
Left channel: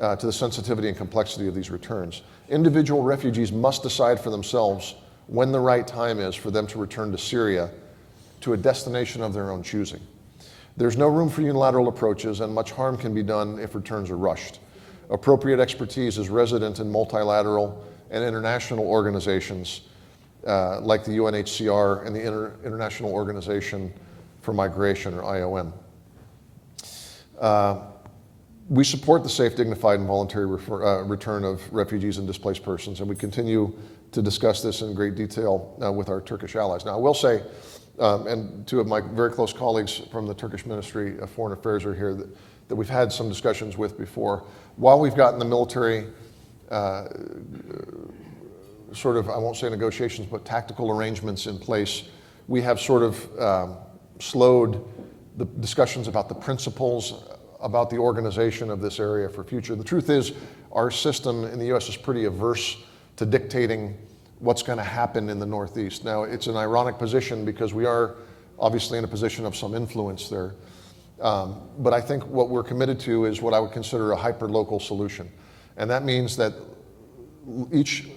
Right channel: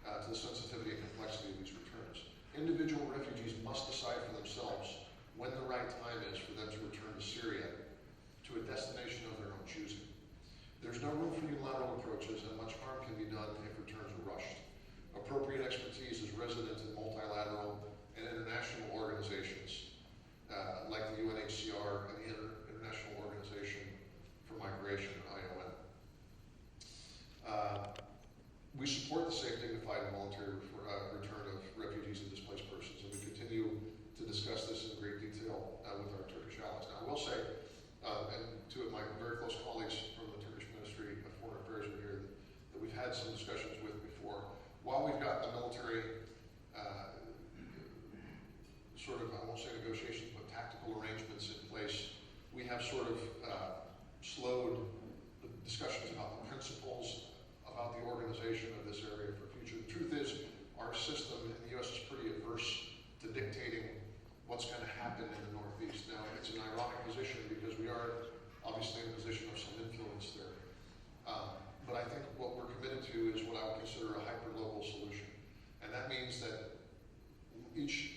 to the sensitivity and complexity of these returns. Individual refugees must decide for themselves when the right time is for them to return to Syria to a destination of their own choosing. There's no room for unilateral approaches, and much harm can be done if returns are rushed. Appropriate expertise is resident in multilateral and international organizations like the UNHCR and the International Organization for Migration, or IOM. We support the safe, dignified, and voluntary return of refugees and displaced persons, and we continue to discuss this in great detail with our Turkish allies. Now, I will say, and two of my very close colleagues from the Turkish Ministry of Foreign Affairs are here that we've had some discussions with before. While we've gotten the military sort of, I won't say negotiations, but tactical arrangements in place, we have sort of slowed the discussions about the principles, about the organization of this area for future. The truth is, our system in the US is pretty averse to dictating what's going to happen in the Northeast. Now, it's an ironic position because we are obviously in a position of some influence there. But I think what we're committed to is what I would consider a hyper-local solution. And that means that each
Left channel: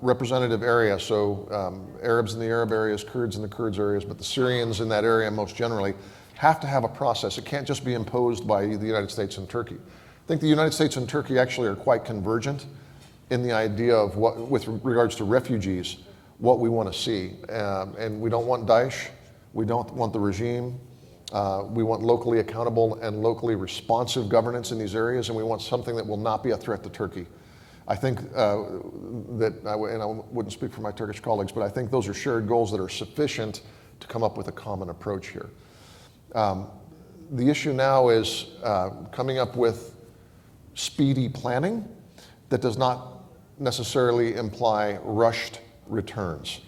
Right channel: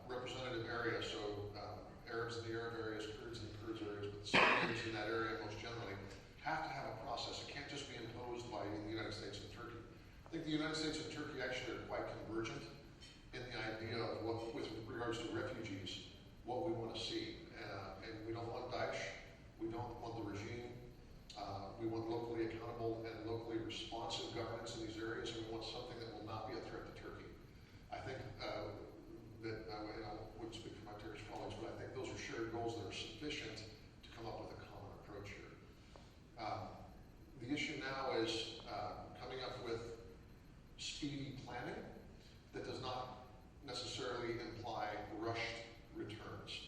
representative area, so Arabs in the Arab areas, Kurds in the Kurds areas, but the Syrians in that area most generally, have to have a process. It can't just be imposed by the United States and Turkey. I think the United States and Turkey actually are quite convergent in the idea of what, with regards to refugees, what we want to see. And we don't want Daesh, we don't want the regime, we want locally accountable and locally responsive governance in these areas, and we want something that will not be a threat to Turkey. I think and I wouldn't speak for my Turkish colleagues, but I think those are shared goals that are sufficient to come up with a common approach here. The issue now is coming up with speedy planning that does not necessarily imply rushed returns.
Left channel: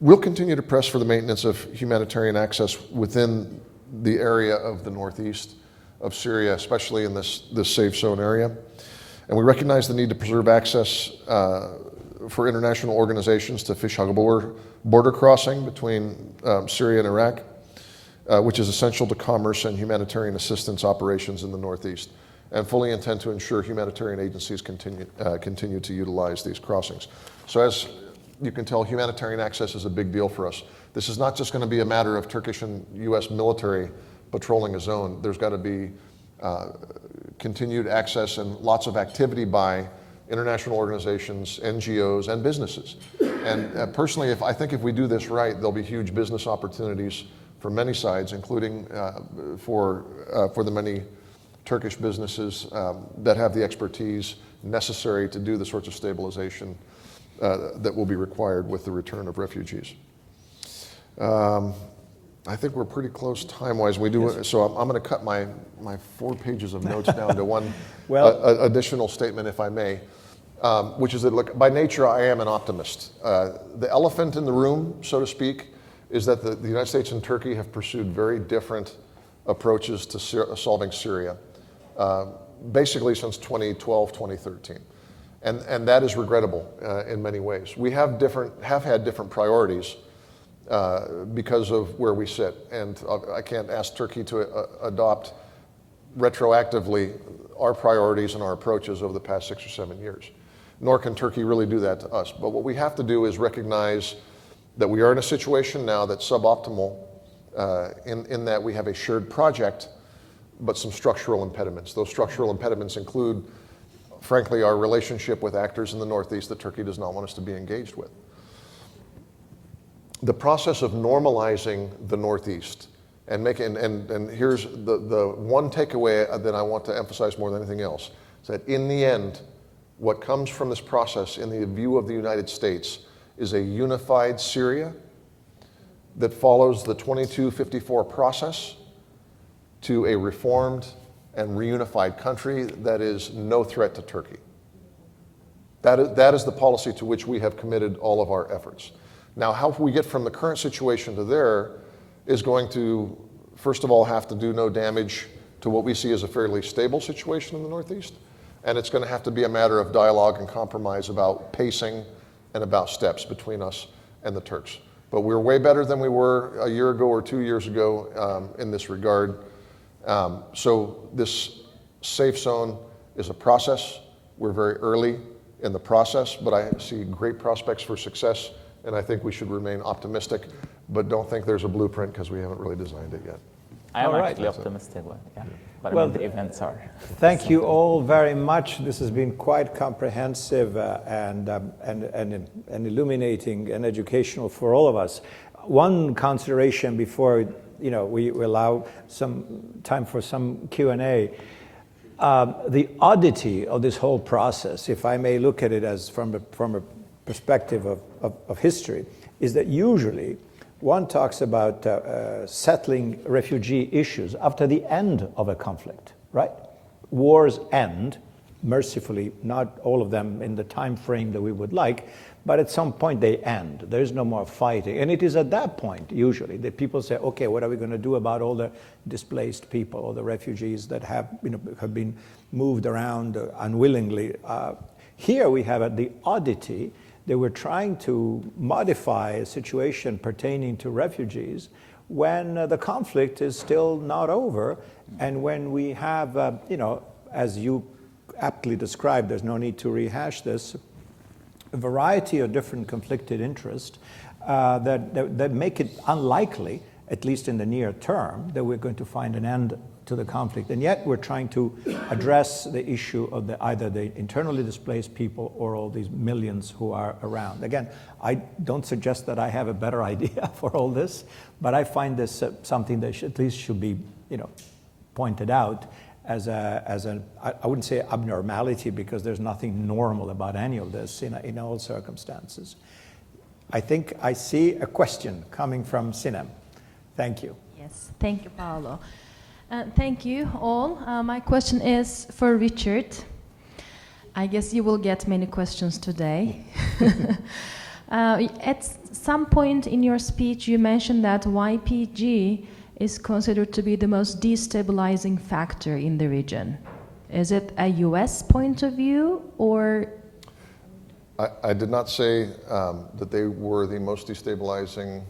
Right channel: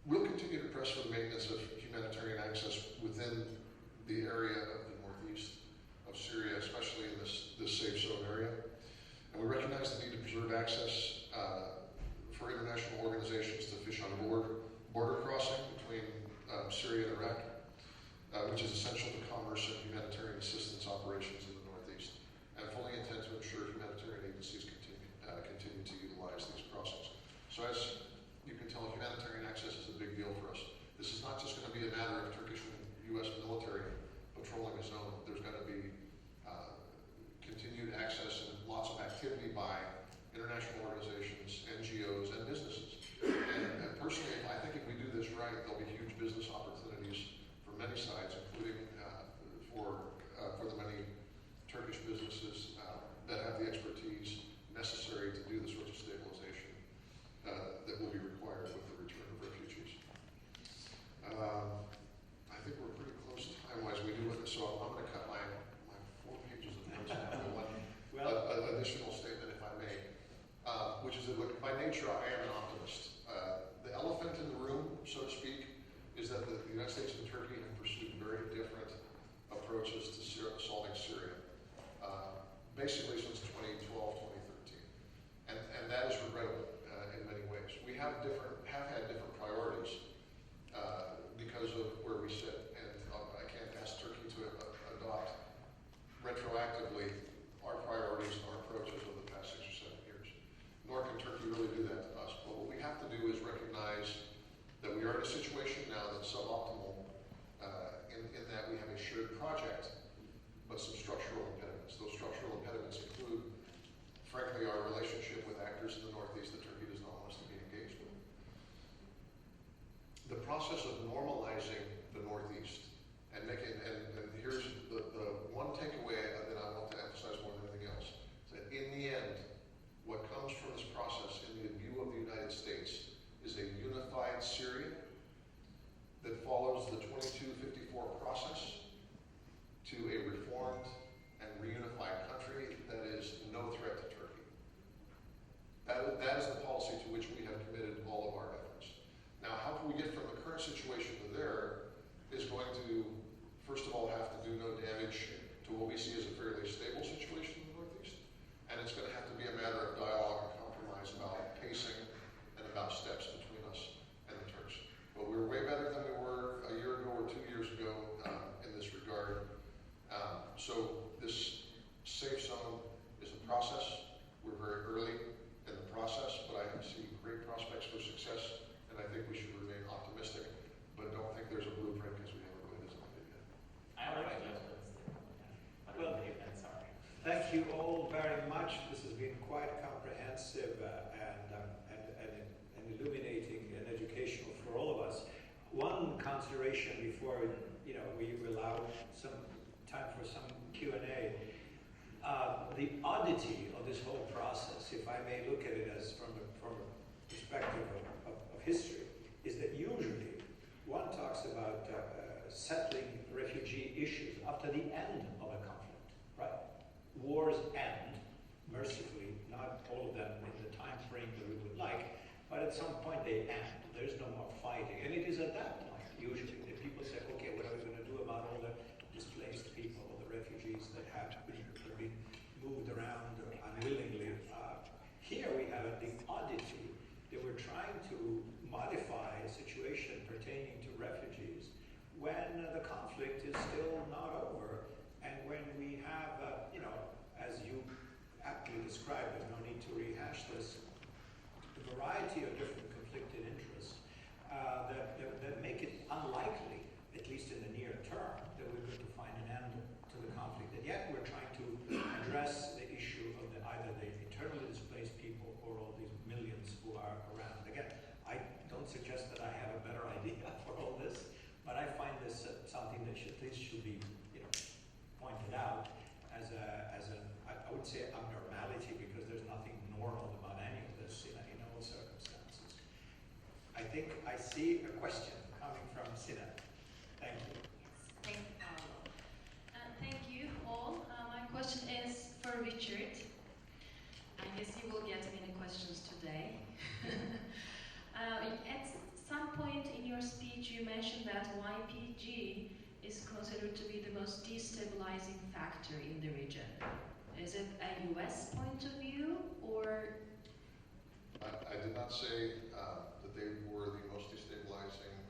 We'll continue to press for the maintenance of humanitarian access within the area of the northeast of Syria, especially in this safe zone area. And we recognize the need to preserve access for international organizations to fish border crossing between Syria and Iraq, which is essential to commerce and humanitarian assistance operations in the northeast, and fully intend to ensure humanitarian agencies continue to utilize these crossings. So as you can tell, humanitarian access is a big deal for us. This is not just going to be a matter of Turkish and US military patrolling a zone. There's got to be continued access and lots of activity by international organizations, NGOs, and businesses. And personally, I think if we do this right, there'll be huge business opportunities for many sides, including for the many Turkish businesses that have the expertise necessary to do the sorts of stabilization that will be required with the return of refugees. I think we're pretty close time-wise. We do, yes. So I'm going to cut my 4 pages of notes down to one additional statement, if I may, which is that, look, by nature, I am an optimist. The elephant in the room, so to speak, is that the United States and Turkey have pursued very different approaches to solving Syria, basically since 2012, 2013. And that is regrettable in many ways. We have had different priorities because of where we sit. And I can't ask Turkey to adopt retroactively our priorities and our approaches over the past 6 or 7 years. Nor can Turkey really do that to us. But what we have to do is recognize that we are in a situation now that's suboptimal in that we have a shared project, but some structural impediments. Those structural impediments include, frankly, our relationship with actors in the Northeast that Turkey does not want us to be engaged with. The process of normalizing the Northeast and here's the one takeaway that I want to emphasize more than anything else, is that in the end, what comes from this process in the view of the United States is a unified Syria that follows the 2254 process to a reformed and reunified country that is no threat to Turkey. That is the policy to which we have committed all of our efforts. Now, how we get from the current situation to there is going to, first of all, have to do no damage to what we see as a fairly stable situation in the Northeast. And it's going to have to be a matter of dialogue and compromise about pacing and about steps between us and the Turks. But we're way better than we were a year ago or 2 years ago in this regard. So this safe zone is a process. We're very early in the process, but I see great prospects for success, and I think we should remain optimistic, but don't think there's a blueprint because we haven't really designed it yet. I am actually optimistic, yeah. But well, I mean, the events are. Thank you all very much. This has been quite comprehensive and illuminating and educational for all of us. One consideration before we allow some time for some Q&A. The oddity of this whole process, if I may look at it as from a perspective of history, is that usually one talks about settling refugee issues after the end of a conflict, right? Wars end, mercifully, not all of them in the time frame that we would like, but at some point they end. There's no more fighting. And it is at that point, usually, that people say, okay, what are we going to do about all the displaced people or the refugees that have been moved around unwillingly? Here we have the oddity that we're trying to modify a situation pertaining to refugees when the conflict is still not over, and when we have, as you aptly described, there's no need to rehash this, a variety of different conflicted interests that make it unlikely, at least in the near term, that we're going to find an end to the conflict. And yet we're trying to address the issue of either the internally displaced people or all these millions who are around. Again, I don't suggest that I have a better idea for all this, but I find this something that at least should be, pointed out as I wouldn't say abnormality, because there's nothing normal about any of this in all circumstances. I think I see a question coming from Sinem. Thank you. Yes, thank you, Paolo. Thank you all. My question is for Richard. I guess you will get many questions today. At some point in your speech, you mentioned that YPG is considered to be the most destabilizing factor in the region. Is it a US point of view, or? I did not say that they were the most destabilizing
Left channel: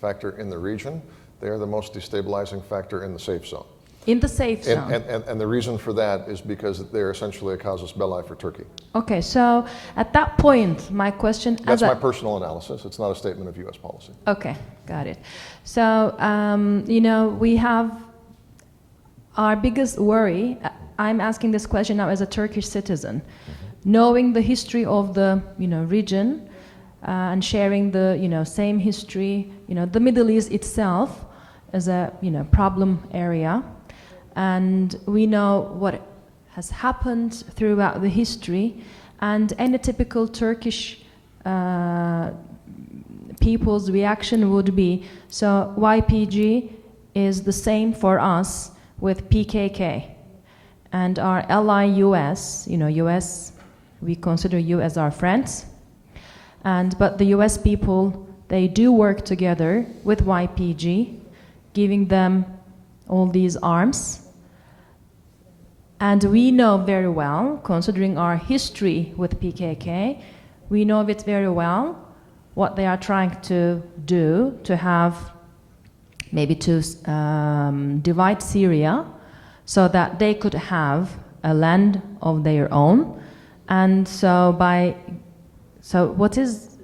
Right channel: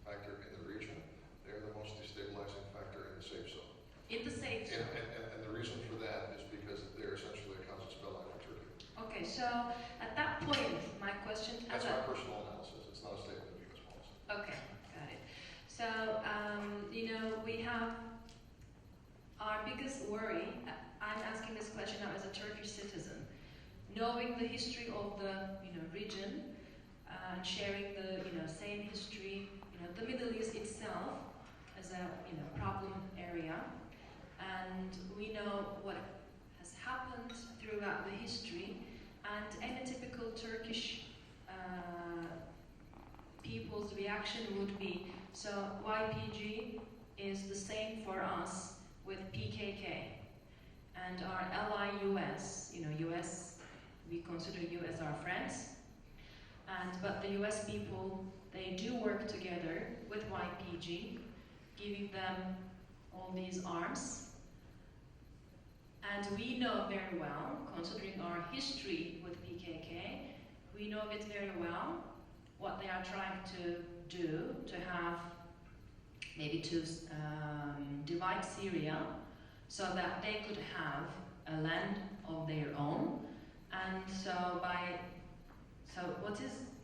factor in the region. They are the most destabilizing factor in the safe zone. In the safe zone. And the reason for that is because they're essentially a casus belli for Turkey. Okay, so at that point, my question... That's my personal analysis. It's not a statement of US policy. Okay, got it. So, we have our biggest worry. I'm asking this question now as a Turkish citizen. Knowing the history of the, region and sharing the, same history, the Middle East itself as a, problem area. And we know what has happened throughout the history, and any typical Turkish people's reaction would be, so YPG is the same for us with PKK. And our ally US, US, we consider you as our friends. But the US people, they do work together with YPG, giving them all these arms. And we know very well, considering our history with PKK, we know it very well what they are trying to do to have, maybe to divide Syria so that they could have a land of their own. And so what is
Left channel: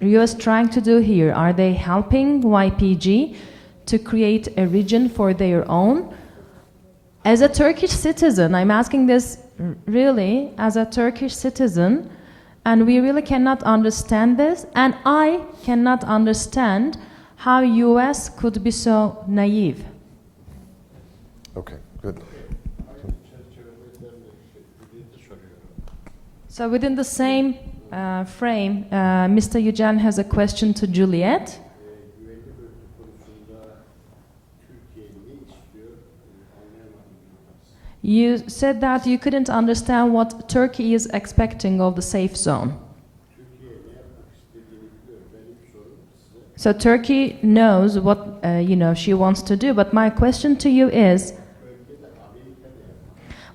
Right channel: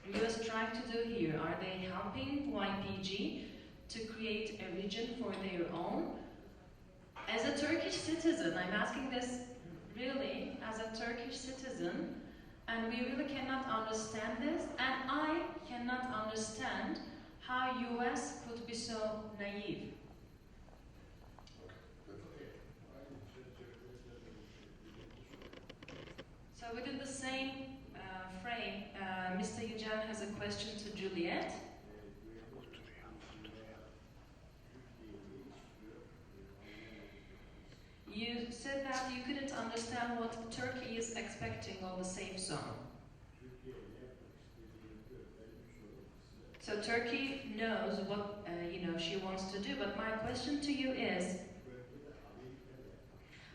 US trying to do here? Are they helping YPG to create a region for their own? As a Turkish citizen, I'm asking this really as a Turkish citizen, and we really cannot understand this, and I cannot understand how US could be so naive. Okay, good. So within the same frame, Mr. Yücel has a question to Juliette. You said that you couldn't understand what Turkey is expecting of the safe zone. So Turkey knows what she wants to do, but my question to you is,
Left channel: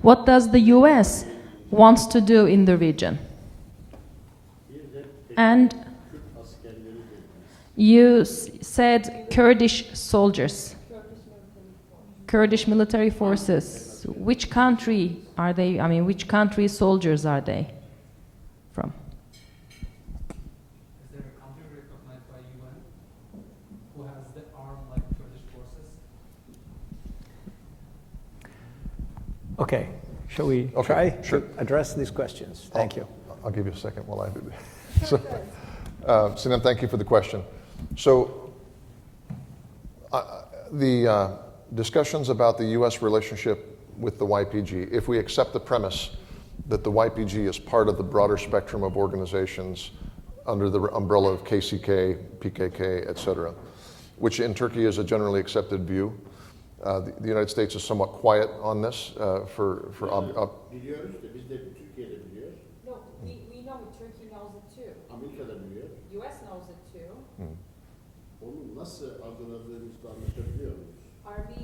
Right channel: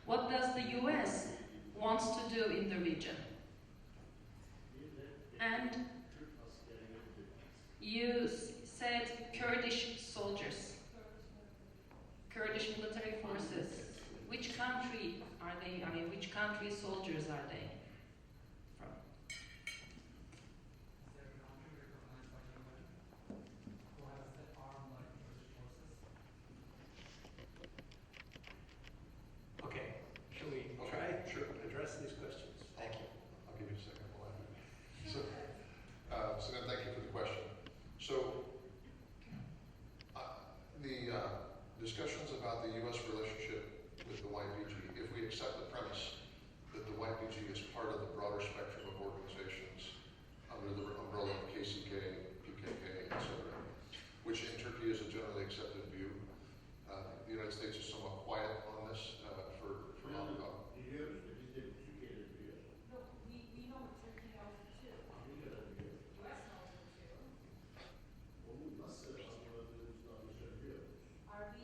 what does the US wants to do in the region? And you said Kurdish soldiers, Kurdish military forces. Which country are they? I mean, which country's soldiers are they from? Is there a country recognized by UN who has the arm like Kurdish forces? Okay, shall we try to address these questions? Thank you. I'll give you a second while I do this. So, Sinem, thank you for the question. So, the discussions about the U.S. relationship with the YPG, if we accept the premise that the YPG is part of the broader spectrum of organizations under the umbrella of KCK, PKK, et cetera, which in Turkey is a generally accepted view. The United States is somewhat quiet on this for Biliyoruz da biz de Türkiye'de biliyoruz. No, we know Turkey knows it too. Amerika'da biliyor. US knows it too. Onu nasıl algıladığımızda anlaşabiliyor muyuz? Are we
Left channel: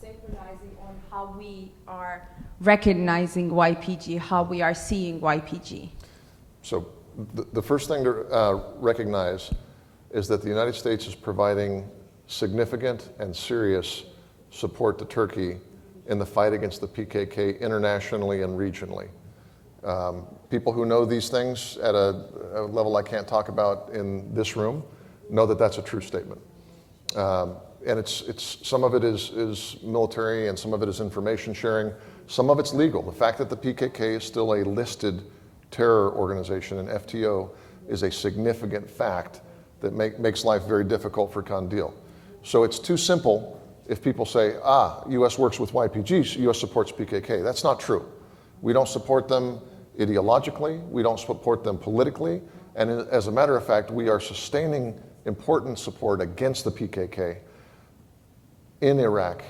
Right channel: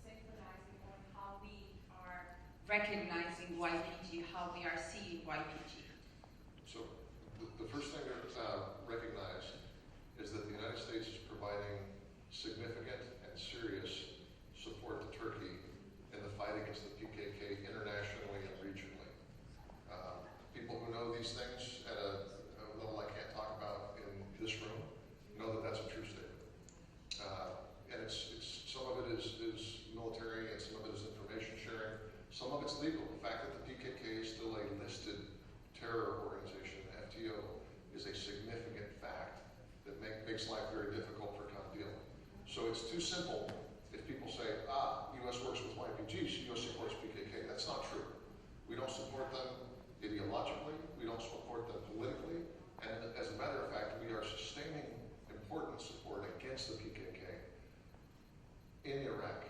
synchronizing on how we are recognizing YPG, how we are seeing YPG? So the first thing to recognize is that the United States is providing significant and serious support to Turkey in the fight against the PKK internationally and regionally. People who know these things at a level I can't talk about in this room know that that's a true statement. And it's some of it is military and some of it is information sharing. Some of it's legal. The fact that the PKK is still a listed terror organization, and FTO, is a significant fact that makes life very difficult for Kandil. So it's too simple if people say, US works with YPGs, US supports PKK. That's not true. We don't support them ideologically, we don't support them politically, and as a matter of fact, we are sustaining important support against the PKK in Iraq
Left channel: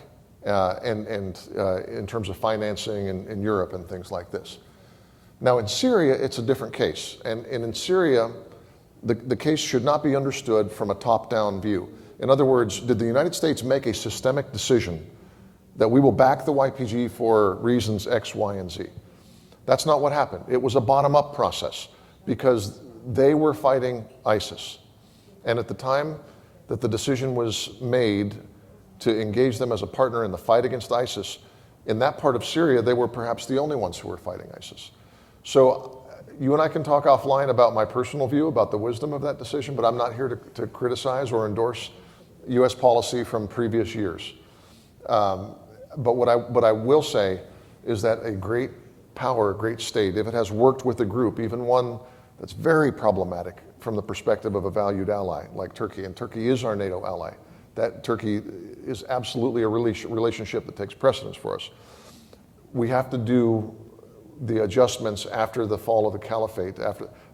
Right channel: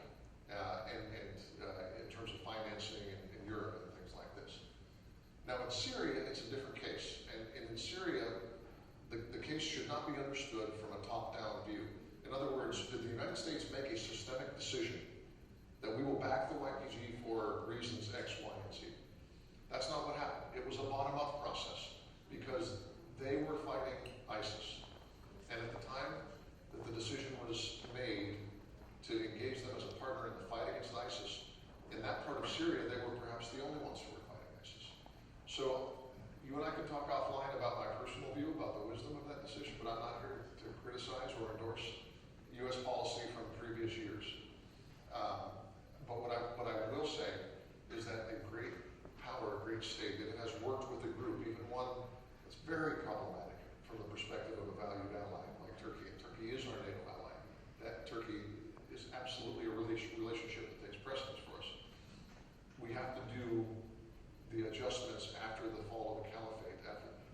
and in terms of financing in Europe and things like this. Now in Syria, it's a different case. And in Syria, the case should not be understood from a top-down view. In other words, did the United States make a systemic decision that we will back the YPG for reasons X, Y, and Z? That's not what happened. It was a bottom-up process because they were fighting ISIS. And at the time that the decision was made to engage them as a partner in the fight against ISIS, in that part of Syria, they were perhaps the only ones who were fighting ISIS. So you and I can talk offline about my personal view about the wisdom of that decision, but I'm not here to criticize or endorse US policy from previous years. But what I will say is that a great power, a great state, if it has worked with a group, even one that's very problematic from the perspective of a valued ally like Turkey, and Turkey is our NATO ally, that Turkey is absolutely a relationship that takes precedence for us. We have to do the adjustments after the fall of the caliphate,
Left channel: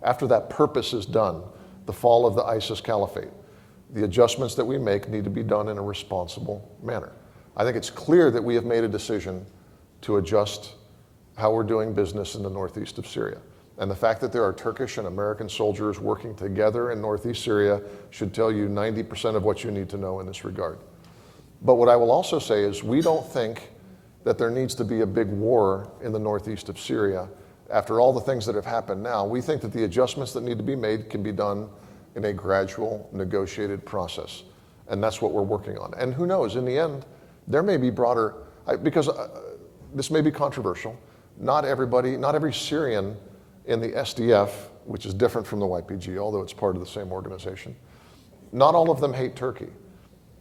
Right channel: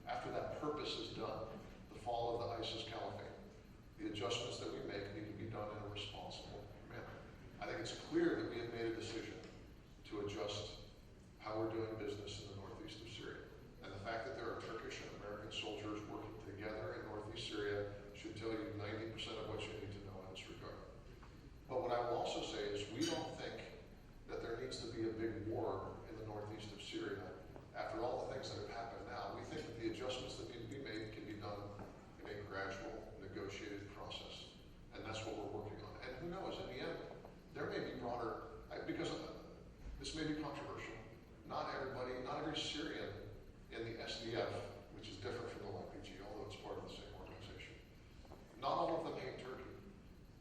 after that purpose is done, the fall of the ISIS caliphate. The adjustments that we make need to be done in a responsible manner. I think it's clear that we have made a decision to adjust how we're doing business in the northeast of Syria. And the fact that there are Turkish and American soldiers working together in northeast Syria should tell you 90% of what you need to know in this regard. But what I will also say is we don't think that there needs to be a big war in the northeast of Syria. After all the things that have happened now, we think that the adjustments that need to be made can be done in a gradual, negotiated process. And that's what we're working on. And who knows, in the end, there may be broader, because this may be controversial, not every Syrian in the SDF, which is different from the YPG, although it's part of the same organization, not all of them hate Turkey.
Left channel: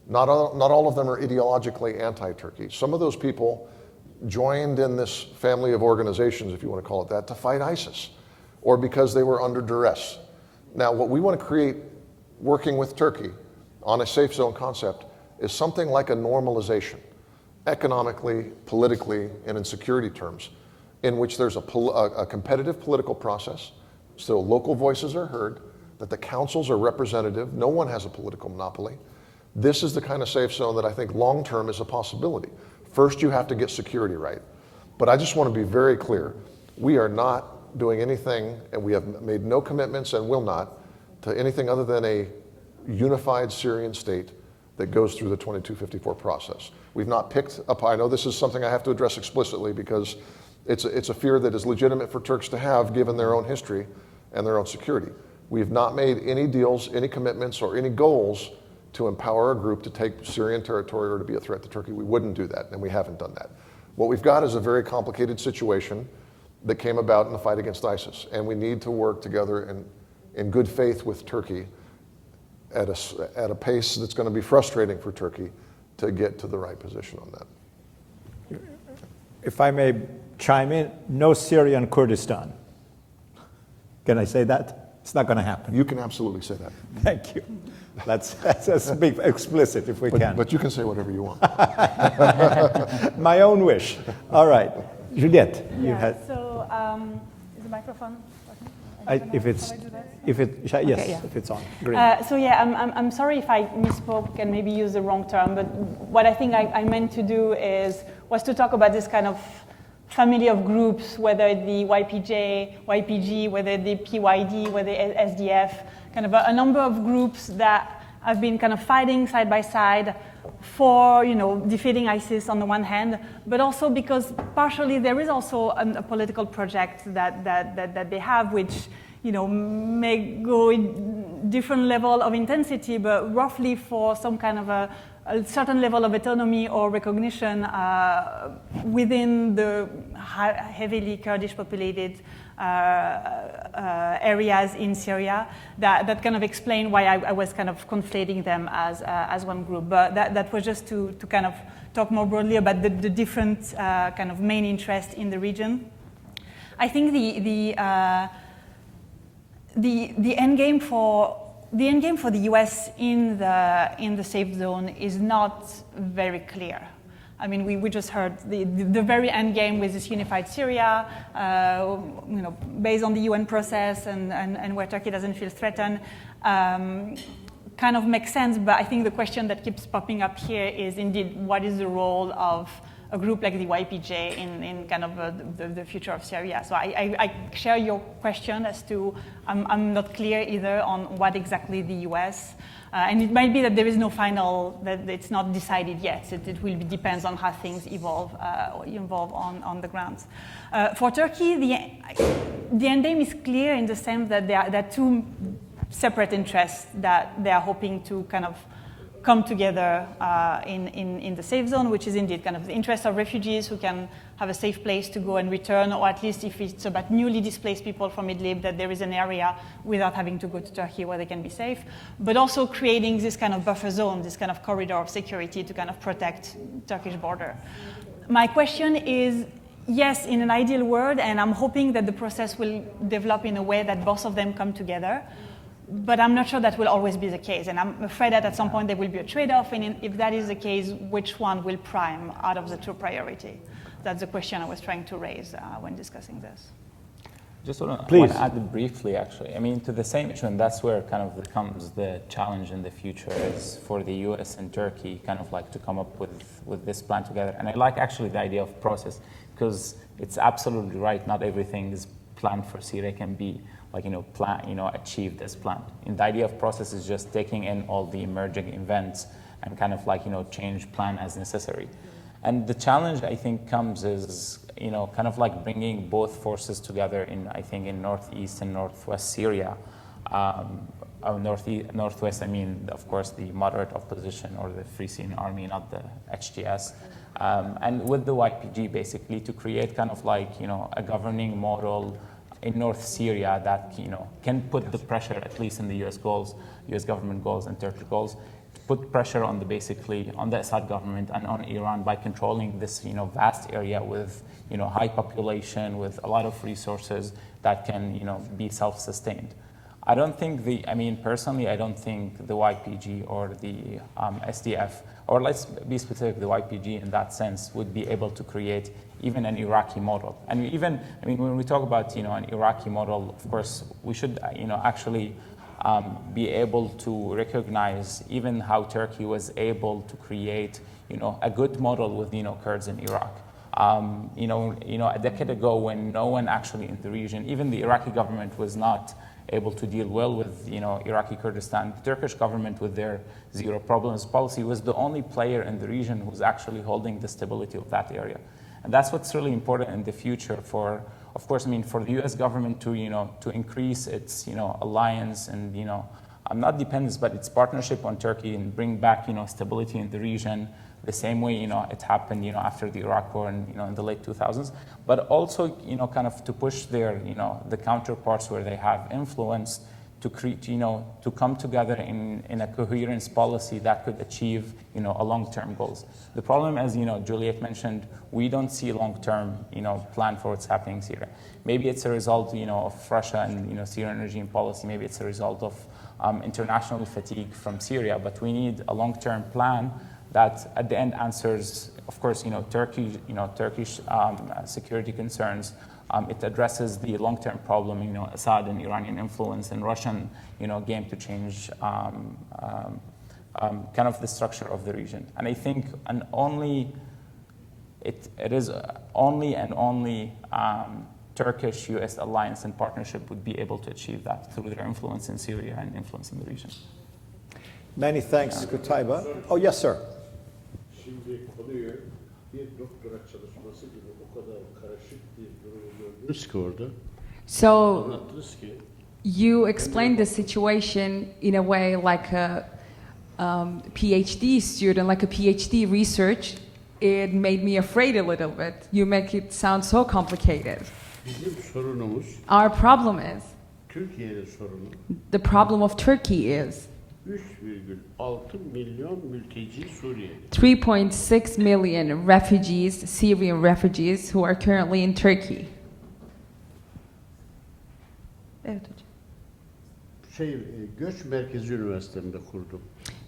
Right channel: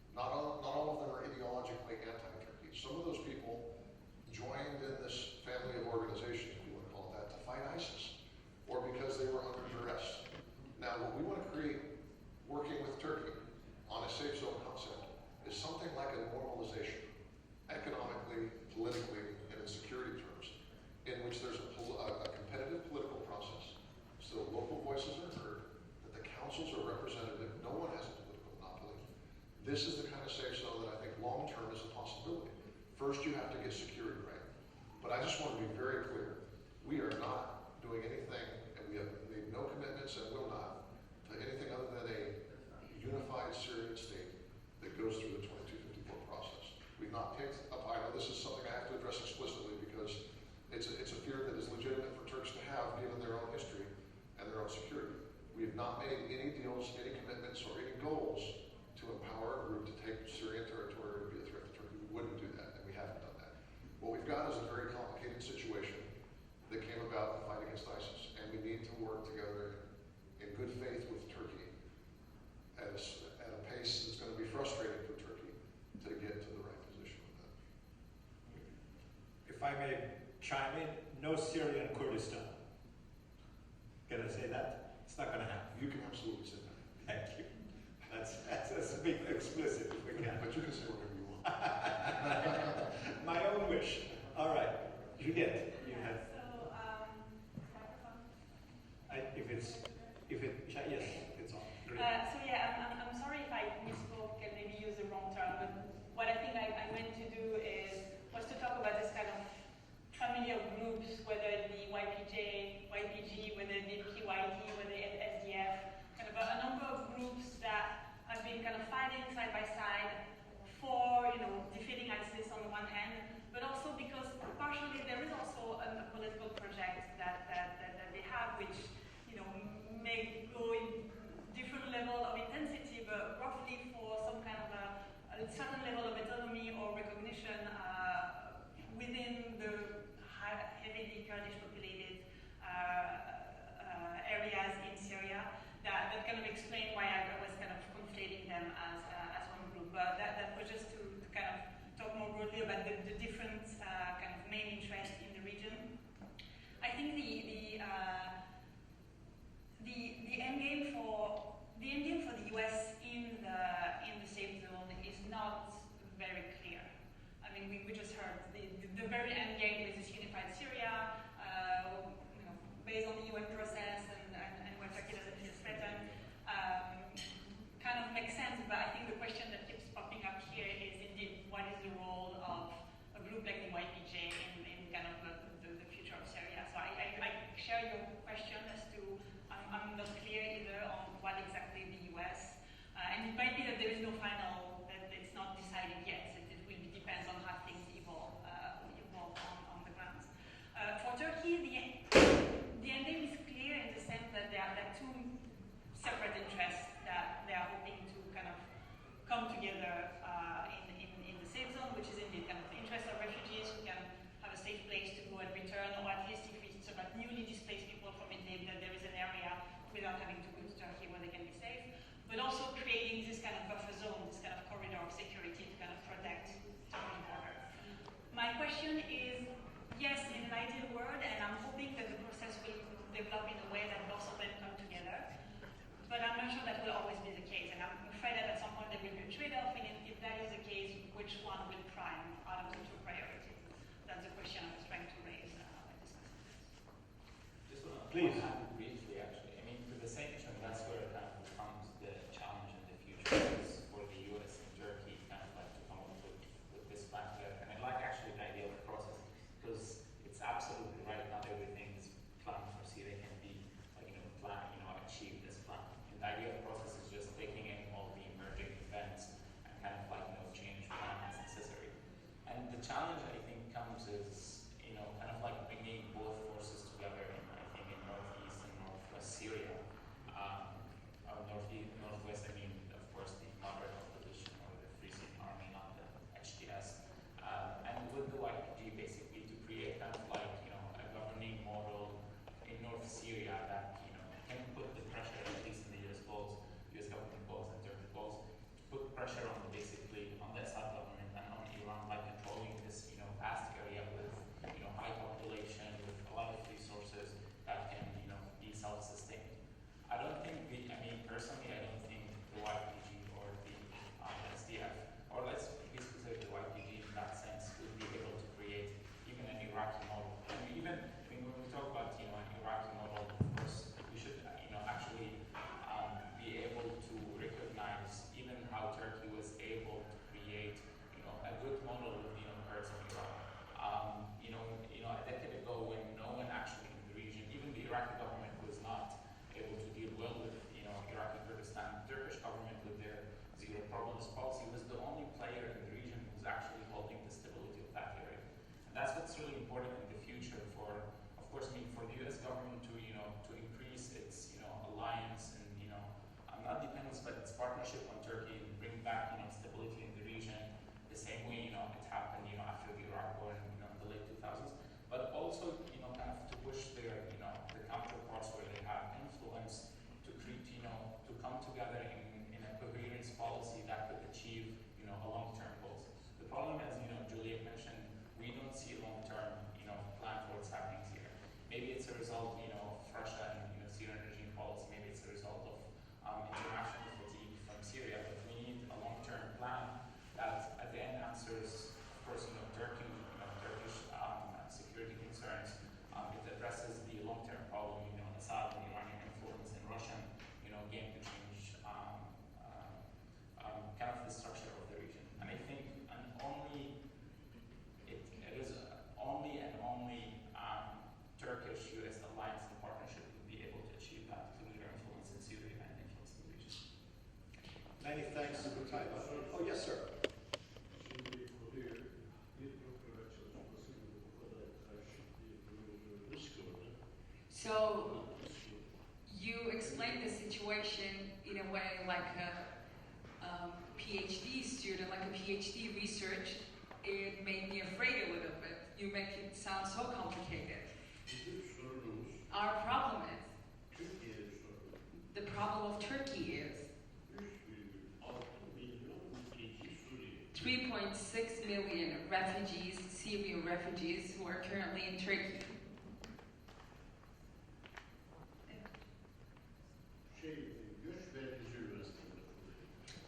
Not all of them are ideologically anti-Turkey. Some of those people joined in this family of organizations, if you want to call it that, to fight ISIS, or because they were under duress. Now, what we want to create, working with Turkey on a safe zone concept, is something like a normalization, economically, politically, and in security terms, in which there's a competitive political process, so local voices are heard, that the councils are representative, no one has a political monopoly. This is the kind of safe zone that I think long-term is a possibility. First, you have to get security right. But I just want to be very clear. We are not doing anything, and we have made no commitments and will not, to anything other than a unified Syrian state that goes through the 2254 process. We've not picked up, I know this is something I have to address explicitly because it's a fear that is legitimate for Turks to have given their own history and their own security. We've not made any deals, any commitments, or any goals to empower a group to take Syrian territory or to be a threat to Turkey. We wouldn't do that, and we haven't done that. What we've got is a very complicated situation that came about in the fight against ISIS, and we need to work together in good faith with Turkey at a pace that's going to be frustrating for Turkey to get to the right position on that. If I may chime in, no Syrian Kurdistan. Can I say that? It's not going to happen. You can absolutely say that. Thank you. Let's be explicit if we can. But you can say whatever you want. My own wish. All right. Juliette, you Yeah, had. so is the microphone working? If it's on. Great. So yeah, I'm sorry if I misspoke and maybe used the wrong term, but what I think I meant to do was to talk about this kind of family of groups, whether the YPG, whether the PYD, whether the SDF, kind of a number of groups that have been kind of fighting side by side for, defeating ISIS on the one hand, but also because partially there is also a political project that they have, which, may go in different level of intensity, but roughly for some kind of a certain level of autonomy or recognition within the heavily Kurdish populated areas in Syria that kind of explain why I was kind of conflating them as one group. But that was just to kind of talk more broadly about the different kind of main interests in the region. I think the end game for the U.S. in the safe zone is not very clear. I mean, we just heard the very end game with this unified Syria, based on the UN process and where Turkey doesn't feel threatened, kind of makes sense. But I think the question that keeps popping up here is indeed what is the role of a group like the YPJ in kind of the future of Syria. So I share your question as to I'm not clear either on what exactly the US. And it might be that there is no final, that it's not decided yet. It will depends on how things evolve on the ground. For Turkey, the end game is clear in the sense that there are two separate interests that they are hoping to kind of come together in the safe zone, which is indeed kind of the interest of refugees who can have a safe place to go and return, or at least if it's about newly displaced people from Idlib, that there is an area without having to go to Turkey where they can be safe, but also creating this kind of buffer zone, this kind of corridor of security to kind of protect Turkish border. My question is, yes, in an ideal world, and I'm hoping that the process will develop in a way that both of them come together, but I'm not sure that will always be the case, and I'm afraid that at some point there will be a trade-off, and if that is the case, which one will prime out of the two priority? That's the question I was trying to raise when discussing this. Just want to add briefly, actually. I mean, to the same issue, and that's where kind of becomes the challenge in the future is for the US and Turkey kind of like to come up with this plan together. And I like actually the idea of process, because it's absolutely right. Not everything is planned for Syria can be like, achieved as planned. And the idea of process is just taking in all the emerging events and kind of like, change plan as necessary. And the challenge, I think, comes is, kind of like bringing both forces together in northeast and northwest Syria. Northwest, I mean, of course, the moderate opposition or the Free Syrian Army, not the HTS. And with the YPG, basically, to create kind of like, a governing model in North Syria that, can put the pressure, at least in the US government goals and Turkish goals, put pressure on the Assad government and on Iran by controlling this, vast area with, high population, with a lot of resources that can, be self-sustained. Personally, I don't think the YPG or the SDF, or let's be specific, the YPG in that sense, would be able to create even an Iraqi model. And when we talk about, an Iraqi model, of course, we should, actually be able to recognize even how Turkey was able to create, a good model with, Kurds in Iraq. A decade ago, when no one actually in the region, even the Iraqi government was not able to deal well with, Iraqi Kurdistan, the Turkish government with their zero problems policy was the only player in the region who was actually holding the stability of that area. And that's what's really important in the future for, of course, for the U.S. government to, to increase its, alliance and, not dependence, but its partnership on Turkey and bring back, stability in the region, the same way, it happened, after the Iraq War and, in the late 2000s, but also, kind of to push their, the counterparts where they have influence to create, to come together in a coherence policy that could achieve, a long-term goals. The problem, as, Juliette mentioned, we don't see a long-term, plan for what's happening in Syria. Maybe it's a result, of Russia and, Syrian regime policy. Maybe it's a result of international fatigue from Syria, but we need a long-term plan that at the end answers, of course, Turkish security concerns. It addresses the long-term problem, Assad and Iranian influence and Russian, game to change kind of the structure of the region. And I think it is only Turkish-US alliance and partnership would be able to achieve that through their influence in Syria and influence in the region. Many thanks, Qutaiba. Oh, yes, sir. So you explained the situation in a way like PhD student, like a PhD research, it made me afraid a little bit. You make it sound so complicated. Bizim sorunumuz, Our problem is, Türkiye'nin sorunu, the problem of Turkey is 3,6 milyon mülteci Suriyeli. 3.6 million refugees, Syrian refugees, who are currently in Turkey. Evet hocam. Göç Merkezi Üniversitesi'nde kurdum.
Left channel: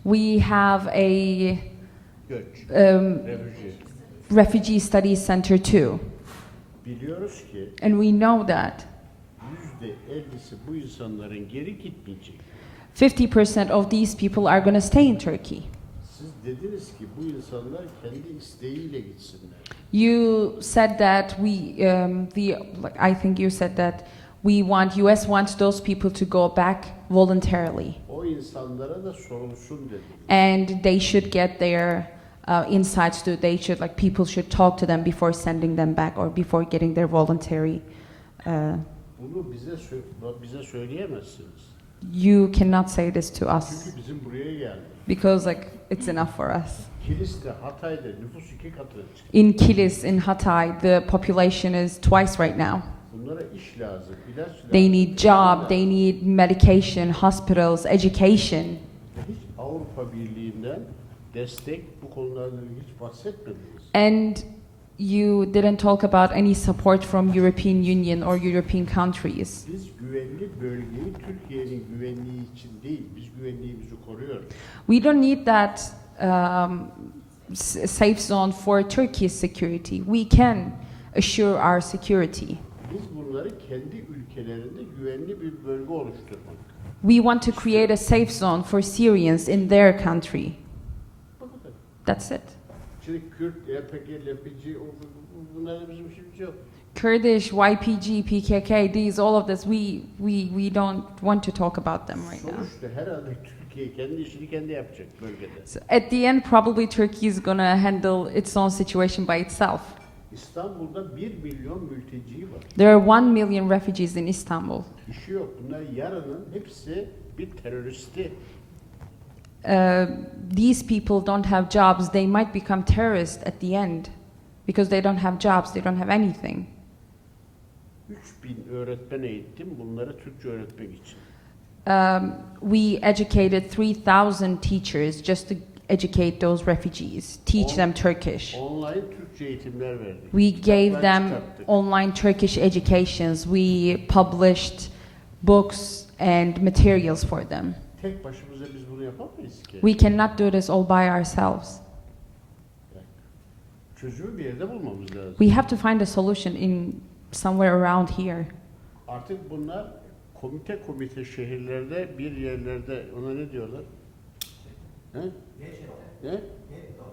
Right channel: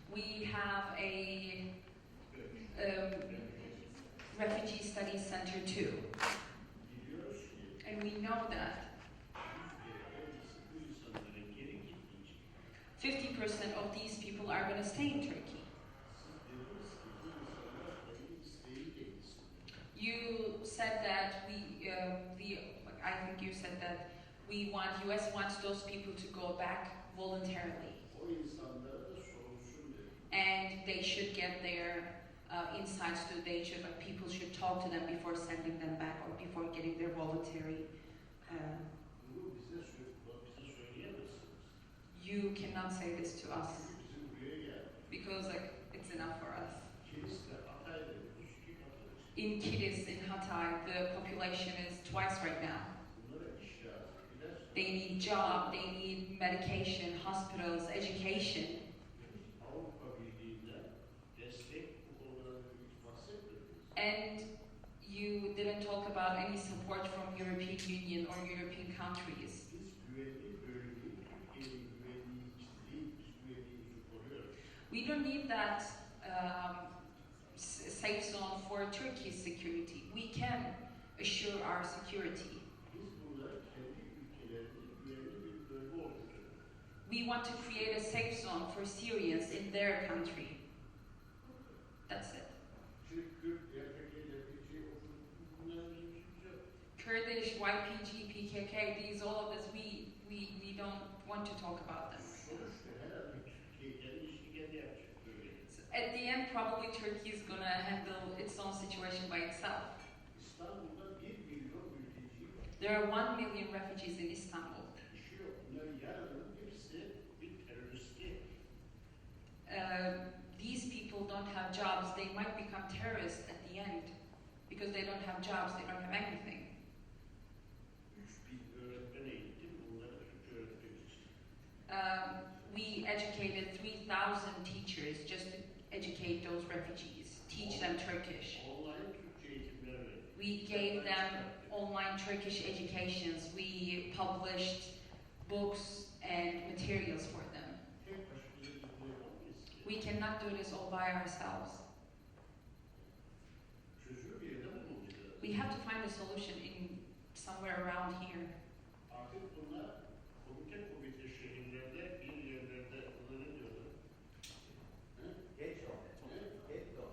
We have a Göç, refugee studies center too, Biliyoruz ki and we know that %50'si bu insanların geri gitmeyecek. 50% of these people are going to stay in Turkey. Siz dediniz ki bu insanlar kendi isteğiyle gitsinler. You said that I think you said that US wants those people to go back voluntarily, O insanlara da sorulsun dedi. and they should get their insights too. People should talk to them before sending them back or before getting their voluntary. Bunu bize söyleyemezsiniz. You cannot say this to us Çünkü bizim buraya geldi. because it's enough for us. Kilis'te, Hatay'da nüfus 2 katına çıktı. In Kilis, in Hatay, the population is twice right now. Bunlara iş lazım, ilaç lazım. They need job, they need medication, hospitals, education. Hiç Avrupa Birliği'nden destek bu konularla hiç bahsetmediniz. And you didn't talk about any support from European Union or European countries. Biz güvenli bölgeyi Türkiye'nin güvenliği için değil, biz güvenliğimizi koruyoruz. We don't need that safe zone for Turkey's security. We can assure our security. Biz bunları kendi ülkelerinde güvenli bir bölge oluşturmak. We want to create a safe zone for Syrians in their country. That's it. Şimdi Kürt, YPG, LPG, bunların bizim işimiz yok. Kurdish, YPG, PKK, all of this, we don't want to talk about them right now. Sonuçta herhalde Türkiye kendi işini kendi yapacak bölgede. So at the end, probably Turkey is gonna handle its own situation by itself. İstanbul'da 1 milyon mülteci var. There are 1 million refugees in Istanbul. İşi yok. Bunlar yarının hepsi bir teröristi. These people don't have jobs. They might become terrorists at the end because they don't have jobs. They don't have anything. 3000 öğretmen eğittim bunları Türkçe öğretmek için. We educated 3,000 teachers just to educate those refugees, teach them Turkish. Online Türkçe eğitimler verdik. We gave them çıkarttık. online Turkish educations. We published books and materials for them. Tek başımıza biz bunu yapamayız ki. We cannot do this all by ourselves. Çözümü bir yerde bulmamız lazım. We have to find a solution in somewhere around here. Artık bunlar komite şehirlerde bir yerlerde ona ne diyorlar? He? He?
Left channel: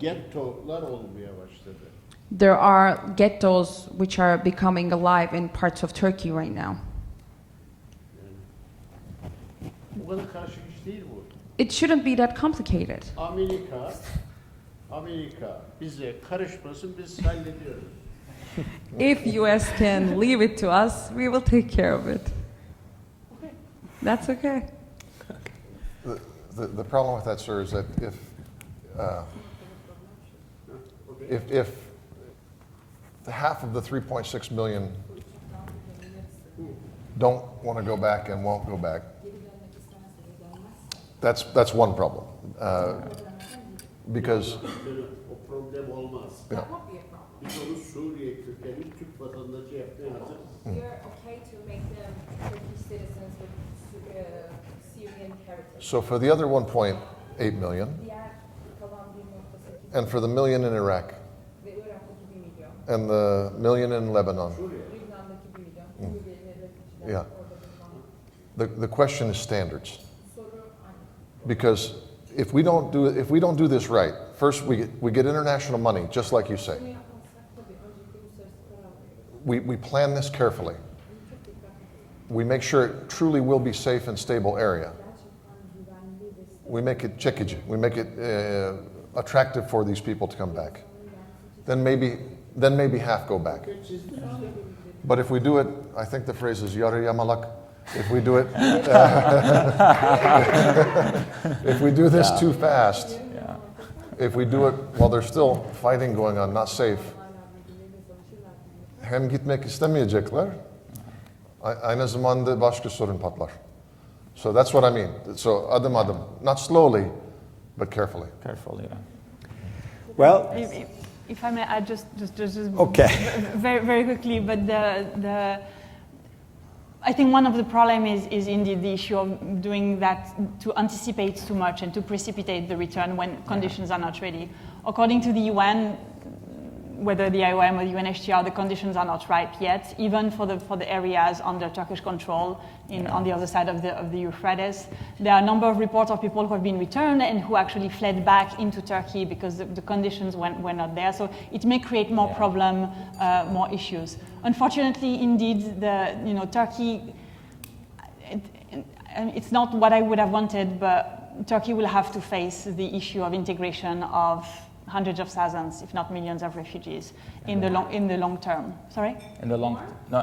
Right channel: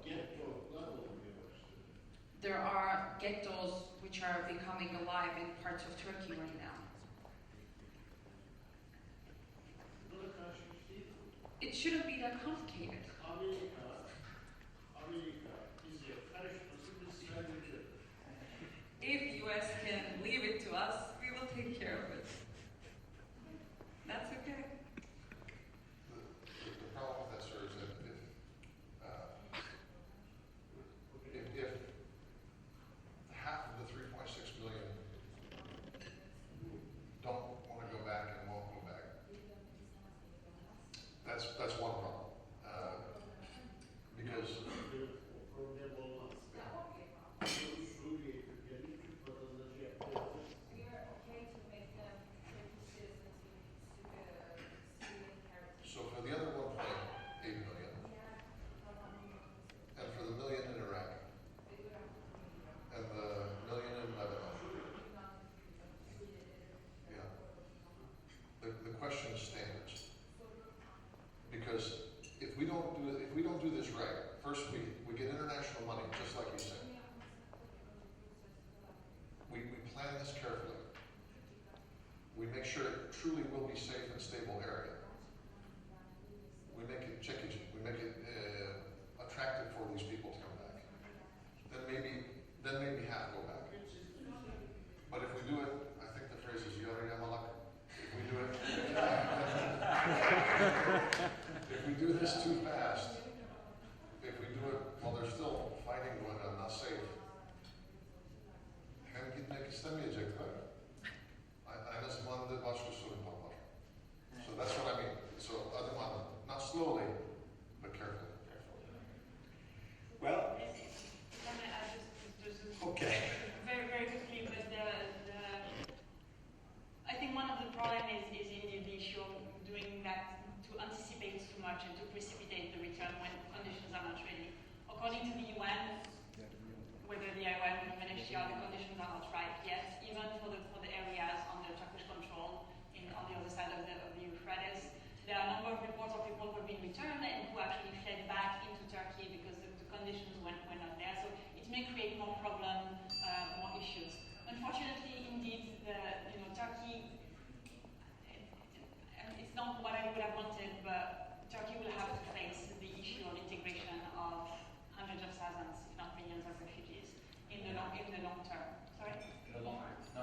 Gettolar olmaya başladı. There are ghettos which are becoming alive in parts of Turkey right now. Bu kadar karışık iş değil bu. It shouldn't be that complicated. Amerika bize karışmasın, biz hallediyoruz. If US can leave it to us, we will take care of it. That's okay. The problem with that, sir, is that if half of the 3.6 million don't want to go back and won't go back, that's one problem. Because O problem olmaz. yeah. Onu Suriye kökenli Türk vatandaşı yapmaya hazır. We are okay to make them Turkish citizens with Syrian heritage. So for the other 1.8 million, and for the million in Iraq, and the million in Lebanon, yeah. The question is standards, because if we don't do this right, first we get international money, just like you say. We plan this carefully. We make sure it truly will be safe and stable area. We make it çekici. We make it attractive for these people to come back. Then maybe half go back. But if we do it, I think the phrase is yarı yamalak. if we do it, if we do this too fast, if we do it while there's still fighting going on, not safe, hem gitmek istemeyecekler, aynı zamanda başka sorun patlar. So that's what I mean. So adım adım, not slowly, but carefully. Carefully, yeah. Well, if I may add just okay. very, very quickly, but I think one of the problems is indeed the issue of doing that to anticipate too much and to precipitate the return when conditions are not ready. According to the UN, whether the IOM or the UNHCR, the conditions are not ripe yet, even for the areas under Turkish control on the other side of the Euphrates. There are a number of reports of people who have been returned and who actually fled back into Turkey because the conditions were not there. So it may create more problem, more issues. Unfortunately, indeed, Turkey, it's not what I would have wanted, but Turkey will have to face the issue of integration of hundreds of thousands, if not millions, of refugees in the long term. Sorry? In the long term. No.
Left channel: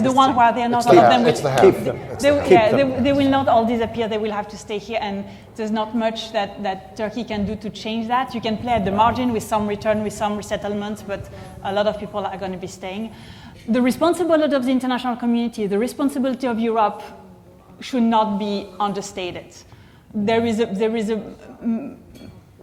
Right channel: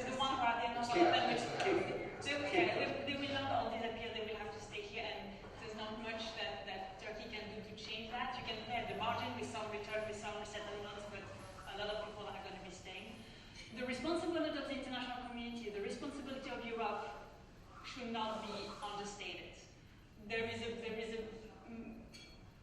The one where they are not all of them. It's the half. They will not all disappear. They will have to stay here, and there's not much that Turkey can do to change that. You can play at the margin with some return, with some resettlement, but a lot of people are going to be staying. The responsibility of the international community, the responsibility of Europe, should not be understated. There is a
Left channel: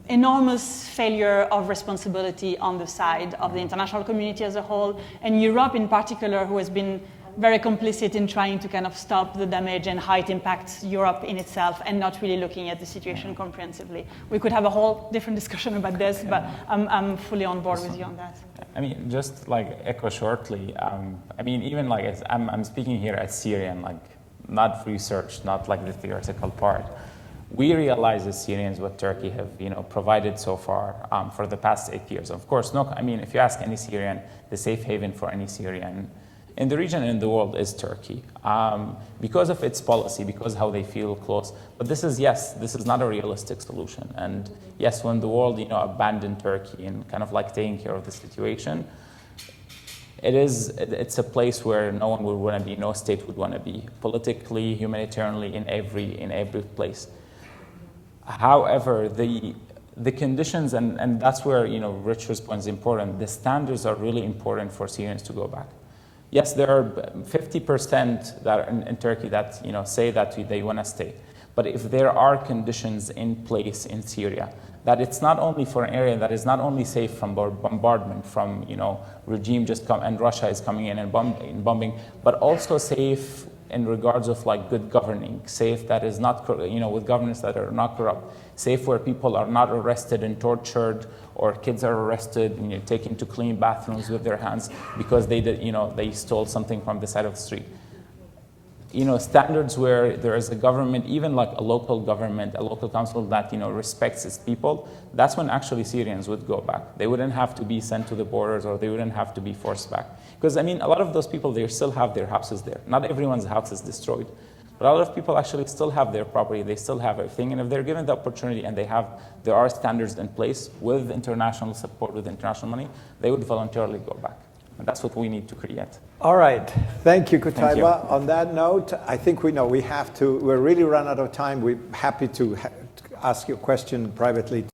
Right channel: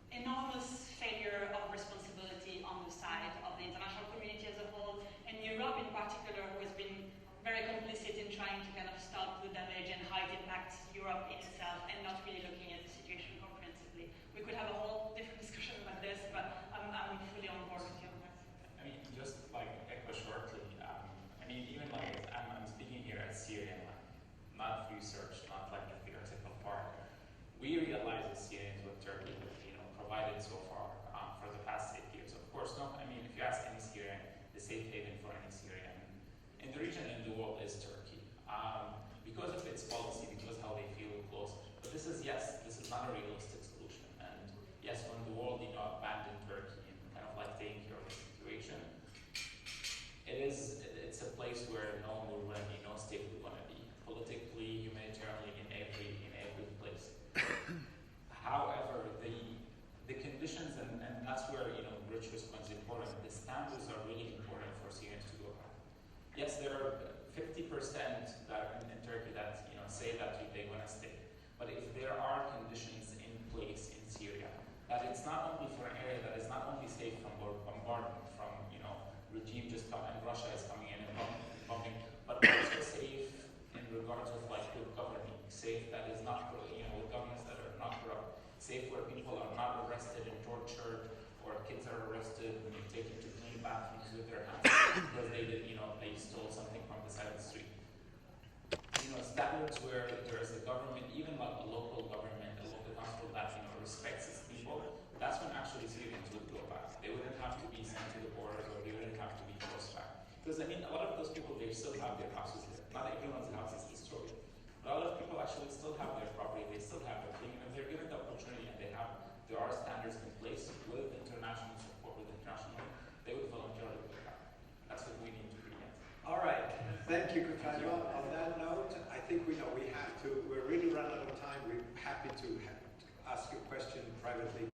enormous failure of responsibility on the side of the international community as a whole, and Europe in particular, who has been very complicit in trying to kind of stop the damage and how it impacts Europe in itself and not really looking at the situation comprehensively. We could have a whole different discussion about this, but I'm fully on board with you on that. I mean, just like echo shortly, I mean, even like I'm speaking here as Syrian, like not research, not like the theoretical part. We realize as Syrians what Turkey have, provided so far for the past 8 years. Of course, I mean, if you ask any Syrian, the safe haven for any Syrian in the region and in the world is Turkey, because of its policy, because how they feel close. But this is not a realistic solution. And yes, when the world, abandoned Turkey and kind of like taking care of the situation, it's a place where no one would want to be, no state would want to be, politically, humanitarianly, in every place. However, the conditions, and that's where Richard's point is important, the standards are really important for Syrians to go back. Yes, there are 50% that are in Turkey that say that they want to stay. But if there are conditions in place in Syria, that it's not only for an area that is not only safe from bombardment, from regime and Russia is coming in and bombing, but also safe in regards of like good governing, safe that is not, with governments that are not corrupt, safe where people are not arrested and tortured, or kids are arrested and taken to clean bathrooms with their hands because they stole something from the side of the street. Standards where there is a government, even like a local government, a local council that respects its people. That's when actually Syrians would go back. They wouldn't have to be sent to the borders, or they wouldn't have to be forced back. Because a lot of those people, they still have their houses there. Not everyone's house is destroyed, but a lot of people actually still have their property. They still have everything, and if they're given the opportunity and there are standards in place with international support, with international money, they would voluntarily go back. And that's what we need to create. All right. Thank you, Qutaiba. Thank you. On that note, I think we're really run out of time. We're happy to ask you a question privately.